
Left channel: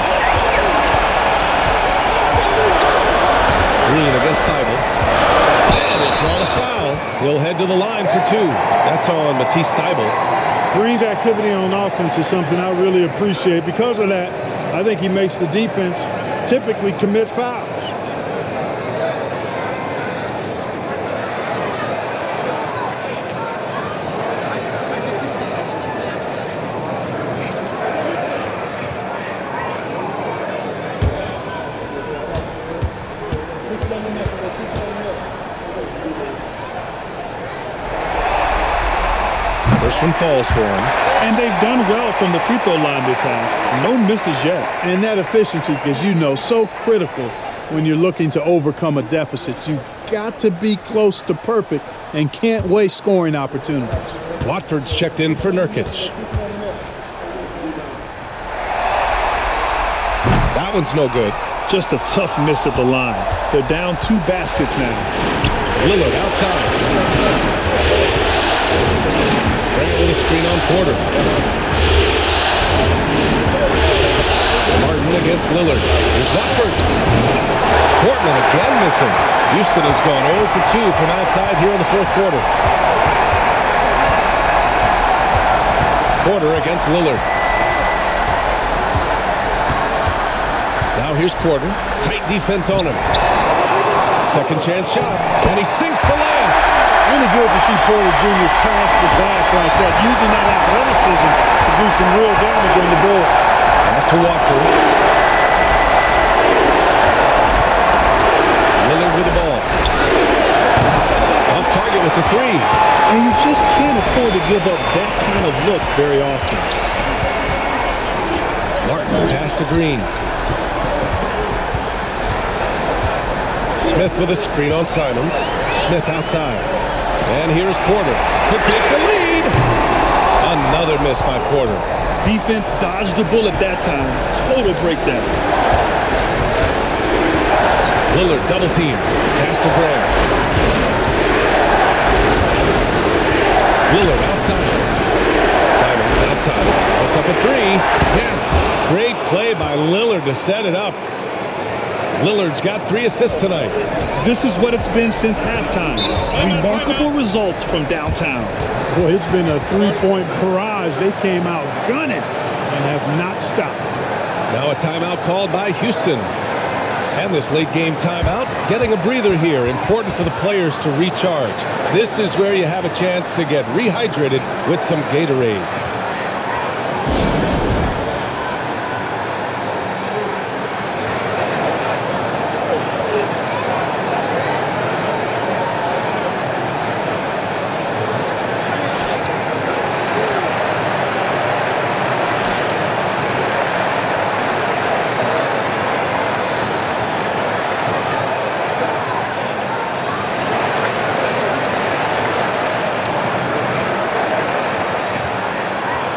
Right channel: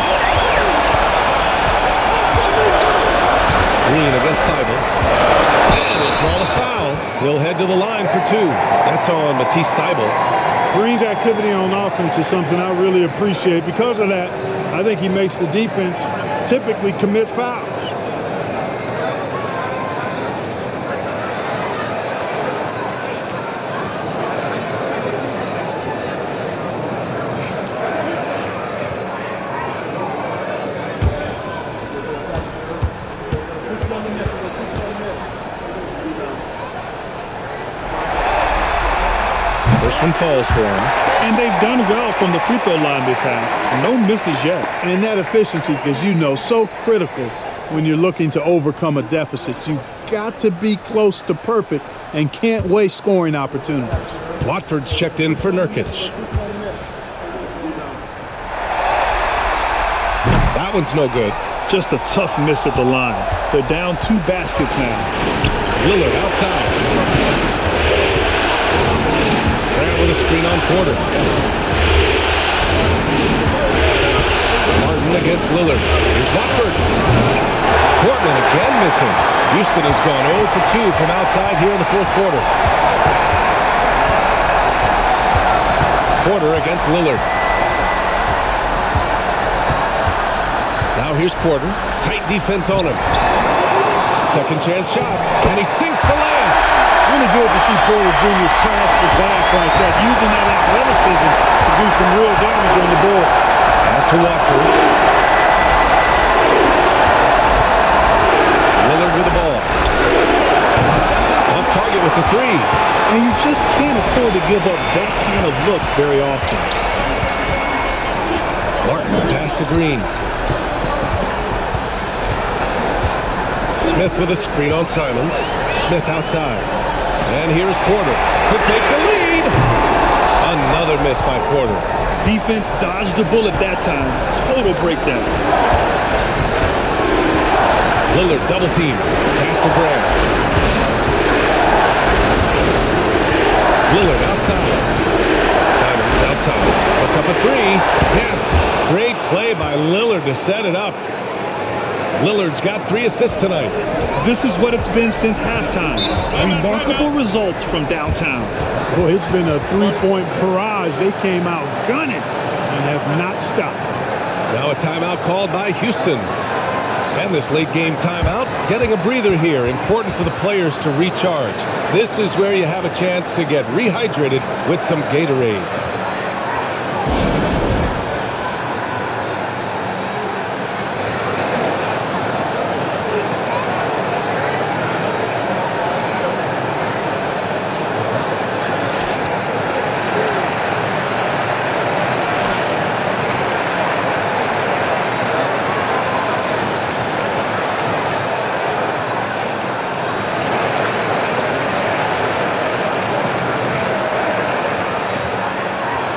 Green against Thybulle. And he'll draw the foul. He'll head to the line for 2. That's on Matisse Thybulle. Green's activity on offense is something I really appreciate. Because of that, I think he makes the defense typically commit fouls. First one falls for him. And they've done well from the free throw line this half. No misses yet. And that efficiency, as you know, so critical when you're looking to overcome a deficit. You've got to be close to perfect and can't waste scoring opportunities. Watford's checked in for Nurkic. That one's no good. Just a tough miss at the line. They're down 2 baskets now. Lillard outside. Grant with a screen on Porter. Martin against Lillard. Here's Watford. Portland again missing. Houston has gone 0 for 2 from outside here in the fourth quarter. Porter against Lillard. Now here's Porter. Tight defense on him. Second chance shot. And he sinks the layup. Really good to see Porter Jr. crash the glass like that, using that athleticism to do some real damage on the board. Pass to Watford. Lillard with the ball. Off target with the three. And you just can't afford to give up that kind of look very often. Martin pass to Green. Smith with a screen on Simons. Smith outside. And here's Porter to take the lead. Another miss by Porter. Defense dodged a bullet that time. Total breakdown. Lillard double team. Pass to Grant. Lillard outside. Simons outside. Puts up a three. Yes. Great play by Lillard to set it up. Lillard's got 3 assists tonight. This is what it's been since halftime. Remarkable results from downtown. Boy, it's been a 3-point barrage. They came out gunning and have not stopped. Now a timeout called by Houston. And this late game timeout, getting a breather here. Important for the players to recharge. This is where you have a chance to get rehydrated with some Gatorade.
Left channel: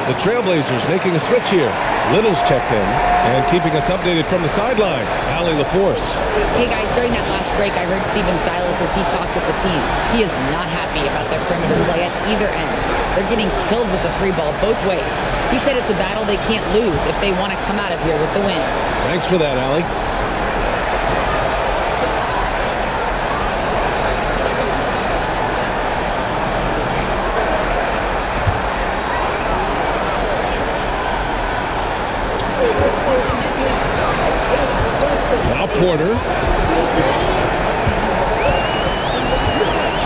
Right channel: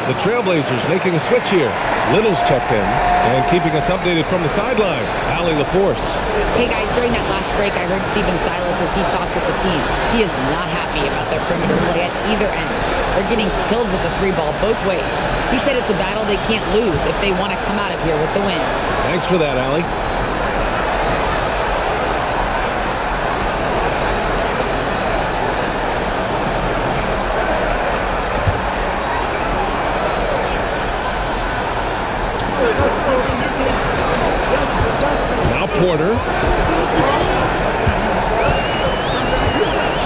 The Trailblazers making a switch here. Little's checked in and keeping us updated from the sideline. Allie LaForce. Hey guys, during that last break, I heard Stephen Silas as he talked with the team. He is not happy about their perimeter play at either end. They're getting killed with the free ball both ways. He said it's a battle they can't lose if they want to come out of here with the win. Thanks for that, Allie. Now Porter.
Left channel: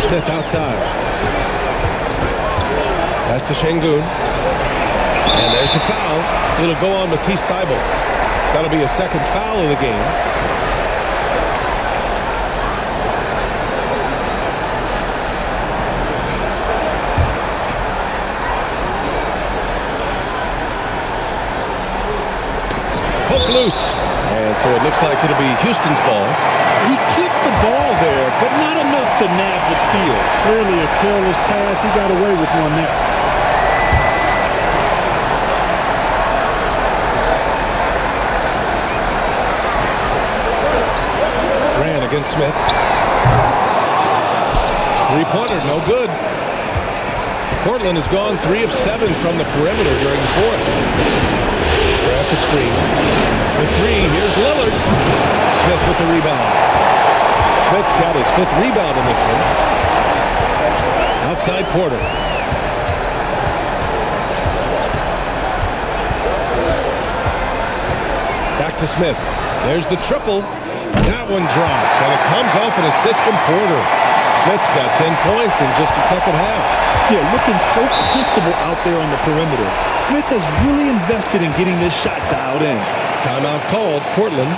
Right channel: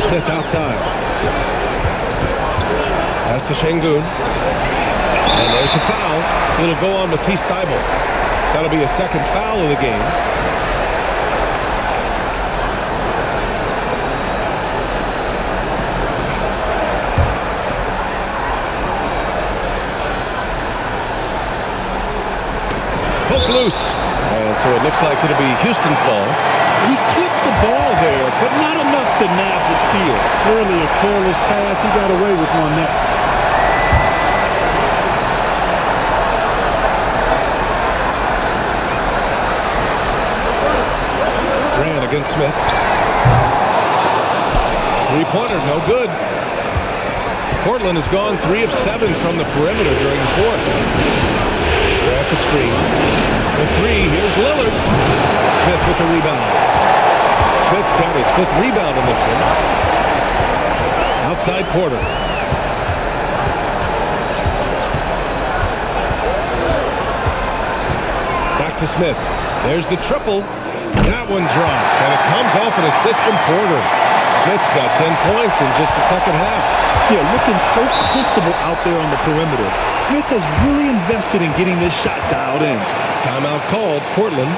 Smith outside. Pass to Şengün. And there's the foul. It'll go on Matisse Thybulle. That'll be a second foul of the game. Hook loose. And so it looks like it'll be Houston's ball. He clipped the ball there, but not enough to nab the steal. Clearly a careless pass. He got away with one there. Grant against Smith. Three-pointer, no good. Portland has gone 3 of 7 from the perimeter during the fourth. Grant the screen. For 3, here's Lillard. Smith with the rebound. Smith's got his 5th rebound in this one. Outside Porter. Back to Smith. There's the triple. That one drops, and it comes off an assist from Porter. Smith's got 10 points in just the second half. Yeah, looking so comfortable out there on the perimeter. Smith has really invested in getting this shot dialed in. Timeout called, Portland.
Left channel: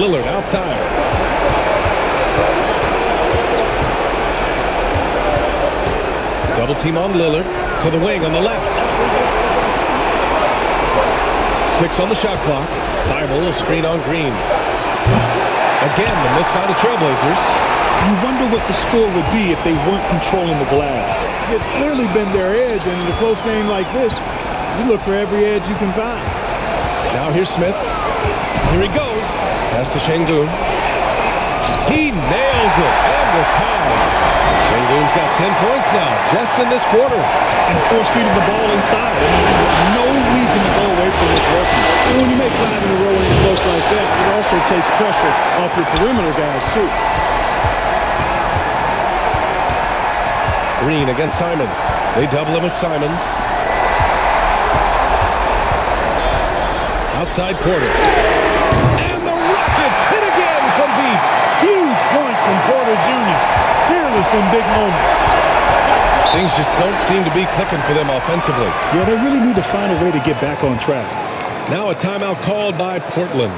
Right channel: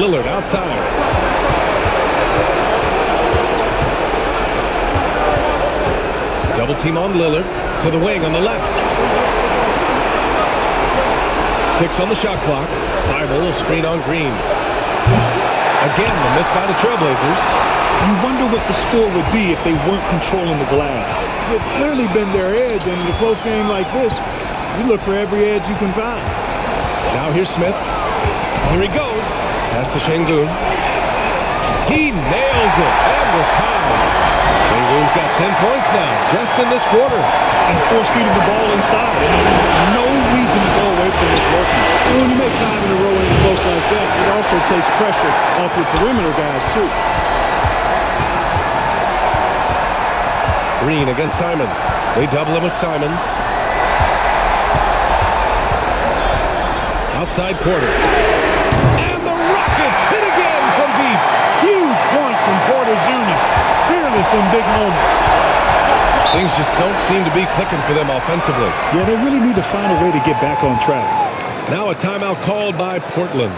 Lillard outside. Double team on Lillard to the wing on the left. 6 on the shot clock. Thybulle, a screen on Green. Again, the miss by the Trailblazers. You wonder what the score would be if they weren't controlling the glass. It's clearly been their edge, and in a close game like this, you look for every edge you can find. Now here's Smith. Here he goes. Pass to Şengün. He nails it, and we're tied. Şengün's got 10 points now, just in this quarter. And force-feeding the ball inside. I mean, no reason to go away from what's working. And when you make 5 in a row and close like that, it also takes pressure off your perimeter guys, too. Green against Simons. They double him with Simons. Outside Porter. And the Rockets hit again from deep. Huge points from Porter Jr. Fearless in big moments. Things just don't seem to be clicking for them offensively. Yeah, they really need to find a way to get back on track. Now a timeout called by Portland.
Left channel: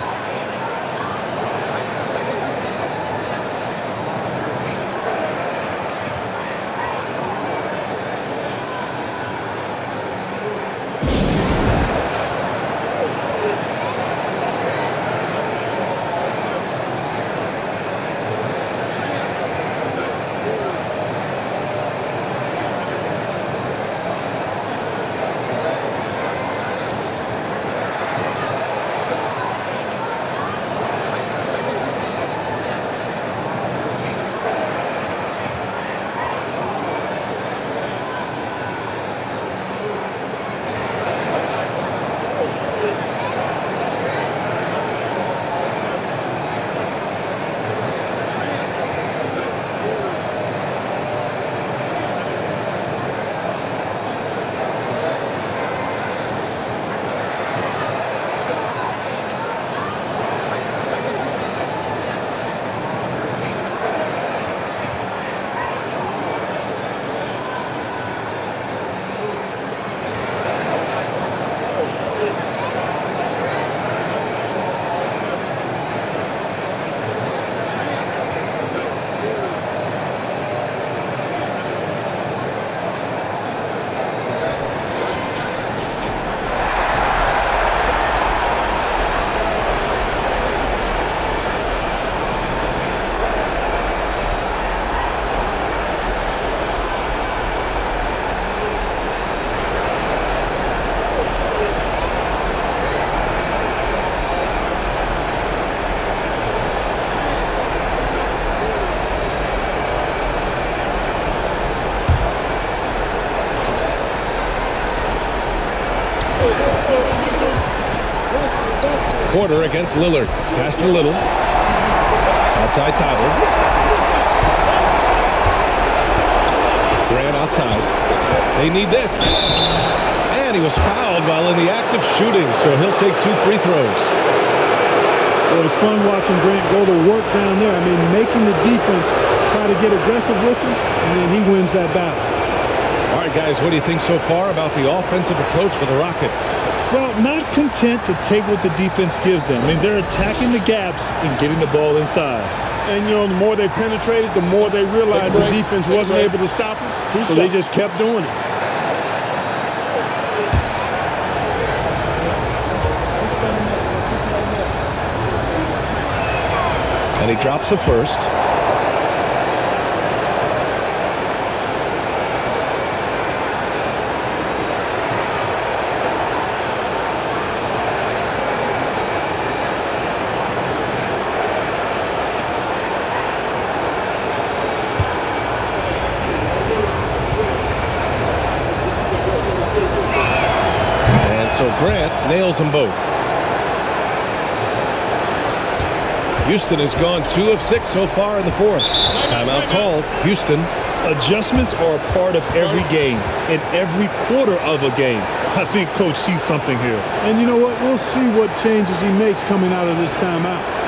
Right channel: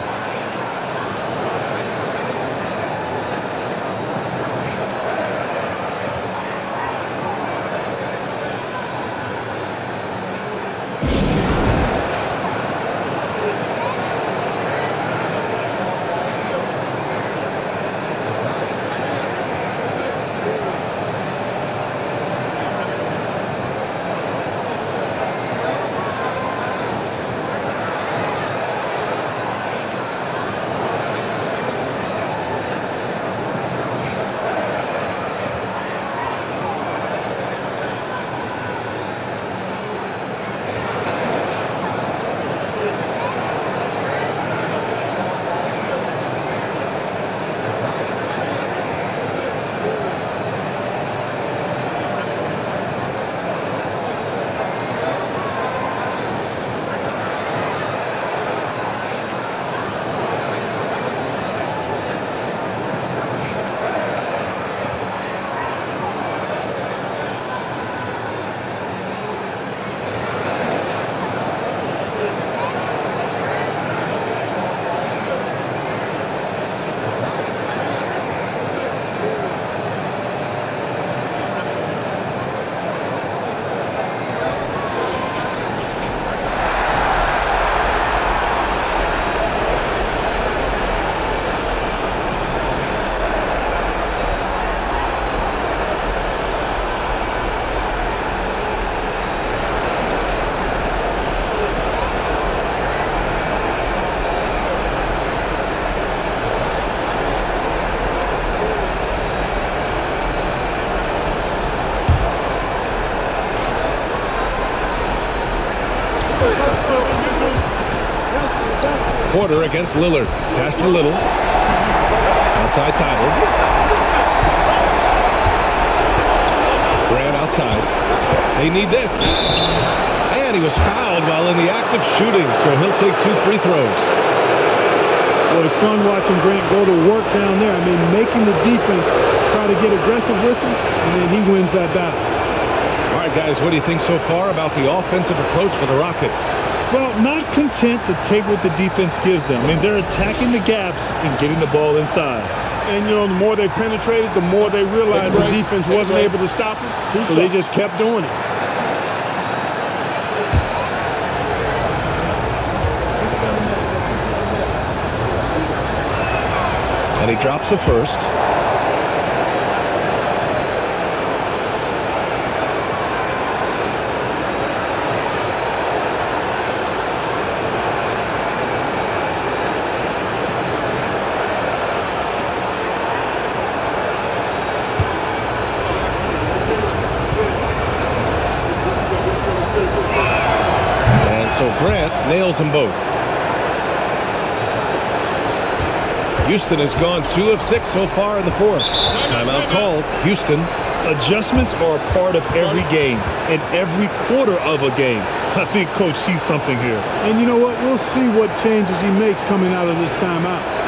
Porter against Lillard. Pass to Little. Outside Thibault. Grant outside. They need this. And he was fouled while in the act of shooting, so he'll take 2 free throws. Well, it's fun watching Grant go to work down there. I mean, making the defense try to get aggressive with him, and then he wins that battle. All right, guys, what do you think so far about the offensive approach for the Rockets? Well, not content to take what the defense gives them. I mean, they're attacking the gaps and getting the ball inside. And, you know, the more they penetrated, the more they realized the defense wasn't able to stop them. So they just kept doing it. And he drops the first. So Grant nails them both. Houston has gone 2 of 6 so far in the fourth. Timeout called. Houston. Adjustments are a part of every game and every quarter of a game. I think Coach sees something here. And you know what? We'll see what changes he makes coming out of this timeout.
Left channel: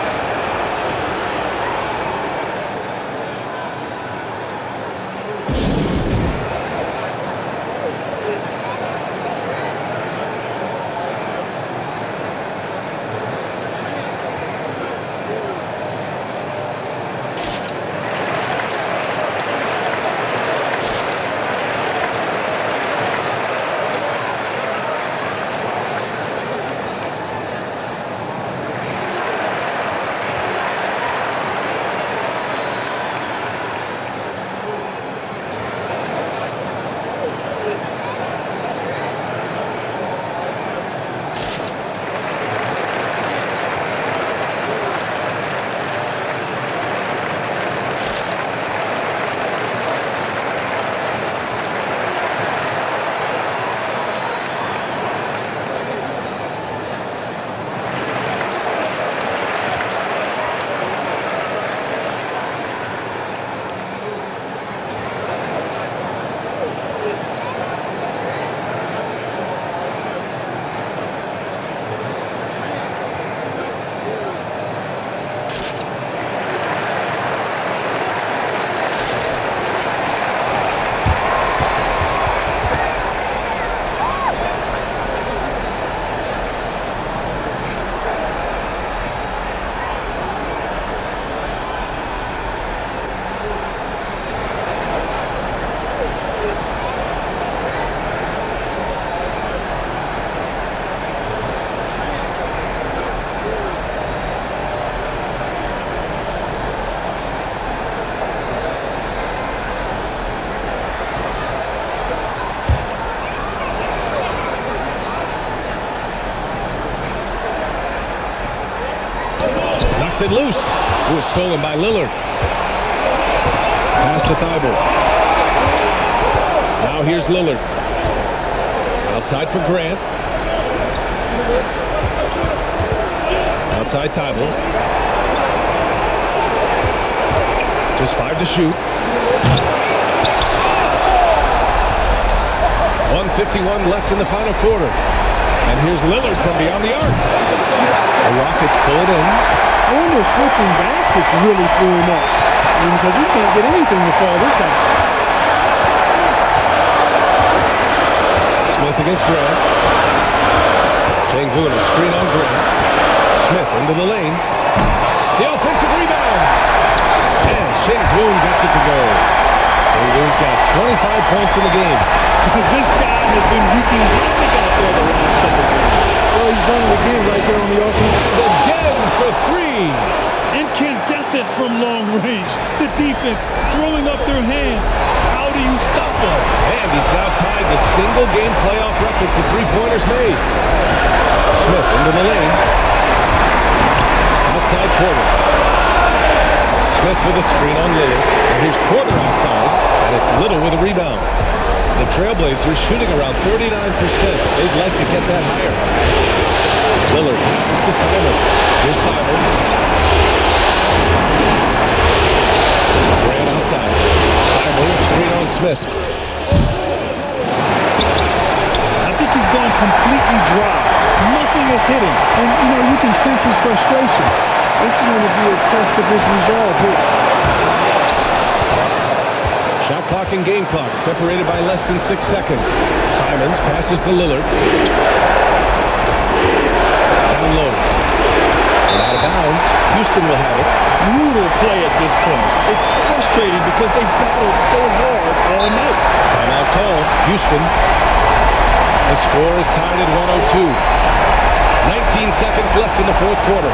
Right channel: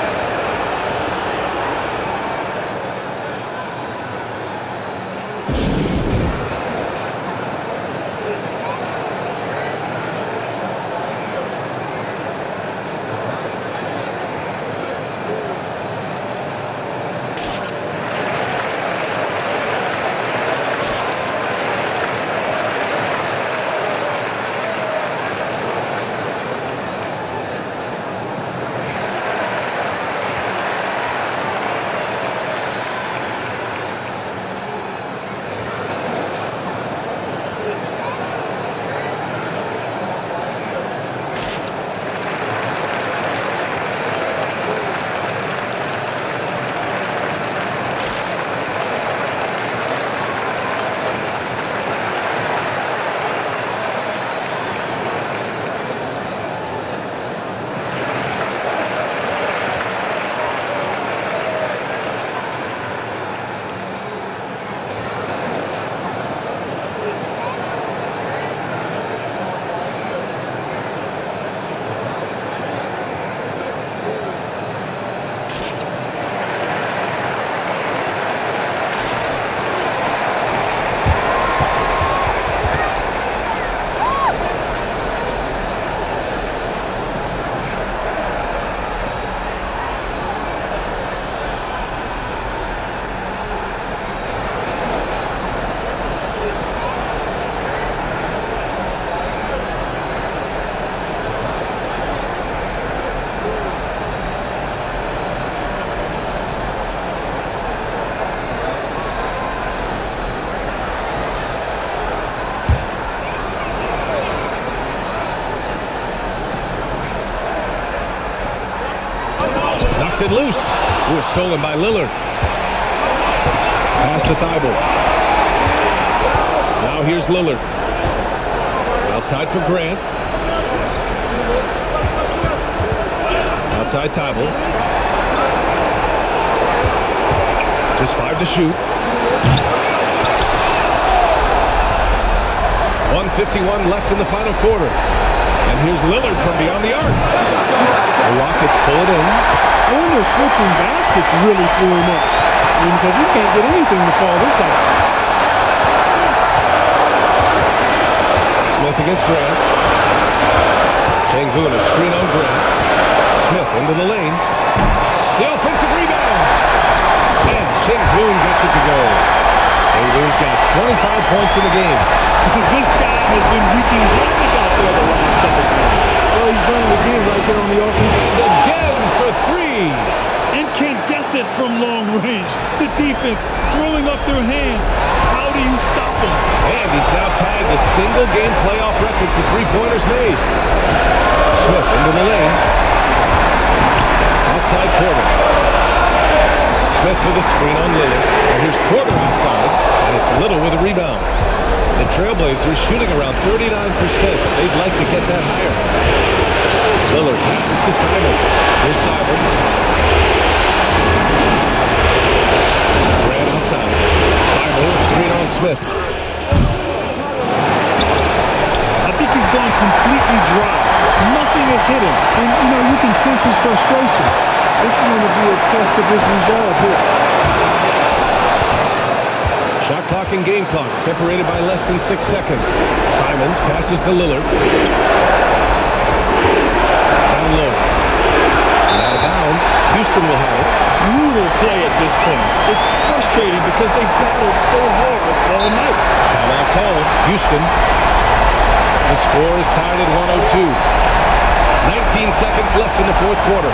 it loose. It was stolen by Lillard. Pass to Thibault. Now here's Lillard. Outside for Grant. Outside Thibault. Just 5 to shoot. 1:51 left in the final quarter. And here's Lillard from beyond the arc. The Rockets pull it in. I wonder if switching baskets really threw him off. I mean, because he can't get anything to fall this half. Smith against Grant. Sengun, a screen on Grant. Smith into the lane. The offensive rebound. And Sengun gets it to go. Sengun's got 25 points in the game. This guy has been wreaking havoc out there the last couple of games. Well, he's done it again right there on the offense. And again for 3. Incandescent from long range. The defense throwing up their hands. How do you stop him? And he's now tied the single-game playoff record for three-pointers made. Smith into the lane. Outside Porter. Smith with a screen on Lillard. And here's Porter outside. And it's Little with a rebound. The Trailblazers shooting around 39%. They'd like to get that higher. Lillard passes to Simon. Here's Thibault. Grant outside. Thibault, screen on Smith. I think he's gone completely dry. Nothing is hitting. And, you can sense his frustration. This is going to be a test of his resolve here. Shot clock and game clock separated by less than 6 seconds. Simons passes to Lillard. Down low. And out of bounds. Houston will have it. Brutal play at this point. It's frustrating because they battled so hard all night. Timeout call. Houston. The score is tied at 102. 19 seconds left in the fourth quarter.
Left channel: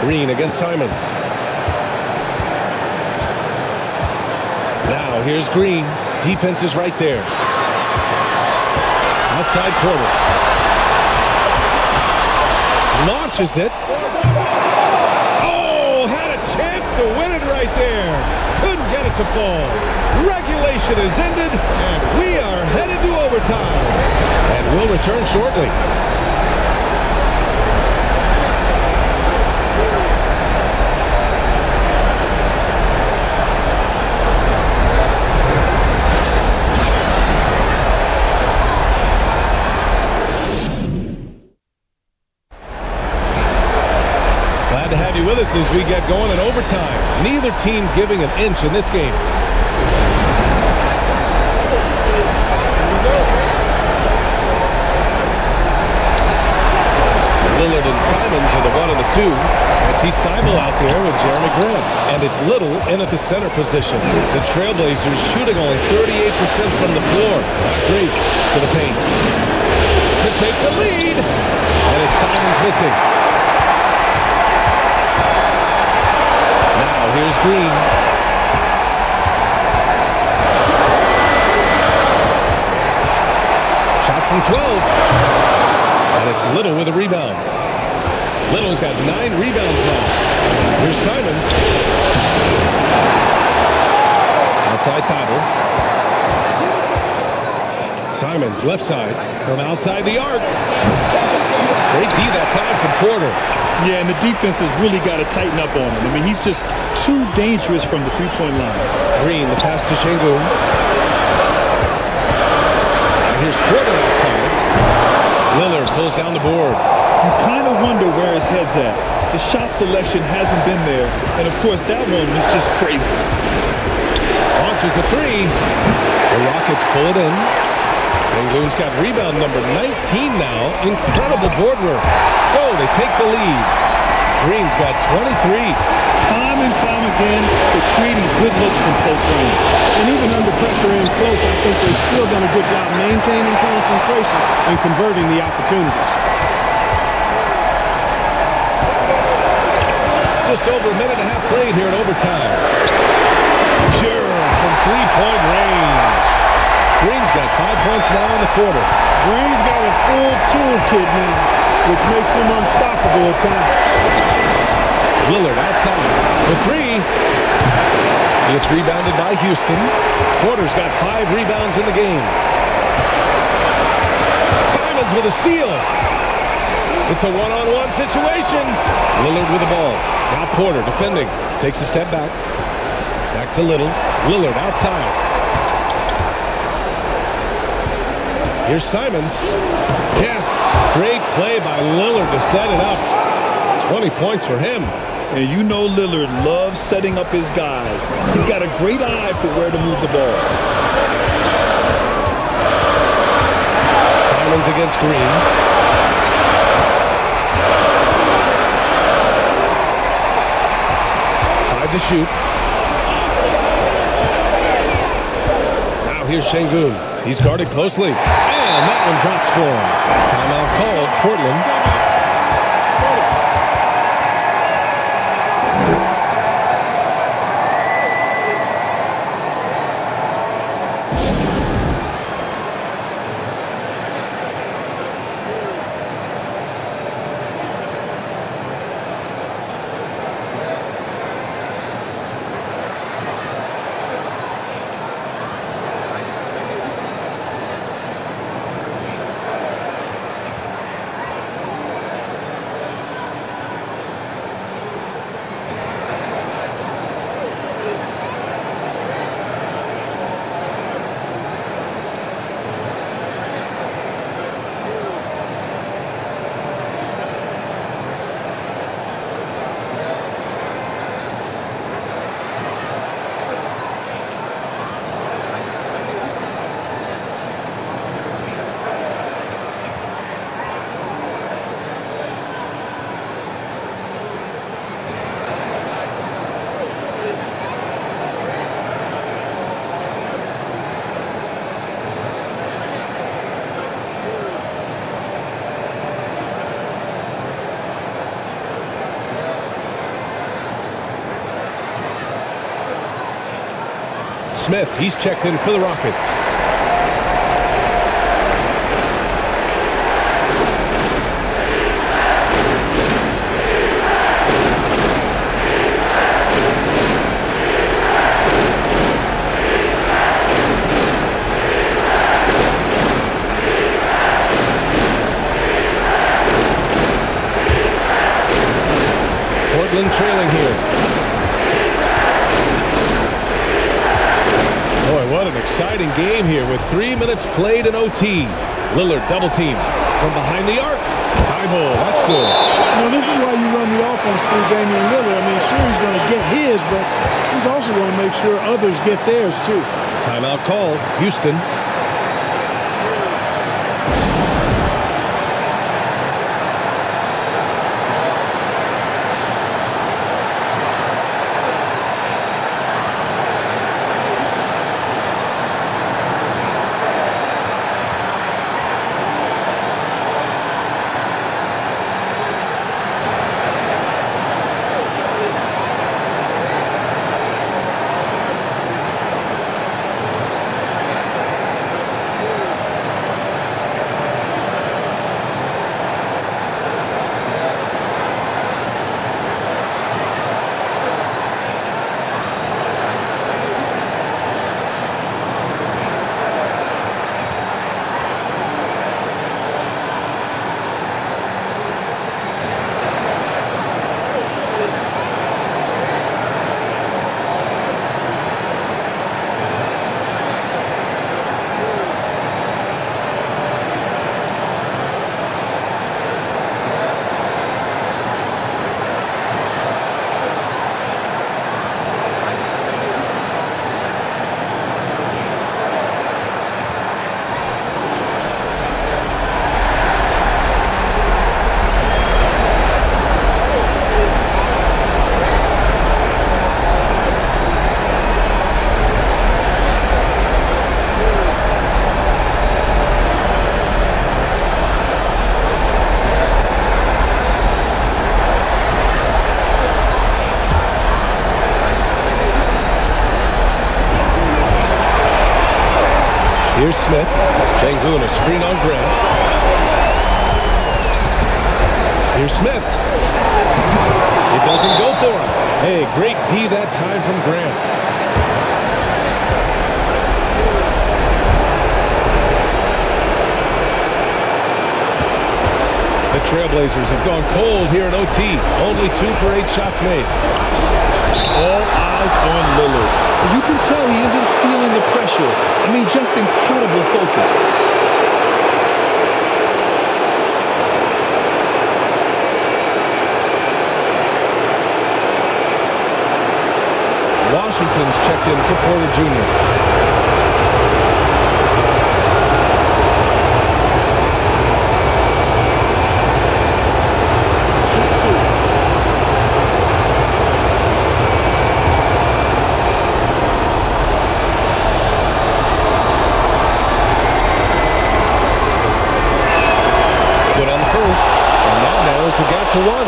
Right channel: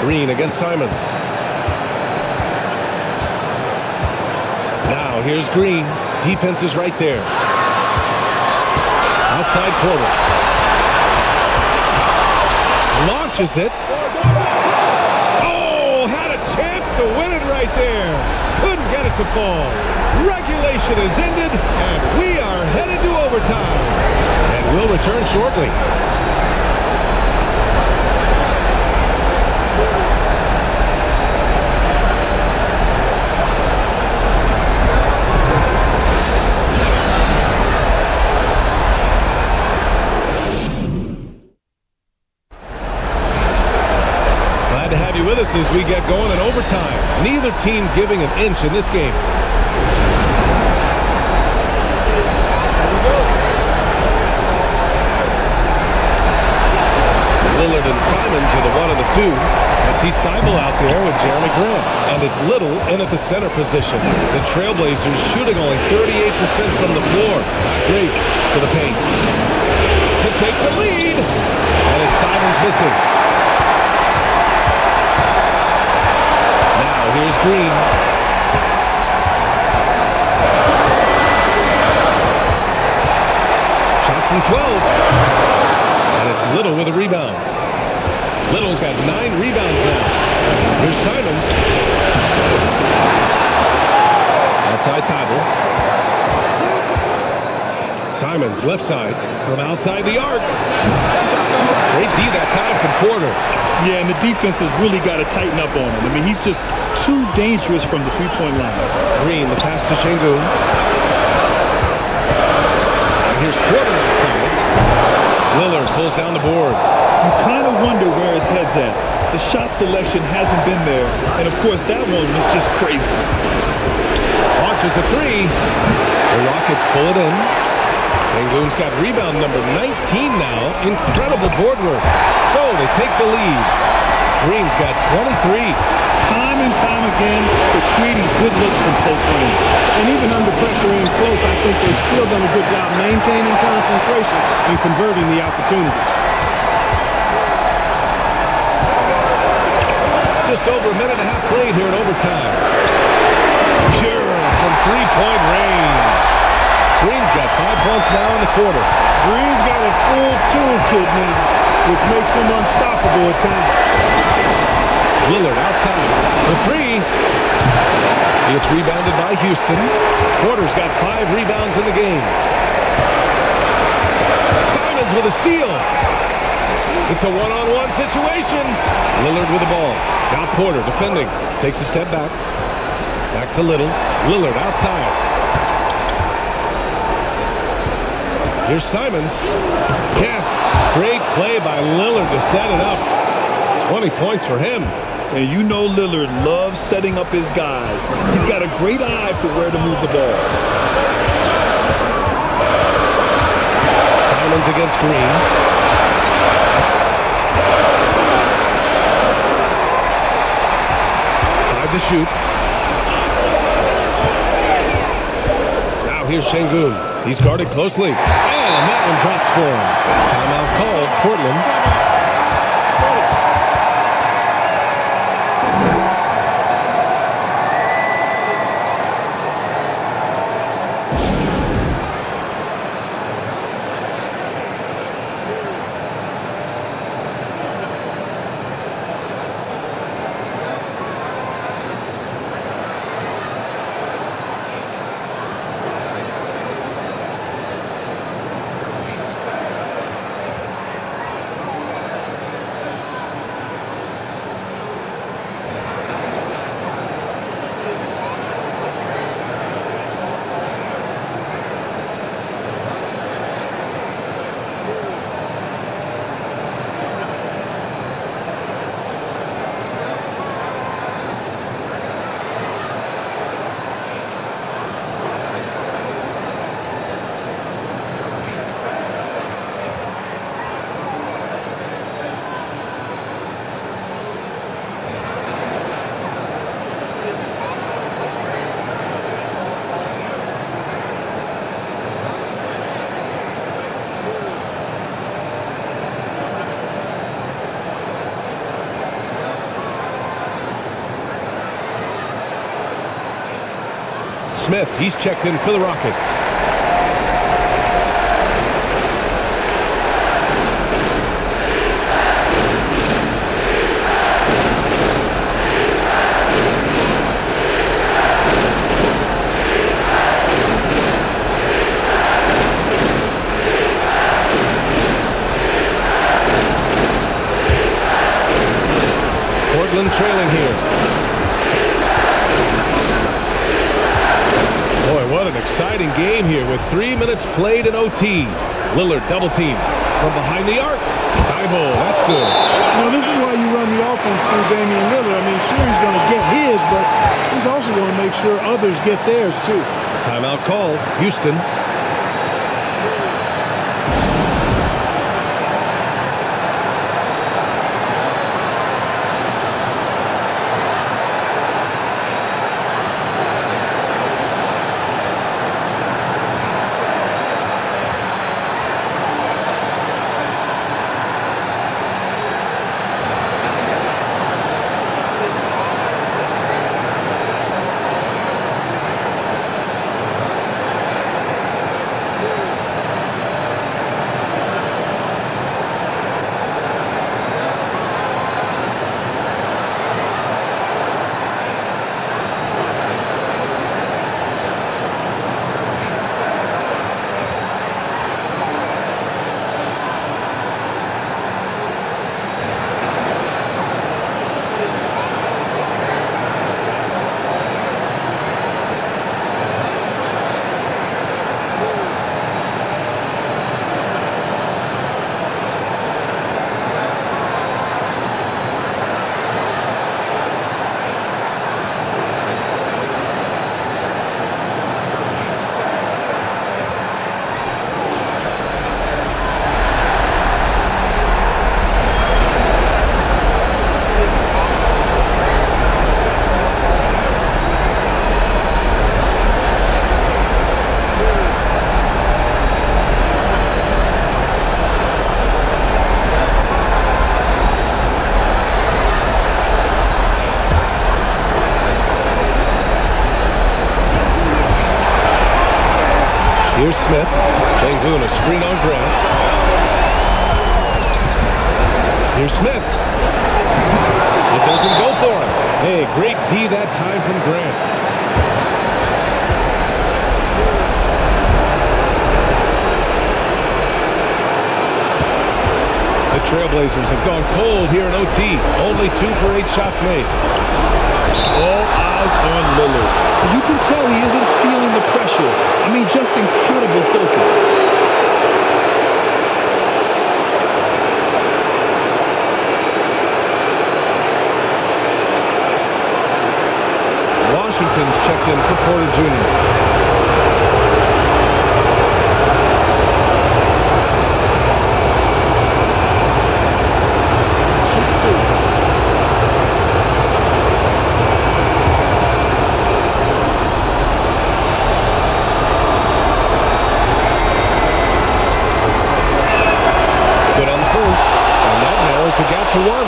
Green against Simons. Now here's Green. Defense is right there. Outside Porter. Launches it. Oh, had a chance to win it right there. Couldn't get it to fall. Regulation is ended, and we are headed to overtime. And we'll return shortly. Glad to have you with us as we get going in overtime. Neither team giving an inch in this game. Here we go. Lillard and Simons are the 1 and the 2. Matisse Thybulle out there with Jeremy Grant. And it's Little in at the center position. The Trailblazers shooting only 38% from the floor. Not great to the paint. To take the lead. And it's Simons missing. Now here's Green. Shot from 12. And it's Little with a rebound. Little's got 9 rebounds now. Here's Simons. Outside Thybulle. Simons left side from outside the arc. Great D that time from Porter. Yeah, and the defense has really got to tighten up on him. I mean, he's just too dangerous from the three-point line. Green, the pass to Sengun. And here's Porter outside. Lillard pulls down the board. You kind of wonder where his head's at. The shot selection hasn't been there. And, of course, that one was just crazy. Launches a three. The Rockets pull it in. Sengun's got rebound number 19 now. Incredible board work. So they take the lead. Green's got 23. Time and time again, they're creating good looks from close range. And even under pressure in close, I think they've still done a good job maintaining concentration and converting the opportunities. Just over a minute and a half played here in overtime. Pure from three-point range. Green's got 5 points now in the quarter. Green's got a full toolkit now, which makes him unstoppable at times. Lillard outside for three. He gets rebounded by Houston. Porter's got 5 rebounds in the game. Simons with a steal. It's a one-on-one situation. Lillard with the ball. Now Porter defending. Takes a step back. Back to Little. Lillard outside. Here's Simons. Yes. Great play by Lillard to set it up. 20 points for him. And you know Lillard loves setting up his guys. He's got a great eye for where to move the ball. Simons against Green. To shoot. Now here's Sengun. He's guarded closely. And that one drops for him. Timeout called. Portland. Smith, he's checked in for the Rockets. Portland trailing here. Boy, what an exciting game here with 3 minutes played in OT. Lillard double team from behind the arc. Thibault, that's good. You know, this is why you run the offense through Damian Lillard. I mean, sure, he's going to get his, but he's also going to make sure others get theirs, too. Timeout called. Houston. Here's Smith. Şengün, a screen on Grant. Here's Smith. It doesn't go for him. Hey, great D that time from Grant. The Trailblazers have gone cold here in OT. Only 2 for 8 shots made. All eyes on Lillard. You can tell he isn't feeling the pressure. I mean, just incredible focus. Washington's checked in for Porter Jr. Good on the first, and that narrows the gap to 1.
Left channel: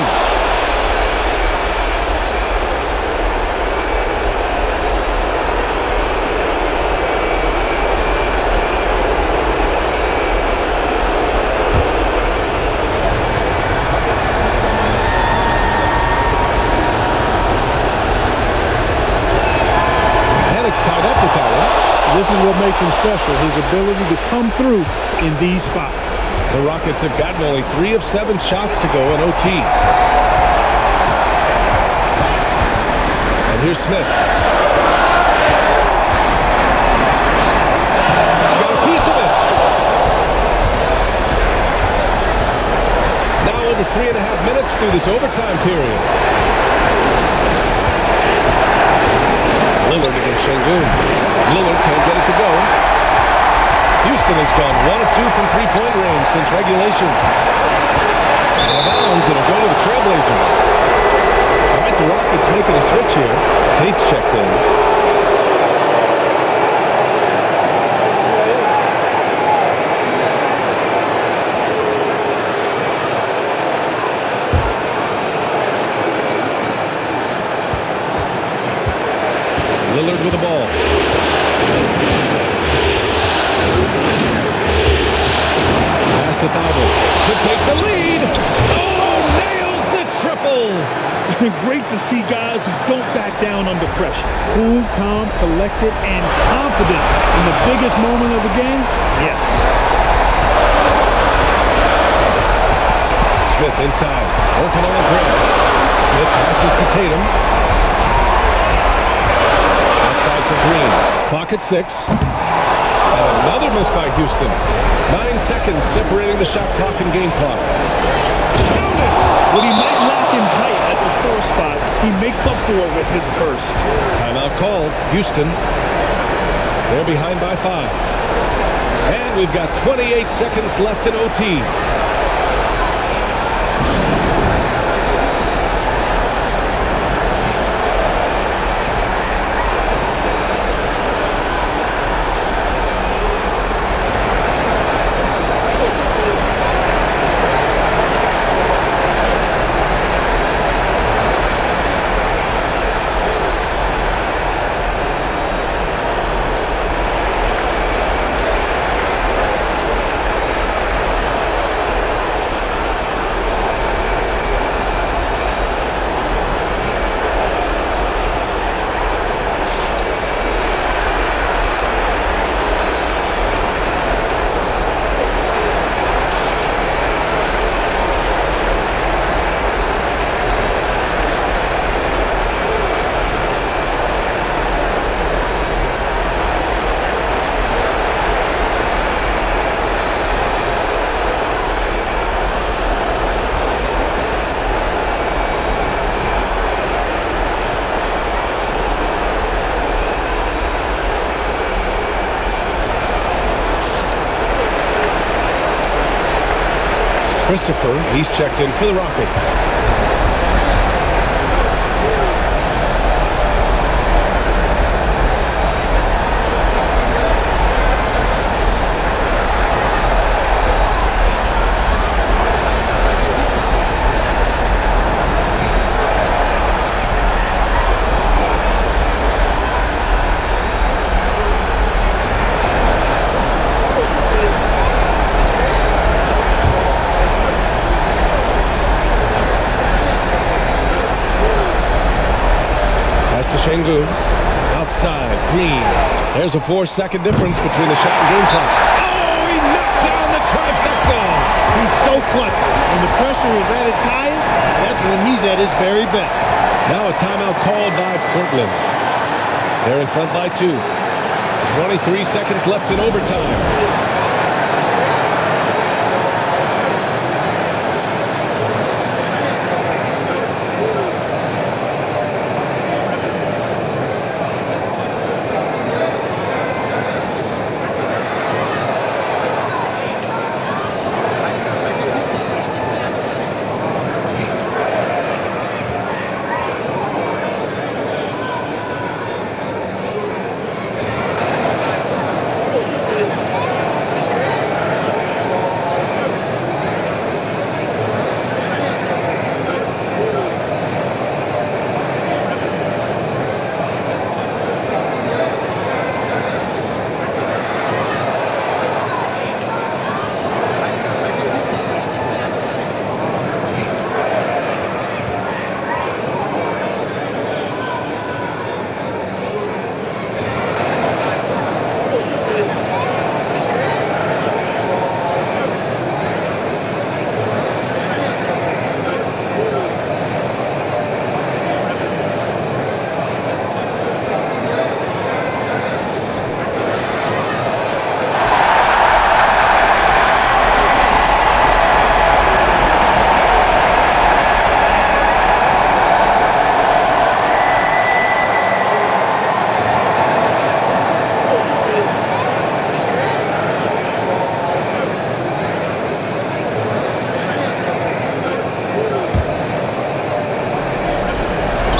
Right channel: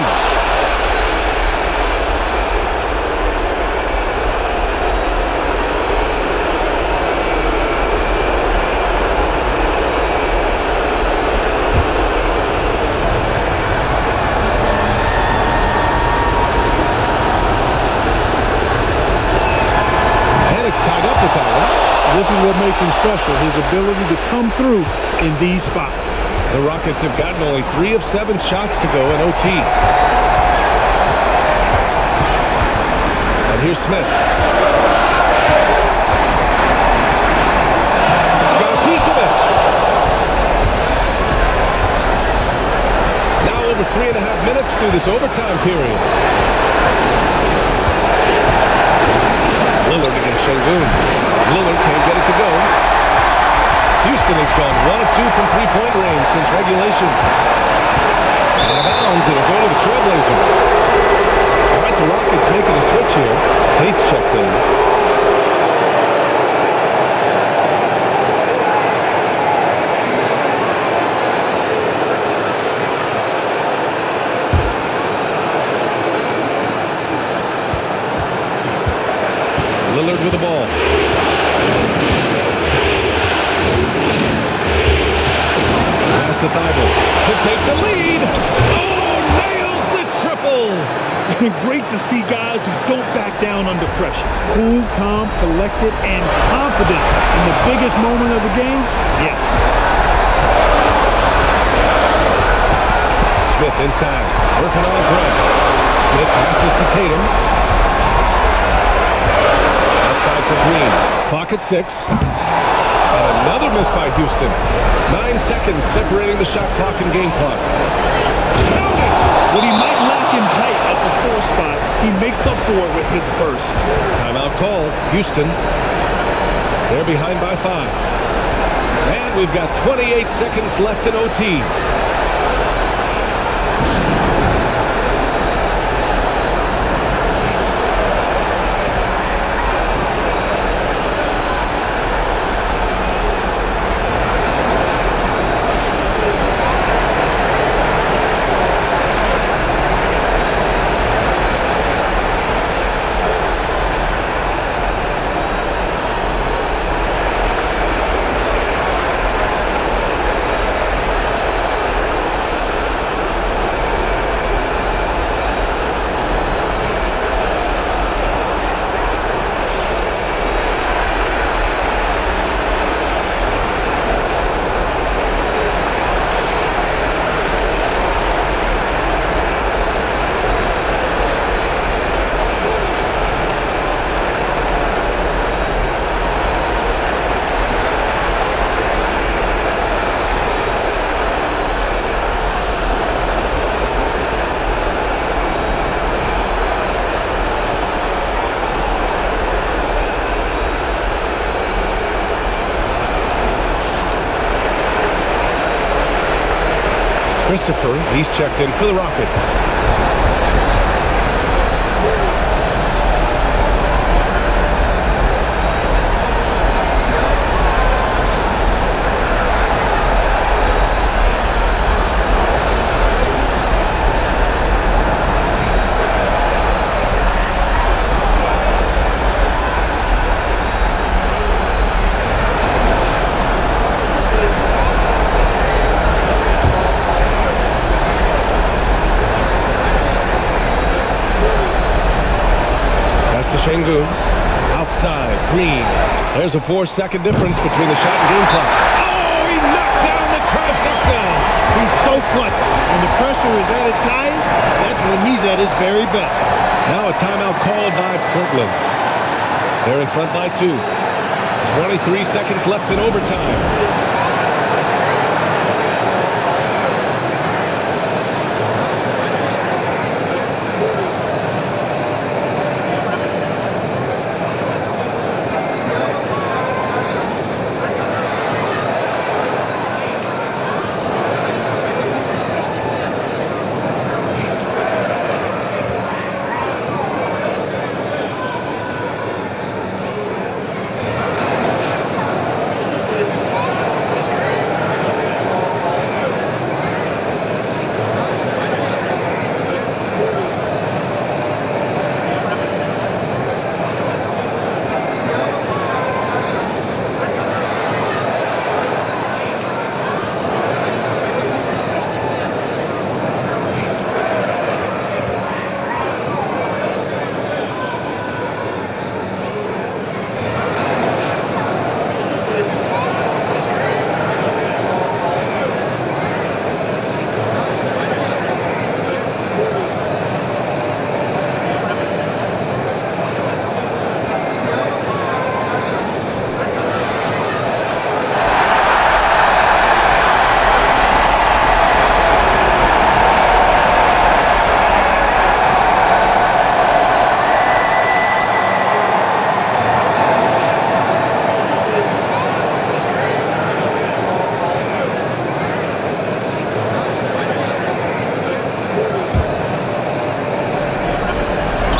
And it's tied up with that one. This is what makes him special, his ability to come through in these spots. The Rockets have gotten only 3 of 7 shots to go in OT. And here's Smith. Got a piece of it. Now over 3.5 minutes through this overtime period. Lillard against Şengün. Lillard can't get it to go. Houston has gone 1 of 2 from three-point range since regulation. Out of bounds, it'll go to the Trailblazers. All right, the Rockets making a switch here. Tate's checked in. Lillard with the ball. Pass to Thybulle to take the lead. Oh, nails the triple. Great to see guys who don't back down under pressure. Cool, calm, collected, and confident in the biggest moment of the game. Yes. Smith inside, working on Grant. Smith passes to Tatum. Outside for Green. Clock at 6. And another miss by Houston. 9 seconds separating the shot clock and game clock. Counted! What he might lack in height at the 4 spot, he makes up for it with his burst. Timeout called. Houston. They're behind by 5. And we've got 28 seconds left in OT. Christopher, he's checked in for the Rockets. Pass to Şengün. Outside, Green. There's a 4-second difference between the shot and game clock. Oh, he knocked down the trifecta. He's so clutch. When the pressure is at its highest, that's when he's at his very best. Now a timeout called by Portland. They're in front by 2. 23 seconds left in overtime.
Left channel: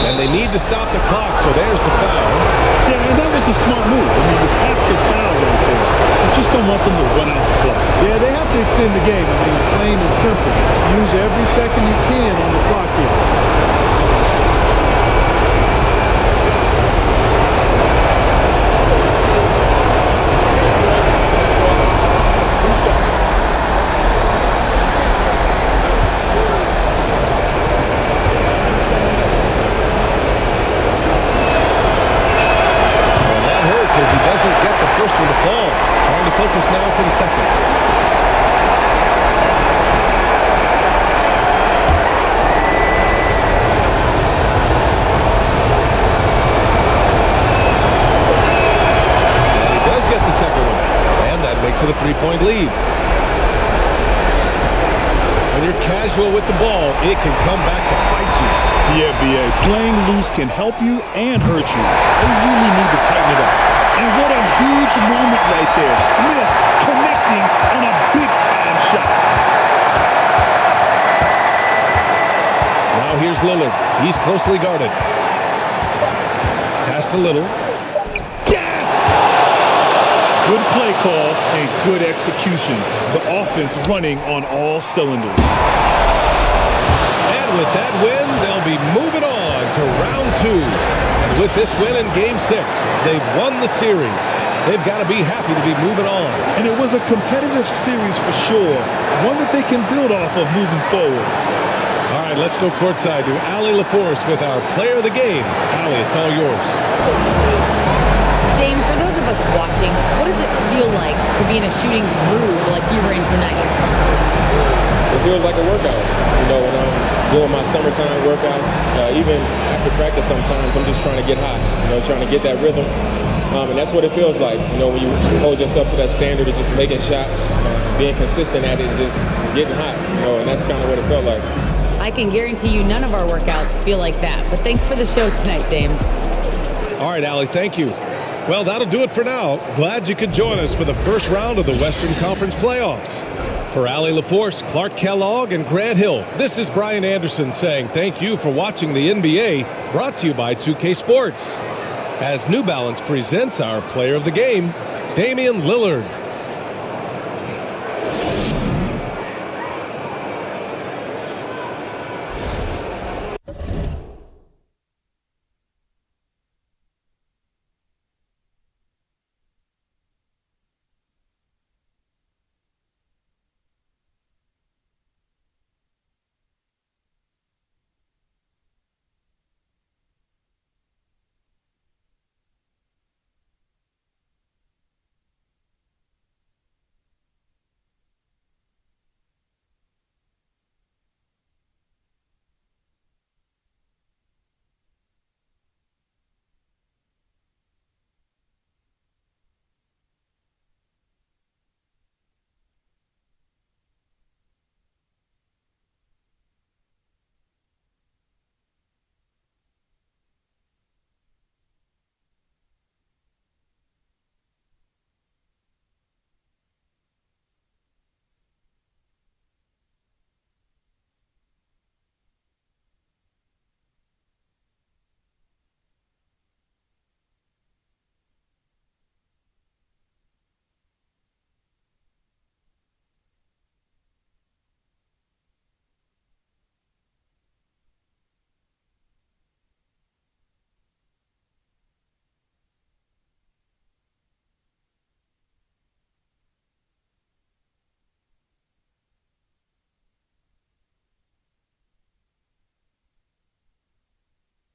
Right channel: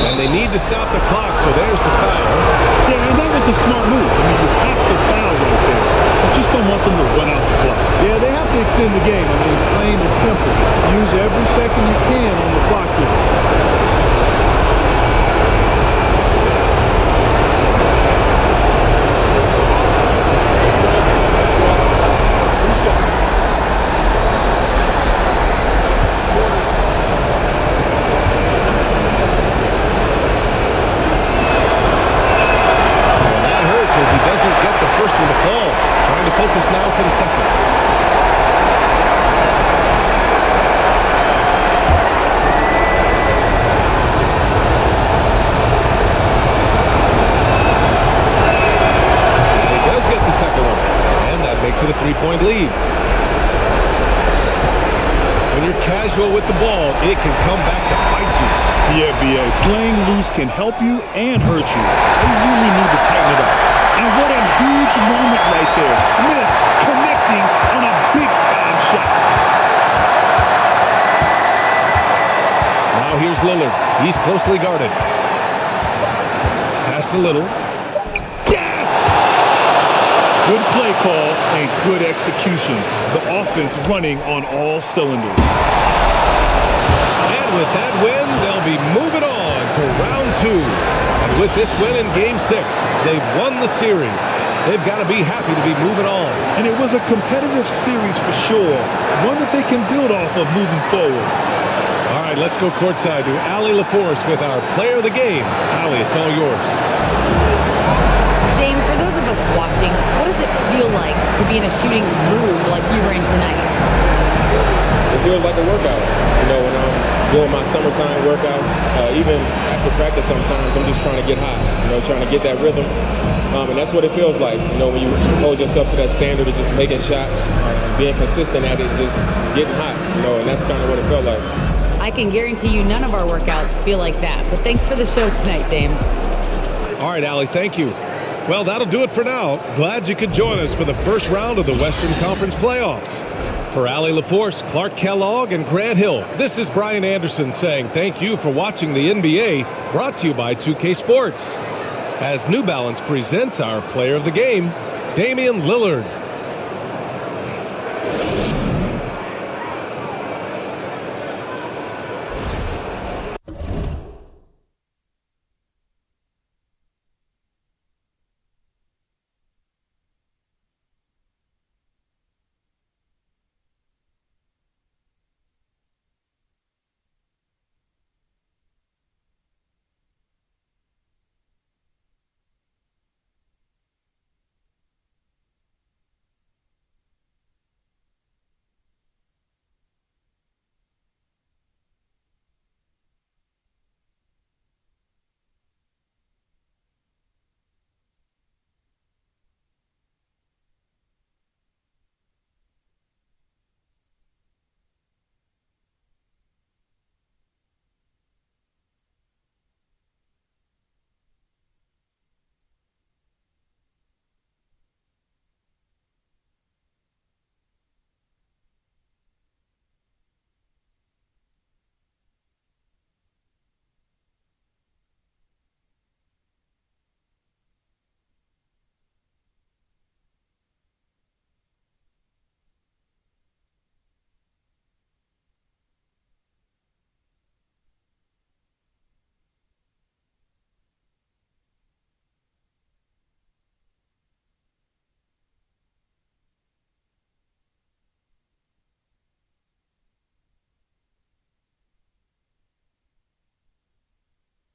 And they need to stop the clock, so there's the foul. Yeah, and that was a smart move. I mean, you have to foul right there. You just don't want them to run out the clock. Yeah, they have to extend the game. I mean, plain and simple. Use every second you can on the clock here. As he doesn't get the first one to fall. Trying to focus now for the second. And he does get the second one. And that makes it a 3-point lead. When you're casual with the ball, it can come back to bite you. Yeah, B.A. Playing loose can help you and hurt you. They really need to tighten it up. And what a huge moment right there. Smith connecting on a big-time shot. Now here's Lillard. He's closely guarded. Pass to Little. Yes! Good play call and good execution. The offense running on all cylinders. And with that win, they'll be moving on to round 2. And with this win in Game 6, they've won the series. They've got to be happy to be moving on. And it was a competitive series for sure. One that they can build off of moving forward. All right, let's go courtside to Allie LaForce with our player of the game. Allie, it's all yours. Dame, for those of us watching, what does it feel like to be in a shooting groove like you were in tonight? It feels like a workout. You know, when I'm doing my summertime workouts, even after practice sometimes, I'm just trying to get hot, you know, trying to get that rhythm. And that's what it feels like, you know, when you hold yourself to that standard of just making shots, being consistent at it, and just getting hot, you know, and that's kind of what it felt like. I can guarantee you none of our workouts feel like that. But thanks for the show tonight, Dame. All right, Allie, thank you. Well, that'll do it for now. Glad you could join us for the first round of the Western Conference playoffs. For Allie LaForce, Clark Kellogg, and Grant Hill, this is Brian Anderson saying thank you for watching the NBA, brought to you by 2K Sports. As New Balance presents our player of the game, Damian Lillard.